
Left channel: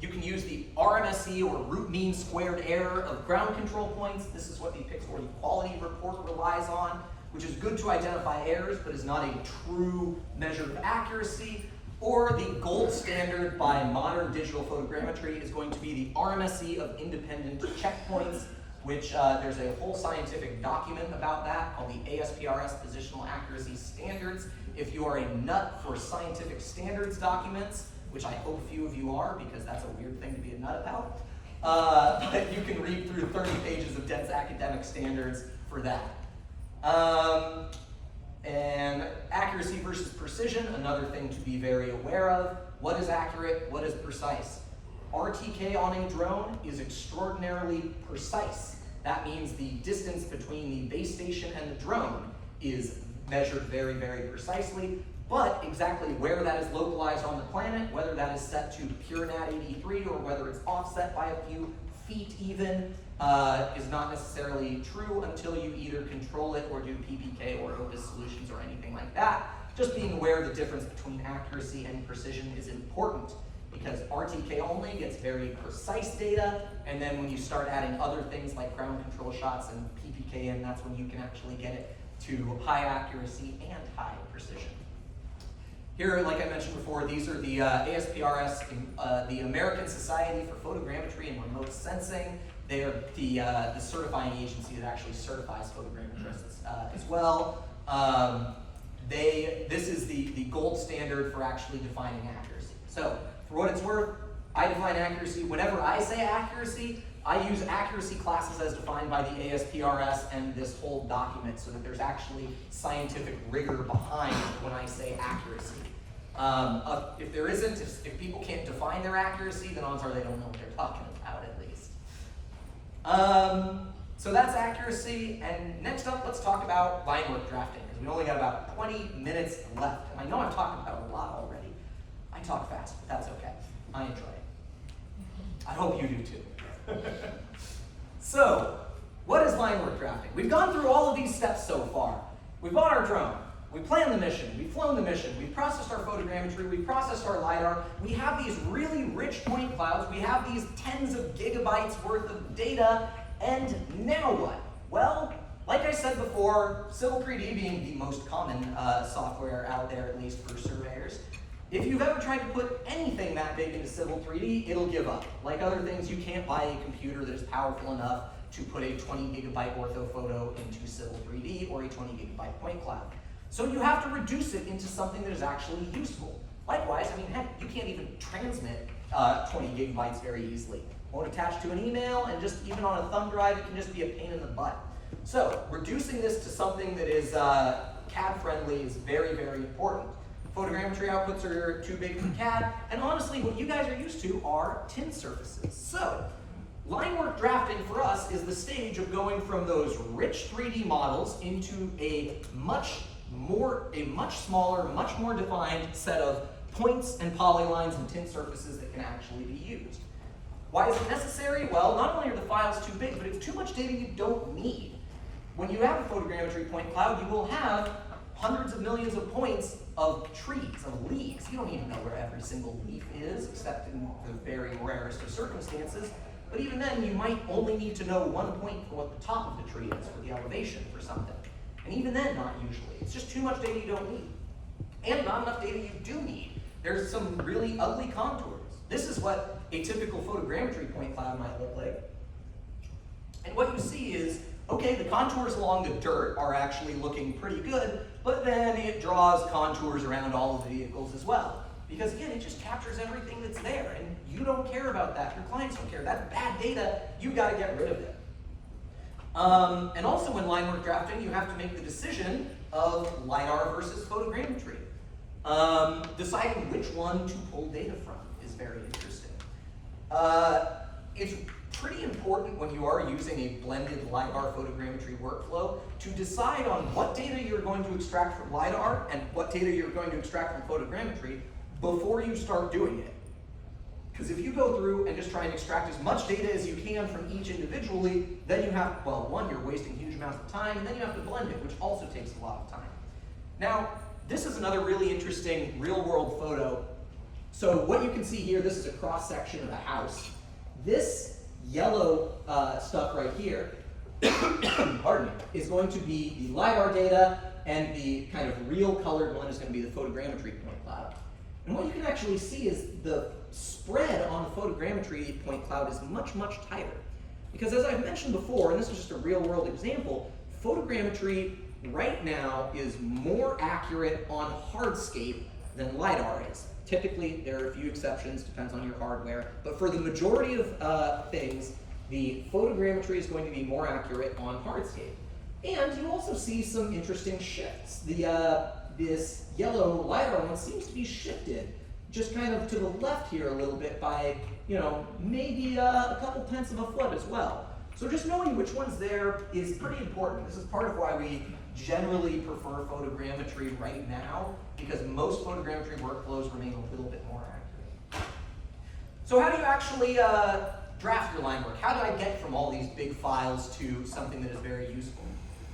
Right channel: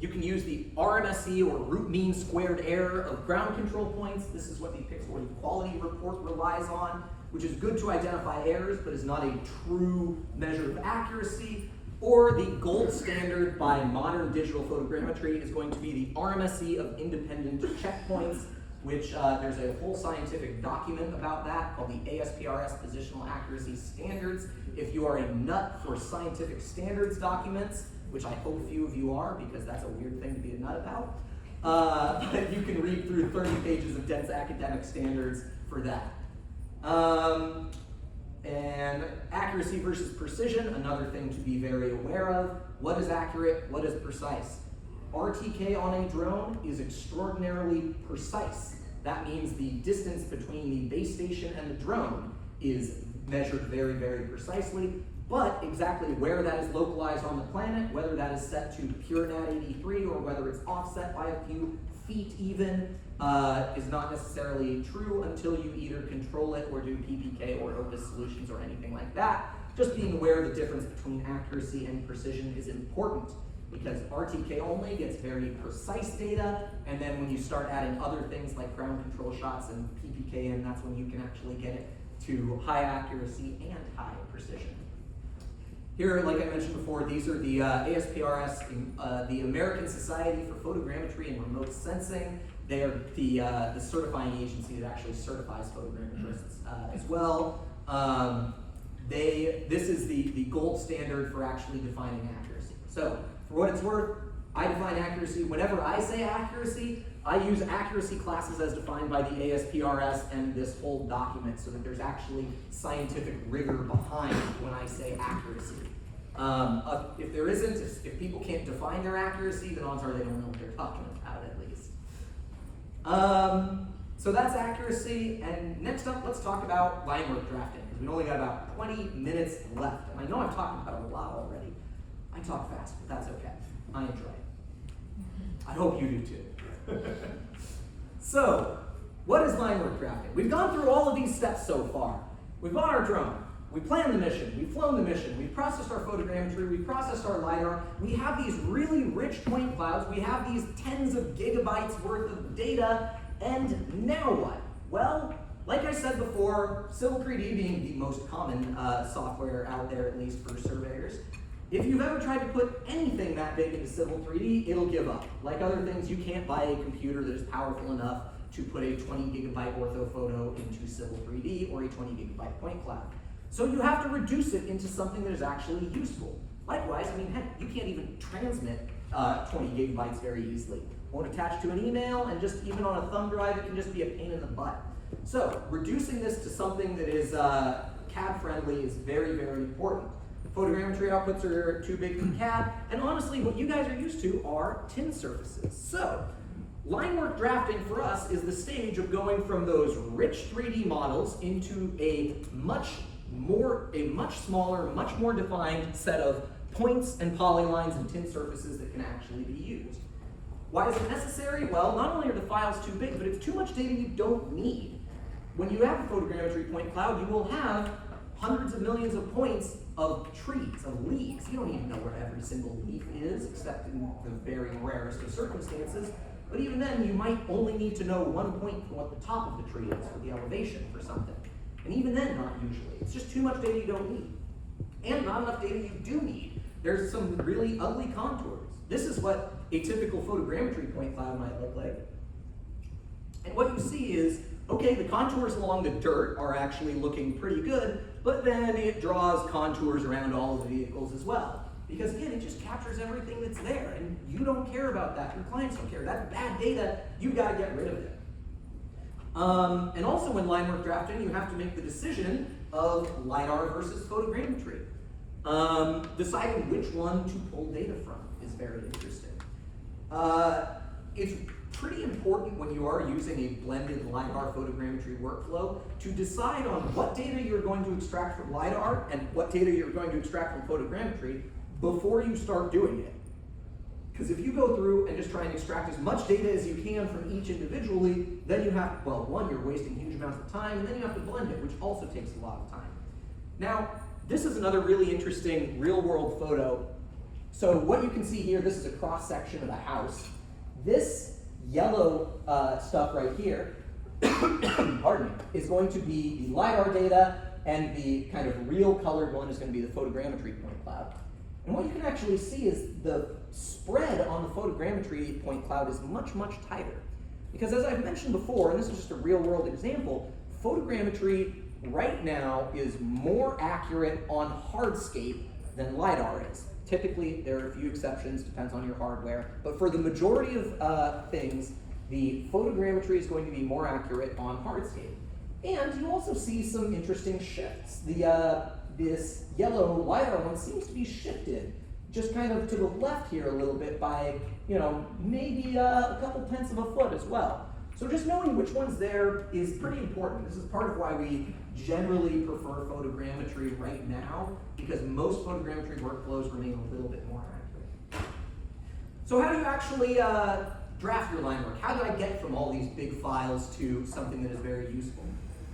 You can use the RMSE, or root mean squared error of ground control points. This is what the Pixel Equality Report relies on, which is good to identify errors, but is not a true measure of accuracy. Or the gold standard by modern digital photogrammetry is going to be the RMSE of independent checkpoints, which there's a whole scientific document about that called the ASPRS Positional Accuracy Standards. If you are a nut for scientific standards documents, which I hope few of you are, because that's a weird thing to be a nut about, you can read through 30 pages of dense academic standards for that. And accuracy versus precision, another thing to be very aware of. What is accurate? What is precise? RTK on a drone is extraordinarily precise. That means the distance between the base station and the drone is measured very, very precisely, but exactly where that is localized on the planet, whether that is set to pure NAT 83 or whether it's offset by a few feet even, is not necessarily true until you either control it or do PPK or Opus solutions or anything like that. Just being aware of the difference between accuracy and precision is important, because RTK only gets very precise data, and then when you start adding other things like ground control shots and PPK in, that's when you can actually get it to high accuracy and high precision. Here, like I mentioned before, these are the ASPRS, the American Society for Photogrammetry and Remote Sensing. They are the certifying agency that actually certifies photogrammetrists as well. This is the gold standard for actually defining accuracy. So, for what it's worth, I define accuracy. Whenever I say accuracy, I use accuracy classes as defined by the ASPRS and this whole document, so that there's actually scientific rigor behind when I say accuracy. If there isn't, if people can't define their accuracy, then odds are they don't know what they're talking about, at least. So that's accuracy, and next up, let's talk about Linework drafting, because we only got about 20 minutes left. And I know I'm talking about it a lot already. I talk fast, but that's okay. I enjoy it. I hope you do too. So, what is Linework drafting? We've gone through all of these steps so far. We've bought our drone. We planned the mission, we've flown the mission, we've processed our photogrammetry, we've processed our Lidar, we have these really rich point clouds, we have these tens of gigabytes worth of data, and now what? Well, like I said before, Civil 3D being the most common software out there, at least for surveyors, if you've ever tried to put anything that big into Civil 3D, it'll give up. Like other things, you can't buy a computer that is powerful enough to put a 20 gigabyte orthophoto into Civil 3D or a 20 gigabyte point cloud. So you have to reduce it into something that is actually useful. Likewise, I mean, heck, you can't even transmit 20 gigabytes very easily. Won't attach to an email, and just even on a thumb drive, it can just be a pain in the butt. So reducing this to something that is CAD friendly is very, very important. Photogrammetry outputs are too big for CAD, and honestly, what you guys are used to are tin surfaces. So Linework drafting for us is the stage of going from those rich 3D models into a much smaller, much more defined set of points and polylines and tin surfaces that can actually be used. Why is it necessary? Well, not only are the files too big, but it's too much data you don't need. When you have a photogrammetry point cloud, you will have hundreds of millions of points of trees, of leaves. You don't even know where every single leaf is, except in the very rarest of circumstances. But even then, you might only need to know one point for what the top of the tree is, for the elevation for something. And even then, not usually. It's just too much data you don't need. And not enough data you do need. There's some really ugly contours. This is what a typical photogrammetry point cloud might look like. And what you see is, okay, the contours along the dirt are actually looking pretty good, but then it draws contours around all of the vehicles as well. Because again, it just captures everything that's there, and you don't care about that. Your clients don't care. That's bad data. You've got to get rid of it. And also in Linework drafting, you have to make the decision of Lidar versus photogrammetry. Deciding which one to pull data from is very interesting. It's pretty important when you are using a blended LiDAR photogrammetry workflow to decide on what data you're going to extract from LiDAR and what data you're going to extract from photogrammetry before you start doing it. Because if you go through and just try and extract as much data as you can from each individually, then you have, well, one, you're wasting huge amounts of time, and then you have to blend it, which also takes a lot of time. Now, this is another really interesting real-world photo. So what you can see here, this is a cross-section of a house. This yellow stuff right here, pardon me, is going to be the LiDAR data, and the kind of real colored one is going to be the photogrammetry point cloud. And what you can actually see is the spread on the photogrammetry point cloud is much, much tighter. Because as I've mentioned before, and this is just a real-world example, photogrammetry right now is more accurate on hardscape than LiDAR is. Typically, there are a few exceptions, depends on your hardware, but for the majority of things, the photogrammetry is going to be more accurate on hardscape. And you also see some interesting shifts. This yellow LiDAR one seems to be shifted just kind of to the left here a little bit by, maybe a couple tenths of a foot as well. So just knowing which one's there is pretty important. This is part of why we generally prefer photogrammetry right now, because most photogrammetry workflows remain a little bit more accurate. So how do you actually draft your line work? How do I get from all these big files to something that is very useful?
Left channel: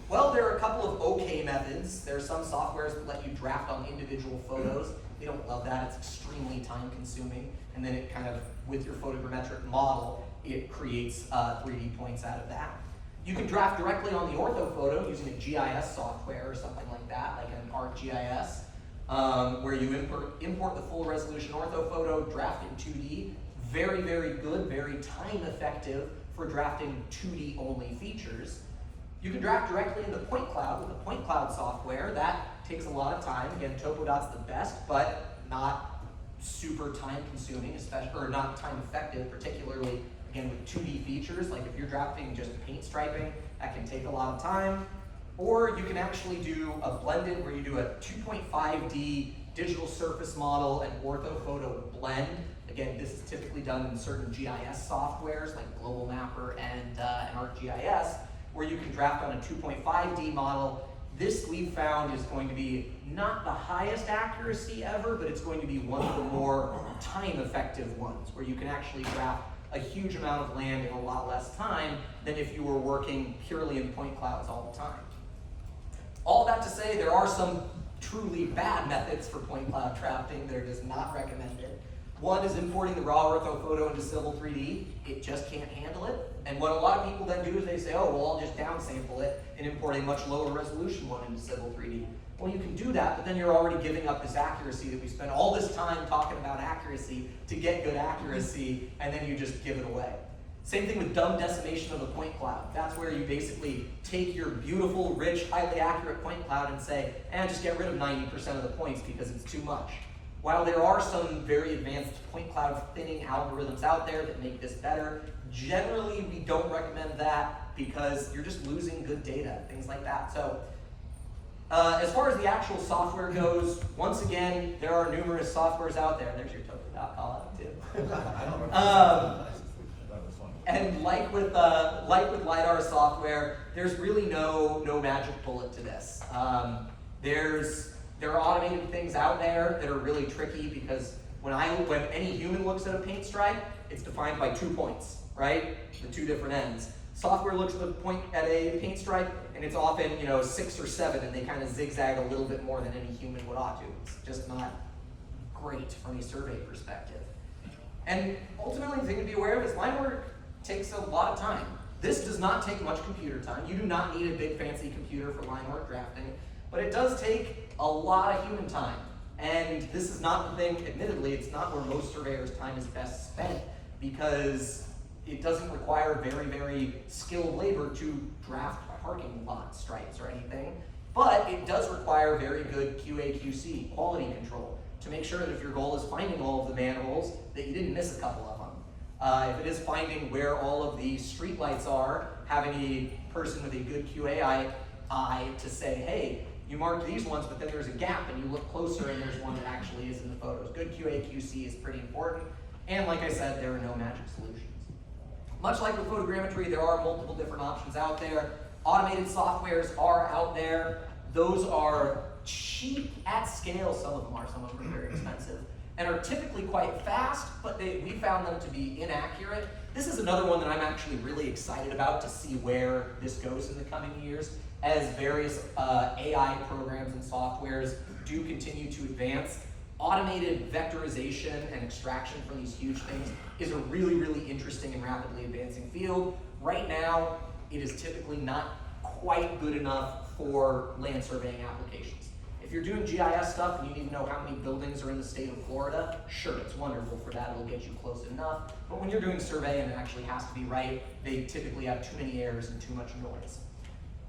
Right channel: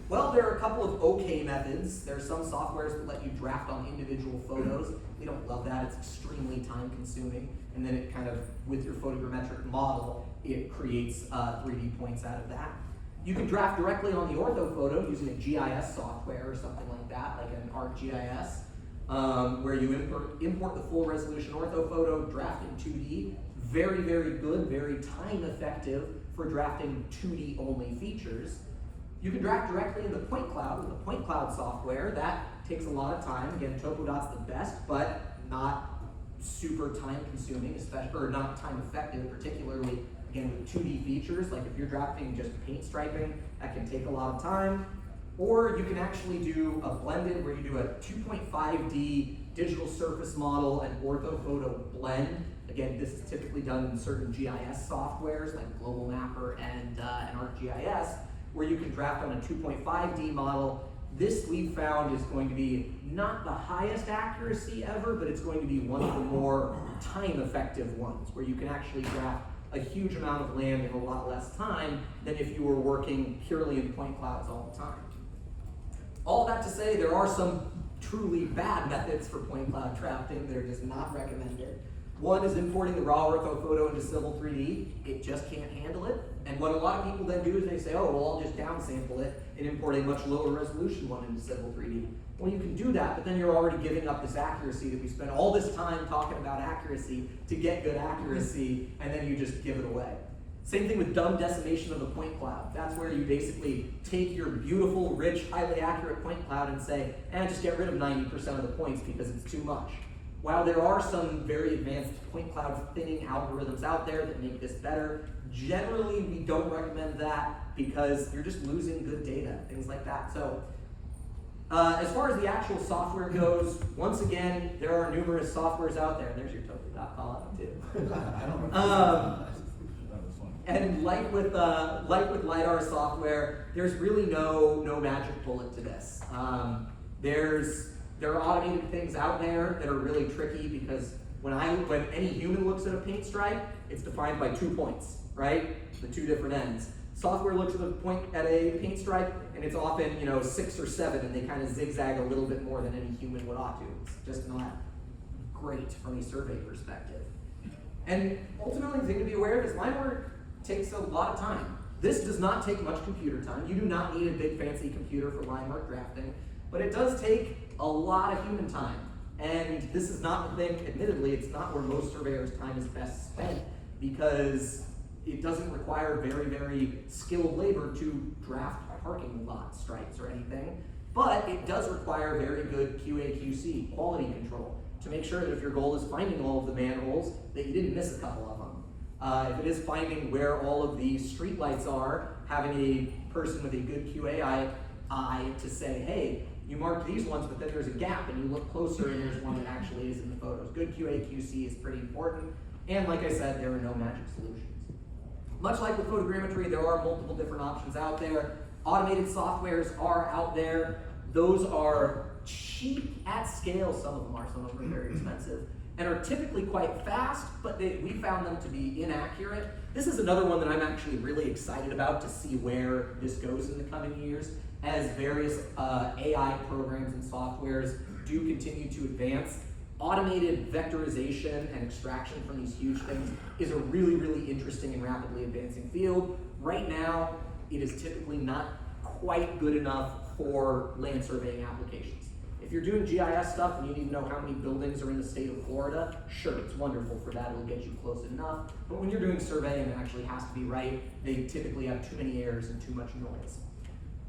Well, there are a couple of okay methods. There are some softwares that let you draft on individual photos. We don't love that, it's extremely time consuming. And then it kind of, with your photogrammetric model, it creates 3D points out of that. You can draft directly on the orthophoto using a GIS software or something like that, like an ArcGIS, where you import the full resolution orthophoto, draft in 2D. Very, very good, very time effective for drafting 2D only features. You can draft directly in the point cloud with the point cloud software. That takes a lot of time. Again, Topodot's the best, but not super time consuming, especially, or not time effective, particularly again with 2D features. Like if you're drafting just paint striping, that can take a lot of time. Or you can actually do a blended where you do a 2.5D digital surface model and orthophoto blend. Again, this is typically done in certain GIS softwares like Global Mapper and ArcGIS, where you can draft on a 2.5D model. This we've found is going to be not the highest accuracy ever, but it's going to be one of the more time-effective ones, where you can actually draft a huge amount of land in a lot less time than if you were working purely in point clouds all the time. All that to say, there are some truly bad methods for point cloud drafting that are just not recommended. One is importing the raw orthophoto into Civil 3D. It just can't handle it. And what a lot of people then do is they say, oh, well, I'll just downsample it and import a much lower resolution one into Civil 3D. Well, you can do that, but then you're already giving up this accuracy that we spent all this time talking about accuracy to get good accuracy, and then you just give it away. Same thing with dumb decimation of the point cloud. That's where you basically take your beautiful, rich, highly accurate point cloud and say, just get rid of 90% of the points because it's too much. While there are some very advanced point cloud thinning algorithms out there that make this better, generally we don't recommend that because you're just losing good data, things like that. So as far as the actual software goes, once again, there are numerous softwares out there. There's your Topodot call out too. And like with LiDAR software, there's really no magic bullet to this. There are automated things out there that are really tricky because when any human looks at a paint stripe, it's defined by 2 points, right? The 2 different ends. Software looks at a paint stripe, and it's often 6 or 7, and they kind of zigzag a little bit more than any human would ought to. It's just not great from a survey perspective. And ultimately, the thing to be aware of is line work takes a lot of time. This does not take much computer time. You do not need a big fancy computer for line work drafting, but it does take a lot of human time. And this is not the thing, admittedly, it's not where most surveyors' time is best spent because it doesn't require very, very skilled labor to draft parking lot stripes or anything, but it does require very good QA/QC, quality control, to make sure that if your goal is finding all of the manholes, that you didn't miss a couple of them. If it is finding where all of the streetlights are, having a person with a good QA eye to say, hey, you mark these ones, but then there's a gap and you look closer and there's one that actually is in the photos. Good QA/QC is pretty important. And like I said, there are no magic solutions. Much like with photogrammetry, there are multiple different options out there. Automated softwares are out there. Those are cheap at scale, some of them are very expensive, and are typically quite fast, but we found them to be inaccurate. This is another one that I'm actually really excited about to see where this goes in the coming years as various AI programs and softwares do continue to advance. Automated vectorization and extraction from these huge things is a really, really interesting and rapidly advancing field. Right now, it is typically not quite good enough for land surveying applications. If you're doing GIS stuff and you need to know how many buildings are in the state of Florida, sure, it's wonderful for that, it'll get you close enough. But when you're doing surveying, it actually has to be right. They typically have too many errors and too much noise.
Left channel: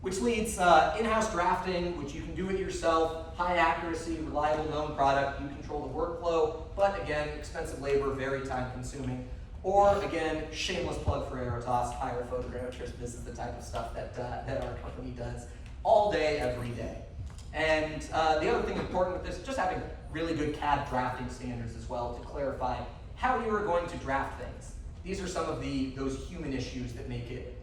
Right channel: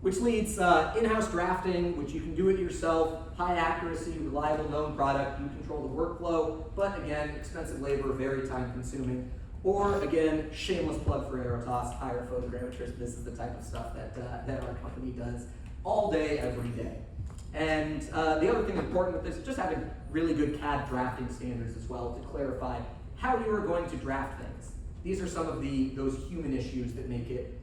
Which leads in-house drafting, which you can do it yourself, high accuracy, reliable, known product, you control the workflow, but again, expensive labor, very time consuming. Or again, shameless plug for Aerotas, hire photogrammetrists. This is the type of stuff that our company does all day, every day. And the other thing important with this is just having really good Cad drafting standards as well to clarify how you are going to draft things. These are some of those human issues that make it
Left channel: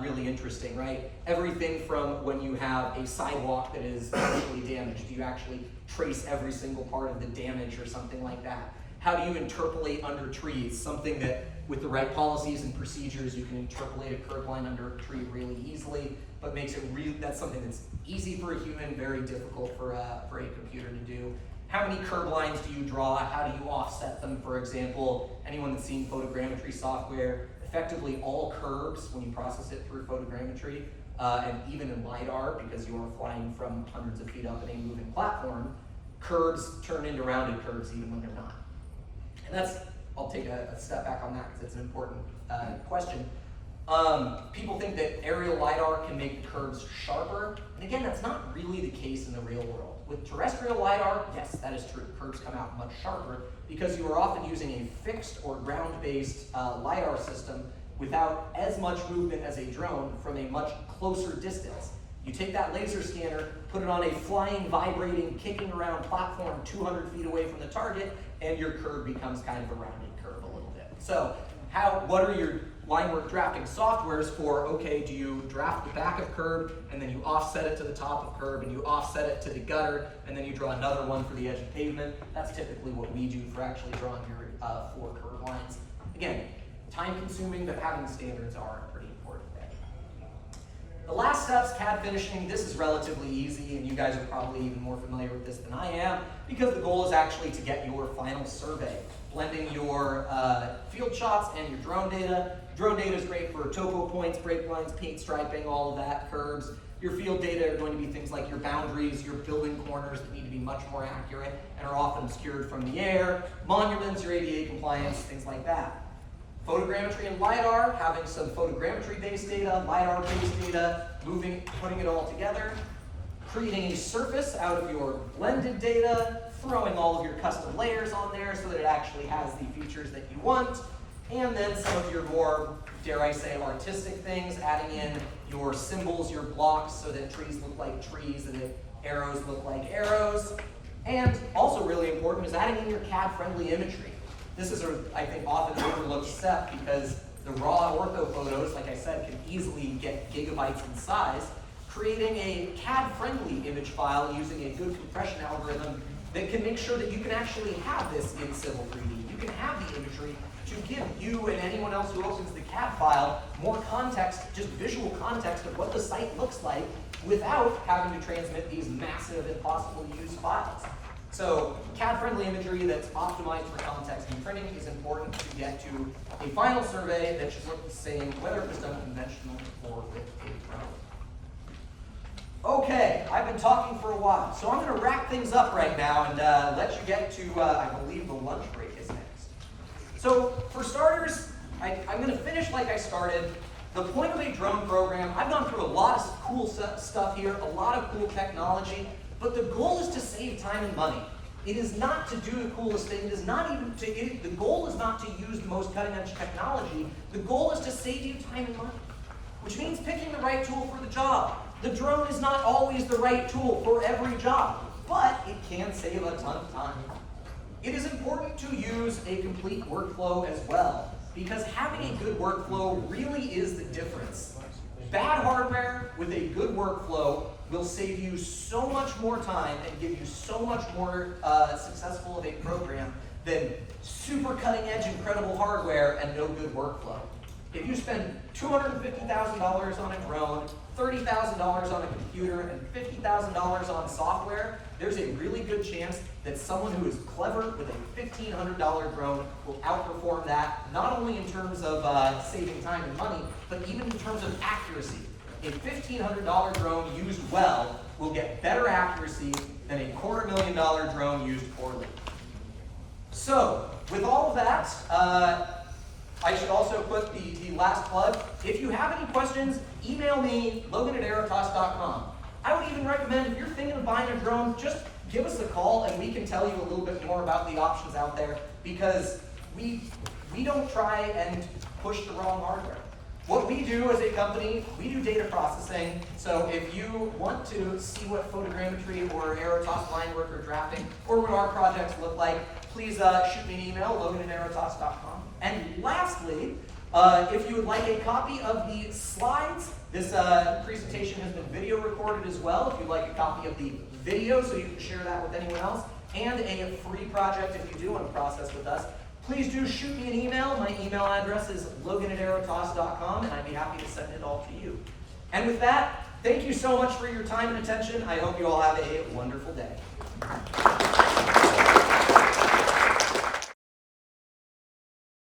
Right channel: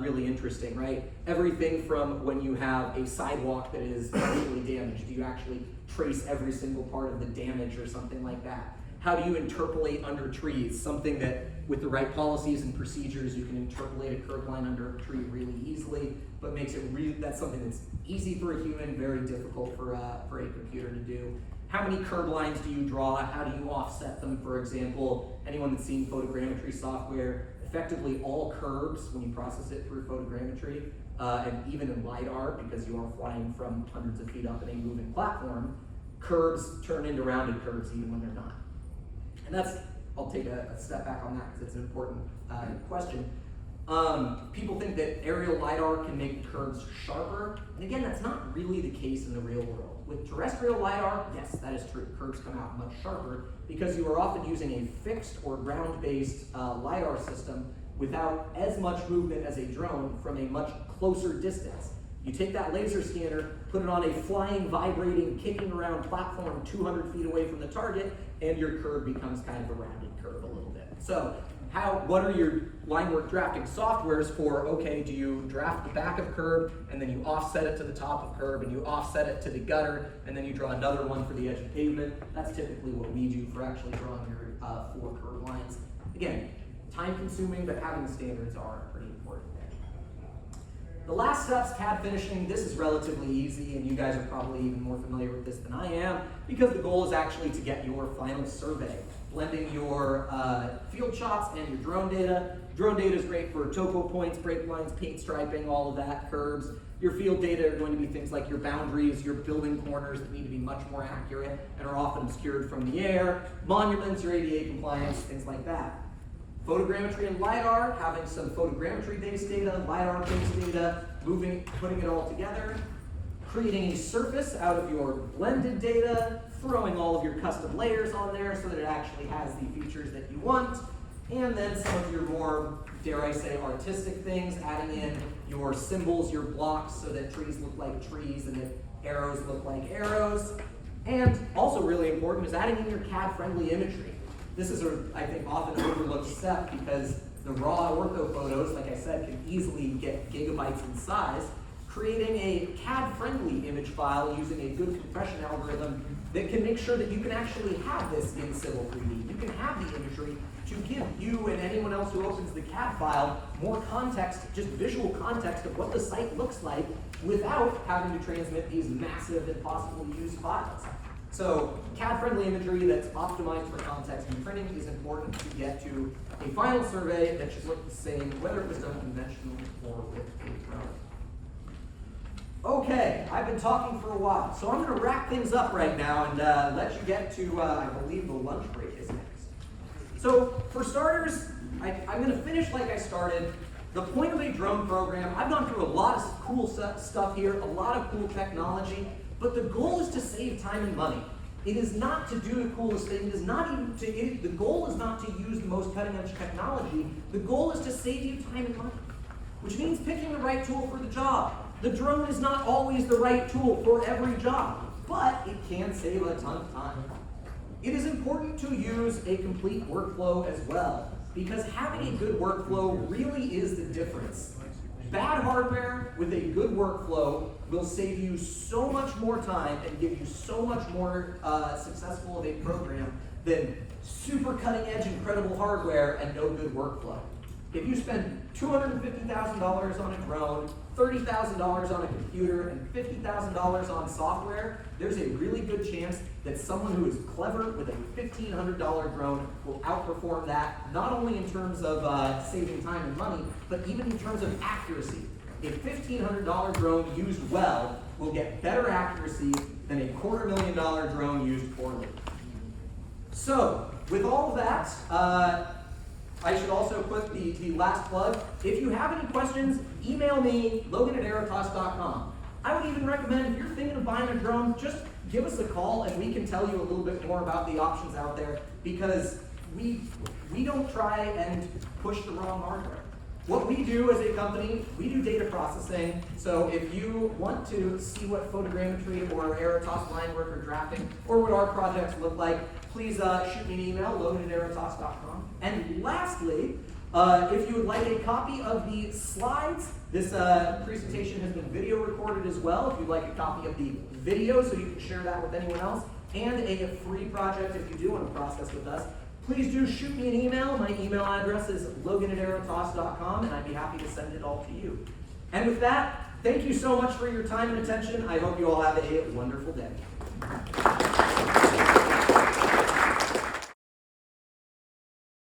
really interesting, right? Everything from when you have a sidewalk that is actually damaged, do you actually trace every single part of the damage or something like that? How do you interpolate under trees? Something that with the right policies and procedures, you can interpolate a curb line under a tree really easily, but makes it that's something that's easy for a human, very difficult for a computer to do. How many curb lines do you draw? How do you offset them? For example, anyone that's seen photogrammetry software, effectively all curbs, when you process it through photogrammetry, and even in Lidar, because you are flying from hundreds of feet up in a moving platform, curbs turn into rounded curves even when they're not. And I'll take a step back on that because it's an important question. People think that aerial LiDAR can make the curves sharper, and again, that's not really the case in the real world. With terrestrial LiDAR, yes, that is true. Curves come out much sharper because you are often using a fixed or ground-based LiDAR system without as much movement as a drone from a much closer distance. You take that laser scanner, put it on a flying, vibrating, kicking around platform 200 feet away from the target, and your curve becomes kind of a rounded curve a little bit. So what are your Linework drafting softwares for? Okay, do you draft the back of curb, and then you offset it to the top of curb, and you offset it to the gutter, and then you draw another one for the edge of pavement? That's typically what we do for actually drawing your 4 curb lines. Again, time consuming, but having the standards are a pretty important thing. The last steps, CAD finishing, this is relatively easy, and you guys are probably even more familiar with this than I am, because the goal is actually to get your final survey, blending your field shots and your drone data. Drone data is great for topo points, break lines, paint striping, all of that, curbs. Your field data are going to be things like your boundaries, your building corners that need to be much more accurate and are often obscured from the air, monuments, your ADA compliance, things like that. Photogrammetry and LiDAR, having some photogrammetry-based data, LiDAR-based data, putting it all together, creating a surface out of your blended data, throwing all of your custom layers on there so that it actually has the features that you want, and then some of your more, dare I say, artistic things, adding in your symbols, your blocks, so that trees look like trees and that arrows look like arrows. And also really important is adding in your Cad Friendly Imagery. This is, I think, often an overlooked step because the raw ortho photos, like I said, can easily get gigabytes in size. Creating a CAD-friendly image file using a good compression algorithm that can make sure that you can actually have this in Civil 3D. You can have the imagery to give you and anyone else who opens the CAD file more context, just visual context of what the site looks like without having to transmit these massive, impossible to use files. So CAD-friendly imagery that's optimized for context and printing is important to get to a final survey that should look the same, whether it was done conventionally or with a drone. Okay, I've been talking for a while, so I'm going to wrap things up right now and let you get to, I believe the lunch break is next. So for starters, I'm going to finish like I started. The point of a drone program, I've gone through a lot of cool stuff here, a lot of cool technology, but the goal is to save time and money. It is not to do the coolest thing. It is not even the goal is not to use the most cutting edge technology. The goal is to save you time and money, which means picking the right tool for the job. The drone is not always the right tool for every job, but it can save a ton of time. It is important to use a complete workflow as well, because having a good workflow really is the difference. Bad hardware with a good workflow will save you so much more time and give you so much more successful of a program than super cutting edge, incredible hardware and no good workflow. If you spend $250,000 on a drone, $30,000 on a computer, and $50,000 on software, there's a really good chance that someone who is clever with a $1,500 drone will outperform that, not only in terms of saving time and money, but even in terms of accuracy. A $1,500 drone used well will get better accuracy than a $250,000 drone used poorly. So, with all of that, I should also put the last plug. If you have any questions, email me, logan@aerotas.com. I would even recommend, if you're thinking of buying a drone, just give us a call and we can tell you a little bit more about the options out there, because we don't try and push the wrong hardware. What we do as a company, we do data processing. So if you want to see what photogrammetry or Aerotas, Linework, or drafting, or what our projects look like, please shoot me an email, logan@aerotas.com. And lastly, if you would like a copy of the slides, this presentation has been video recorded as well. If you'd like a copy of the video so you can share that with anyone else, and a free project if you do want to process with us, please do shoot me an email. My email address is logan@aerotas.com, and I'd be happy to send it all to you. And with that, thank you so much for your time and attention. I hope you all have a wonderful day.